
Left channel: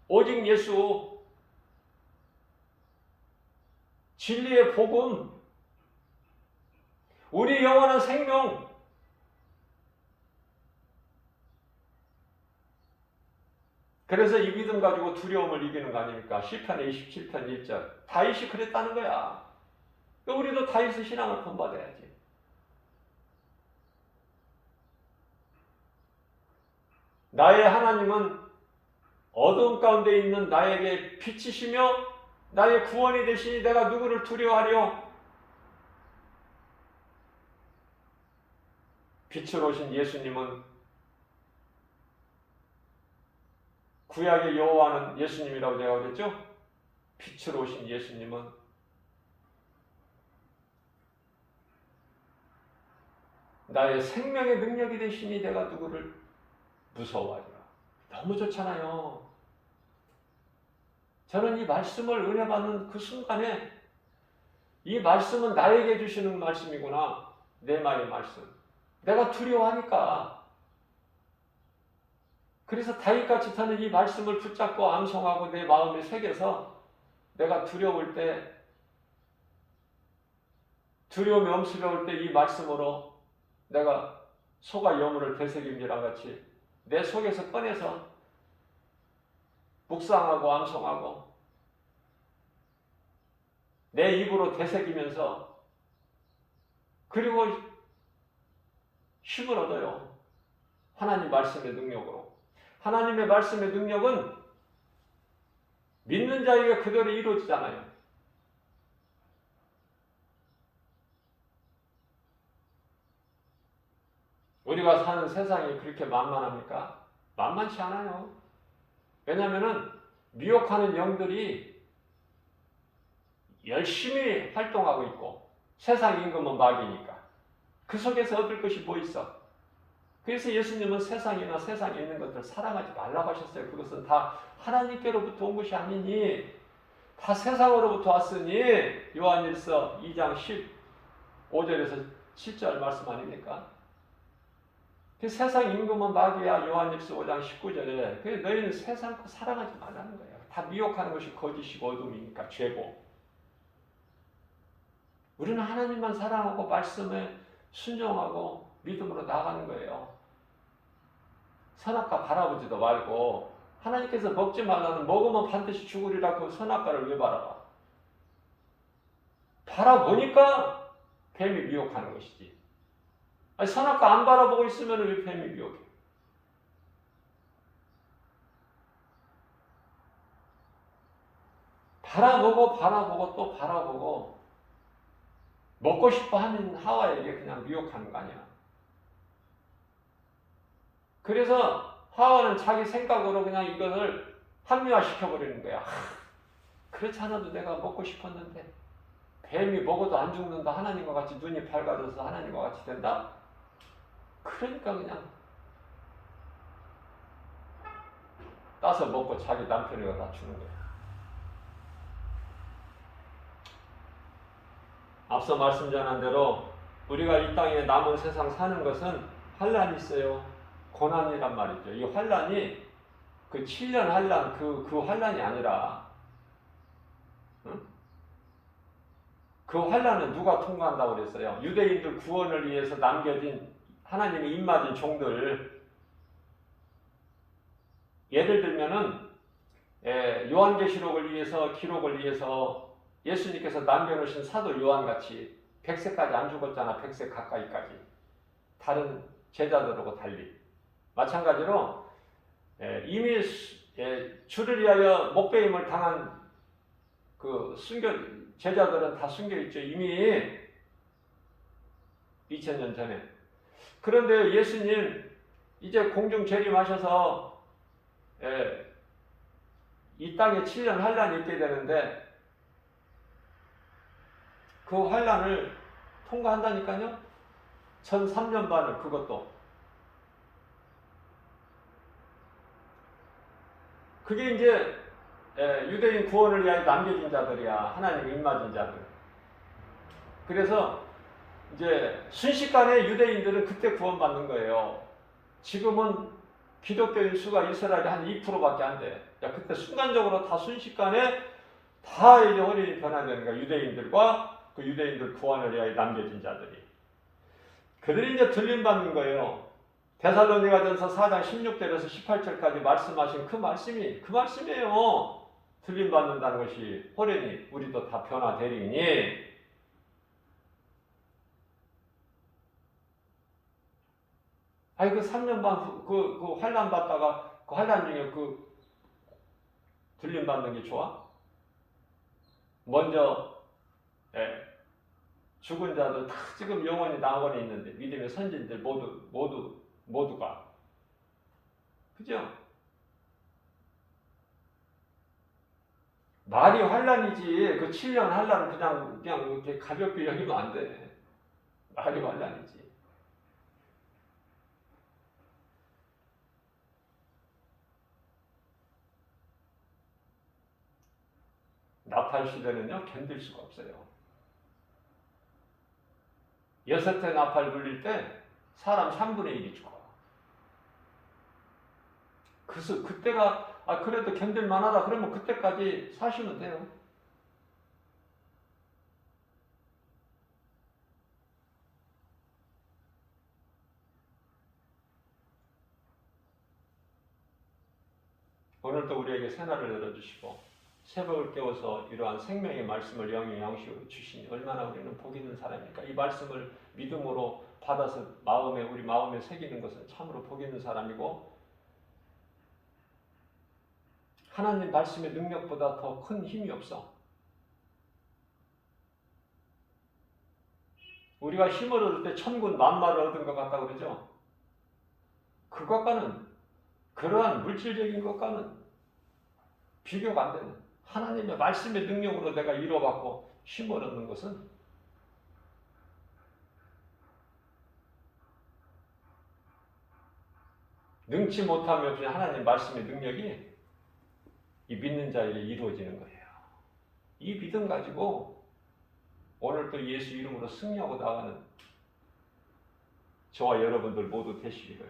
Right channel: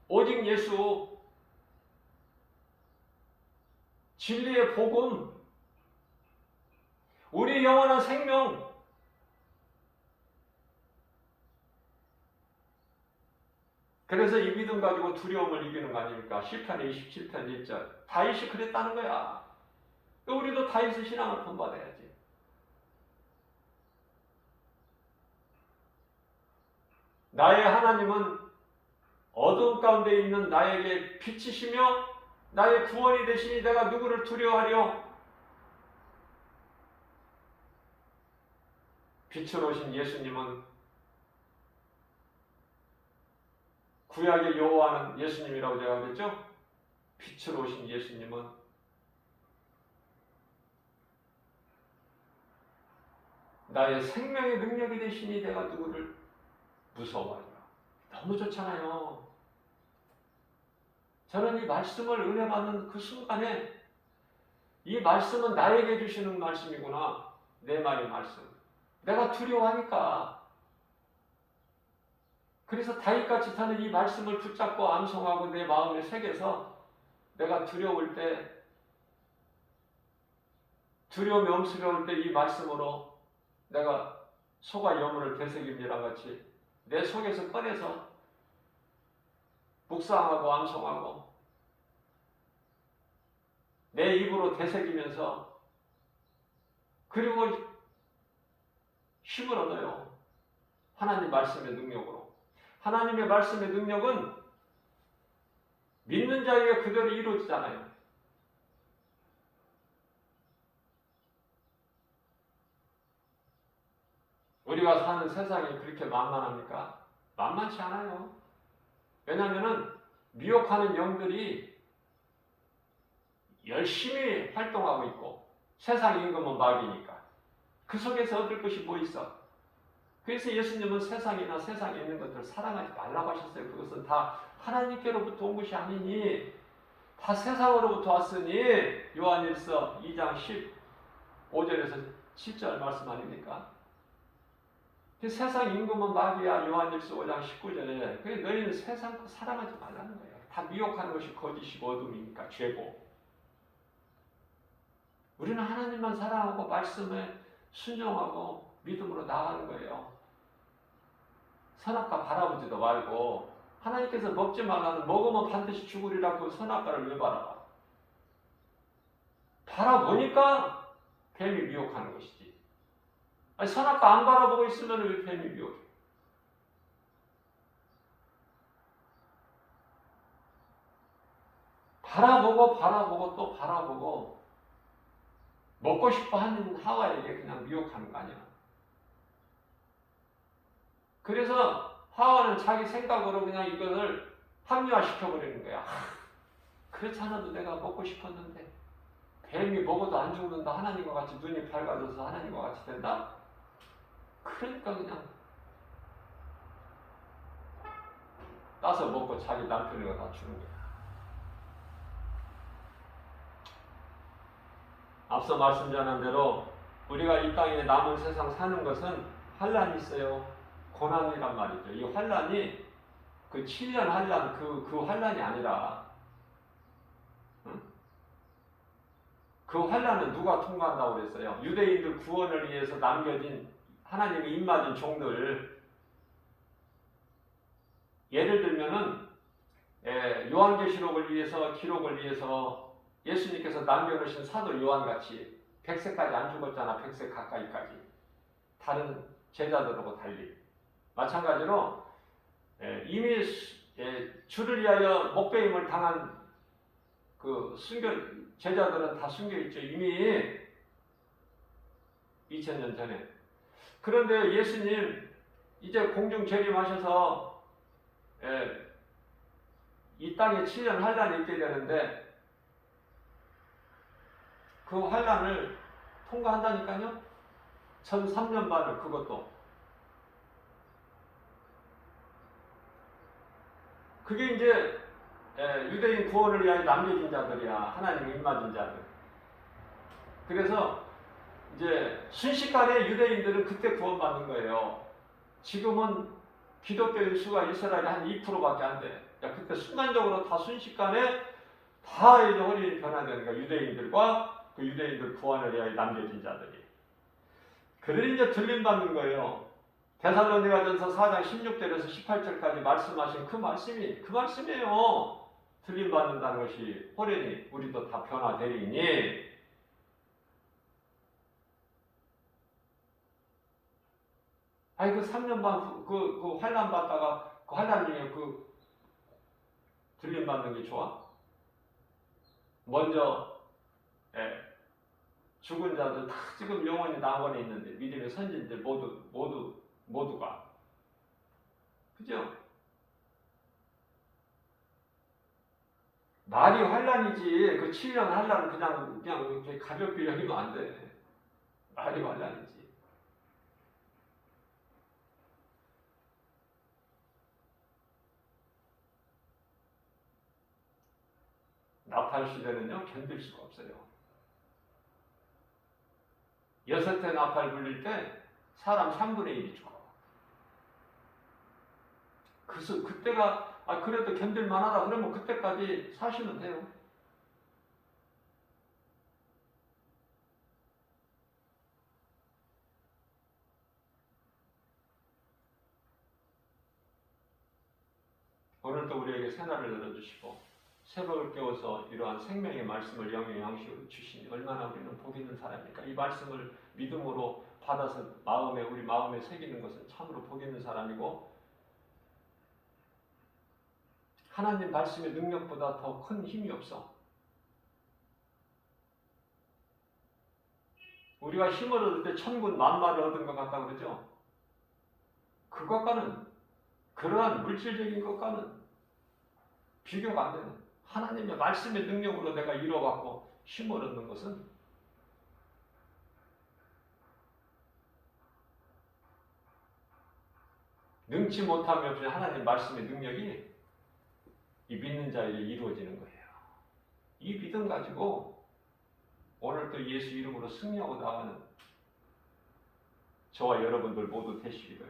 오직 예수, 진리의 복음, 우리 영원한 생명, 그래서 이 믿음 가지고 두려움을 이기는 거 아닙니까? 시편의 27편 1절. 다윗이 그랬다는 거야. 우리도 다윗의 신앙을 본받아야지. 나의 하나님은 어두운 가운데 있는 나에게 빛이시며 나의 구원이 되시니 내가 누구를 두려워하려. 빛으로 오신 예수님은, 구약의 여호와는 예수님이라고 제가 그랬죠? 빛으로 오신 예수님은 나의 생명의 능력이 되시니 내가 누구를 무서워하리라. 너무 좋잖아요. 저는 이 말씀을 은혜 받는 그 순간에 이 말씀은 나에게 주시는 말씀이구나. 내 마음의 말씀. 내가 두려워하니까. 그래서 다윗같이 저는 이 말씀을 붙잡고 암송하고 내 마음에 새겨서 내가 두려울 때, 두려움이 엄습해올 때 이 말씀으로 내가 소가 여물을 되새김이랑 같이 내 속에서 꺼내서 묵상하고 암송하고 내 입으로 되새기면서 그리고 힘을 얻어요. 하나님 말씀의 능력으로. 하나님의 말씀의 능력은 믿는 자에게 그대로 이루어지잖아요. 우리가 사는 세상이 그렇게 만만합니까? 만만치 않아요. 왜냐하면 미혹하는 영들이 열심히 활동하고 있고 세상 임금은 마귀니까 그 속에서 얻을 것이 뭐 있어? 그래서 예수님은 세상이나 세상에 있는 것들 사랑하지 말라고 하셨어요. 그것은 다 하나님께로부터 온 것이 아니니 다 세상으로부터 왔으니 요한일서 2장 15절에서 7절 말씀 아닙니까? 그 세상 임금은 마귀야. 요한일서 5장 19절에 너희는 세상 거 사랑하지 말라는 거예요. 다 미혹하는 것이 거짓이고 어둠이니까 죄고. 우리는 하나님만 사랑하고 말씀에 순종하고 믿음으로 나아가는 거예요. 선악과 바라보지도 말고 하나님께서 먹지 말라는 먹으면 반드시 죽으리라 그 선악과를 왜 바라봐? 바라보니까 뱀이 미혹하는 것이지. 아니, 선악과 안 바라보고 있으면 왜 뱀이 미혹해? 바라보고 또 바라보고 먹고 싶어 하는 하와에게 그냥 미혹하는 거 아니야. 그래서 하와는 자기 생각으로 그냥 이것을 합리화시켜버리는 거야. 그렇지 않아도 내가 먹고 싶었는데 뱀이 먹어도 안 죽는다. 하나님과 같이 눈이 밝아져서 하나님과 같이 된다. 그러니까 그냥 따서 먹고 자기 남편이가 다 주는 거야. 앞서 말씀 전한 대로 우리가 이 땅에 남은 세상 사는 것은 환란이 있어요. 고난이란 말이죠. 이 환란이 그 7년 환란 그 환란이 아니라, 응? 그 환란은 누가 통과한다고 그랬어요? 유대인들 구원을 위해서 남겨진 하나님의 입맞은 종들. 예를 들면은 요한계시록을 위해서 기록을 위해서 예수님께서 남겨놓으신 사도 요한같이 100세까지 안 죽었잖아. 100세 가까이까지. 다른 제자들하고 달리. 마찬가지로 이미 주를 위하여 목배임을 당한 그 제자들은 다 숨겨있죠. 이미 2000년 전에. 그런데 예수님 이제 공중 재림하셔서 이 땅에 7년 환란이 있게 되는데 그 환란을 통과한다니까요. 전 3년 반을 그것도. 그게 이제 유대인 구원을 위하여 남겨진 자들이야. 하나님 입맞은 자들. 그래서 이제 순식간에 유대인들은 그때 구원받는 거예요. 지금은 기독교인 수가 이스라엘에 한 2%밖에 안 돼. 야, 그때 순간적으로 다 순식간에 다 이제 혼이 변화되는 거야. 유대인들과 그 유대인들 구원을 위하여 남겨진 자들이. 그들이 이제 들림받는 거예요. 데살로니가전서 4장 16절에서 18절까지 말씀하신 그 말씀이에요. 들림받는다는 것이 호련히 우리도 다 변화되리니. 아니 그 3년 반 그 환란 받다가 그 환란 중에 그 들림받는 게 좋아? 먼저 죽은 자들 다 지금 영원히 낙원에 있는데 믿음의 선진들 모두가 그죠? 말이 환란이지 그 7년 환란 그냥 이렇게 가볍게 여기면 안 돼. 말이 환란이지. 아파할 시대는요, 견딜 수가 없어요. 6회 나팔 불릴 때 사람 3분의 1이 죽어. 그때가 그래도 견딜 만하다 그러면 그때까지 사시면 돼요. 오늘도 우리에게 새날을 열어주시고 새벽을 깨워서 이러한 생명의 말씀을 영의 양식으로 주시니 얼마나 우리는 복 있는 사람입니까? 이 말씀을 믿음으로 받아서 우리 마음에 새기는 것은 참으로 복 있는 사람이고, 하나님 말씀의 능력보다 더 큰 힘이 없어. 우리가 힘을 얻을 때 천군 만마를 얻은 것 같다고 그러죠? 그것과는, 그러한 물질적인 것과는 비교가 안 되는, 하나님의 말씀의 능력으로 내가 이뤄받고 힘을 얻는 것은 능치 못함이 없는 하나님의 말씀의 능력이 이 믿는 자에게 이루어지는 거예요. 이 믿음 가지고 오늘 또 예수 이름으로 승리하고 나가는 저와 여러분들 모두 되시기를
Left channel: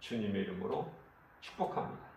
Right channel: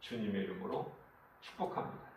주님의 이름으로 축복합니다.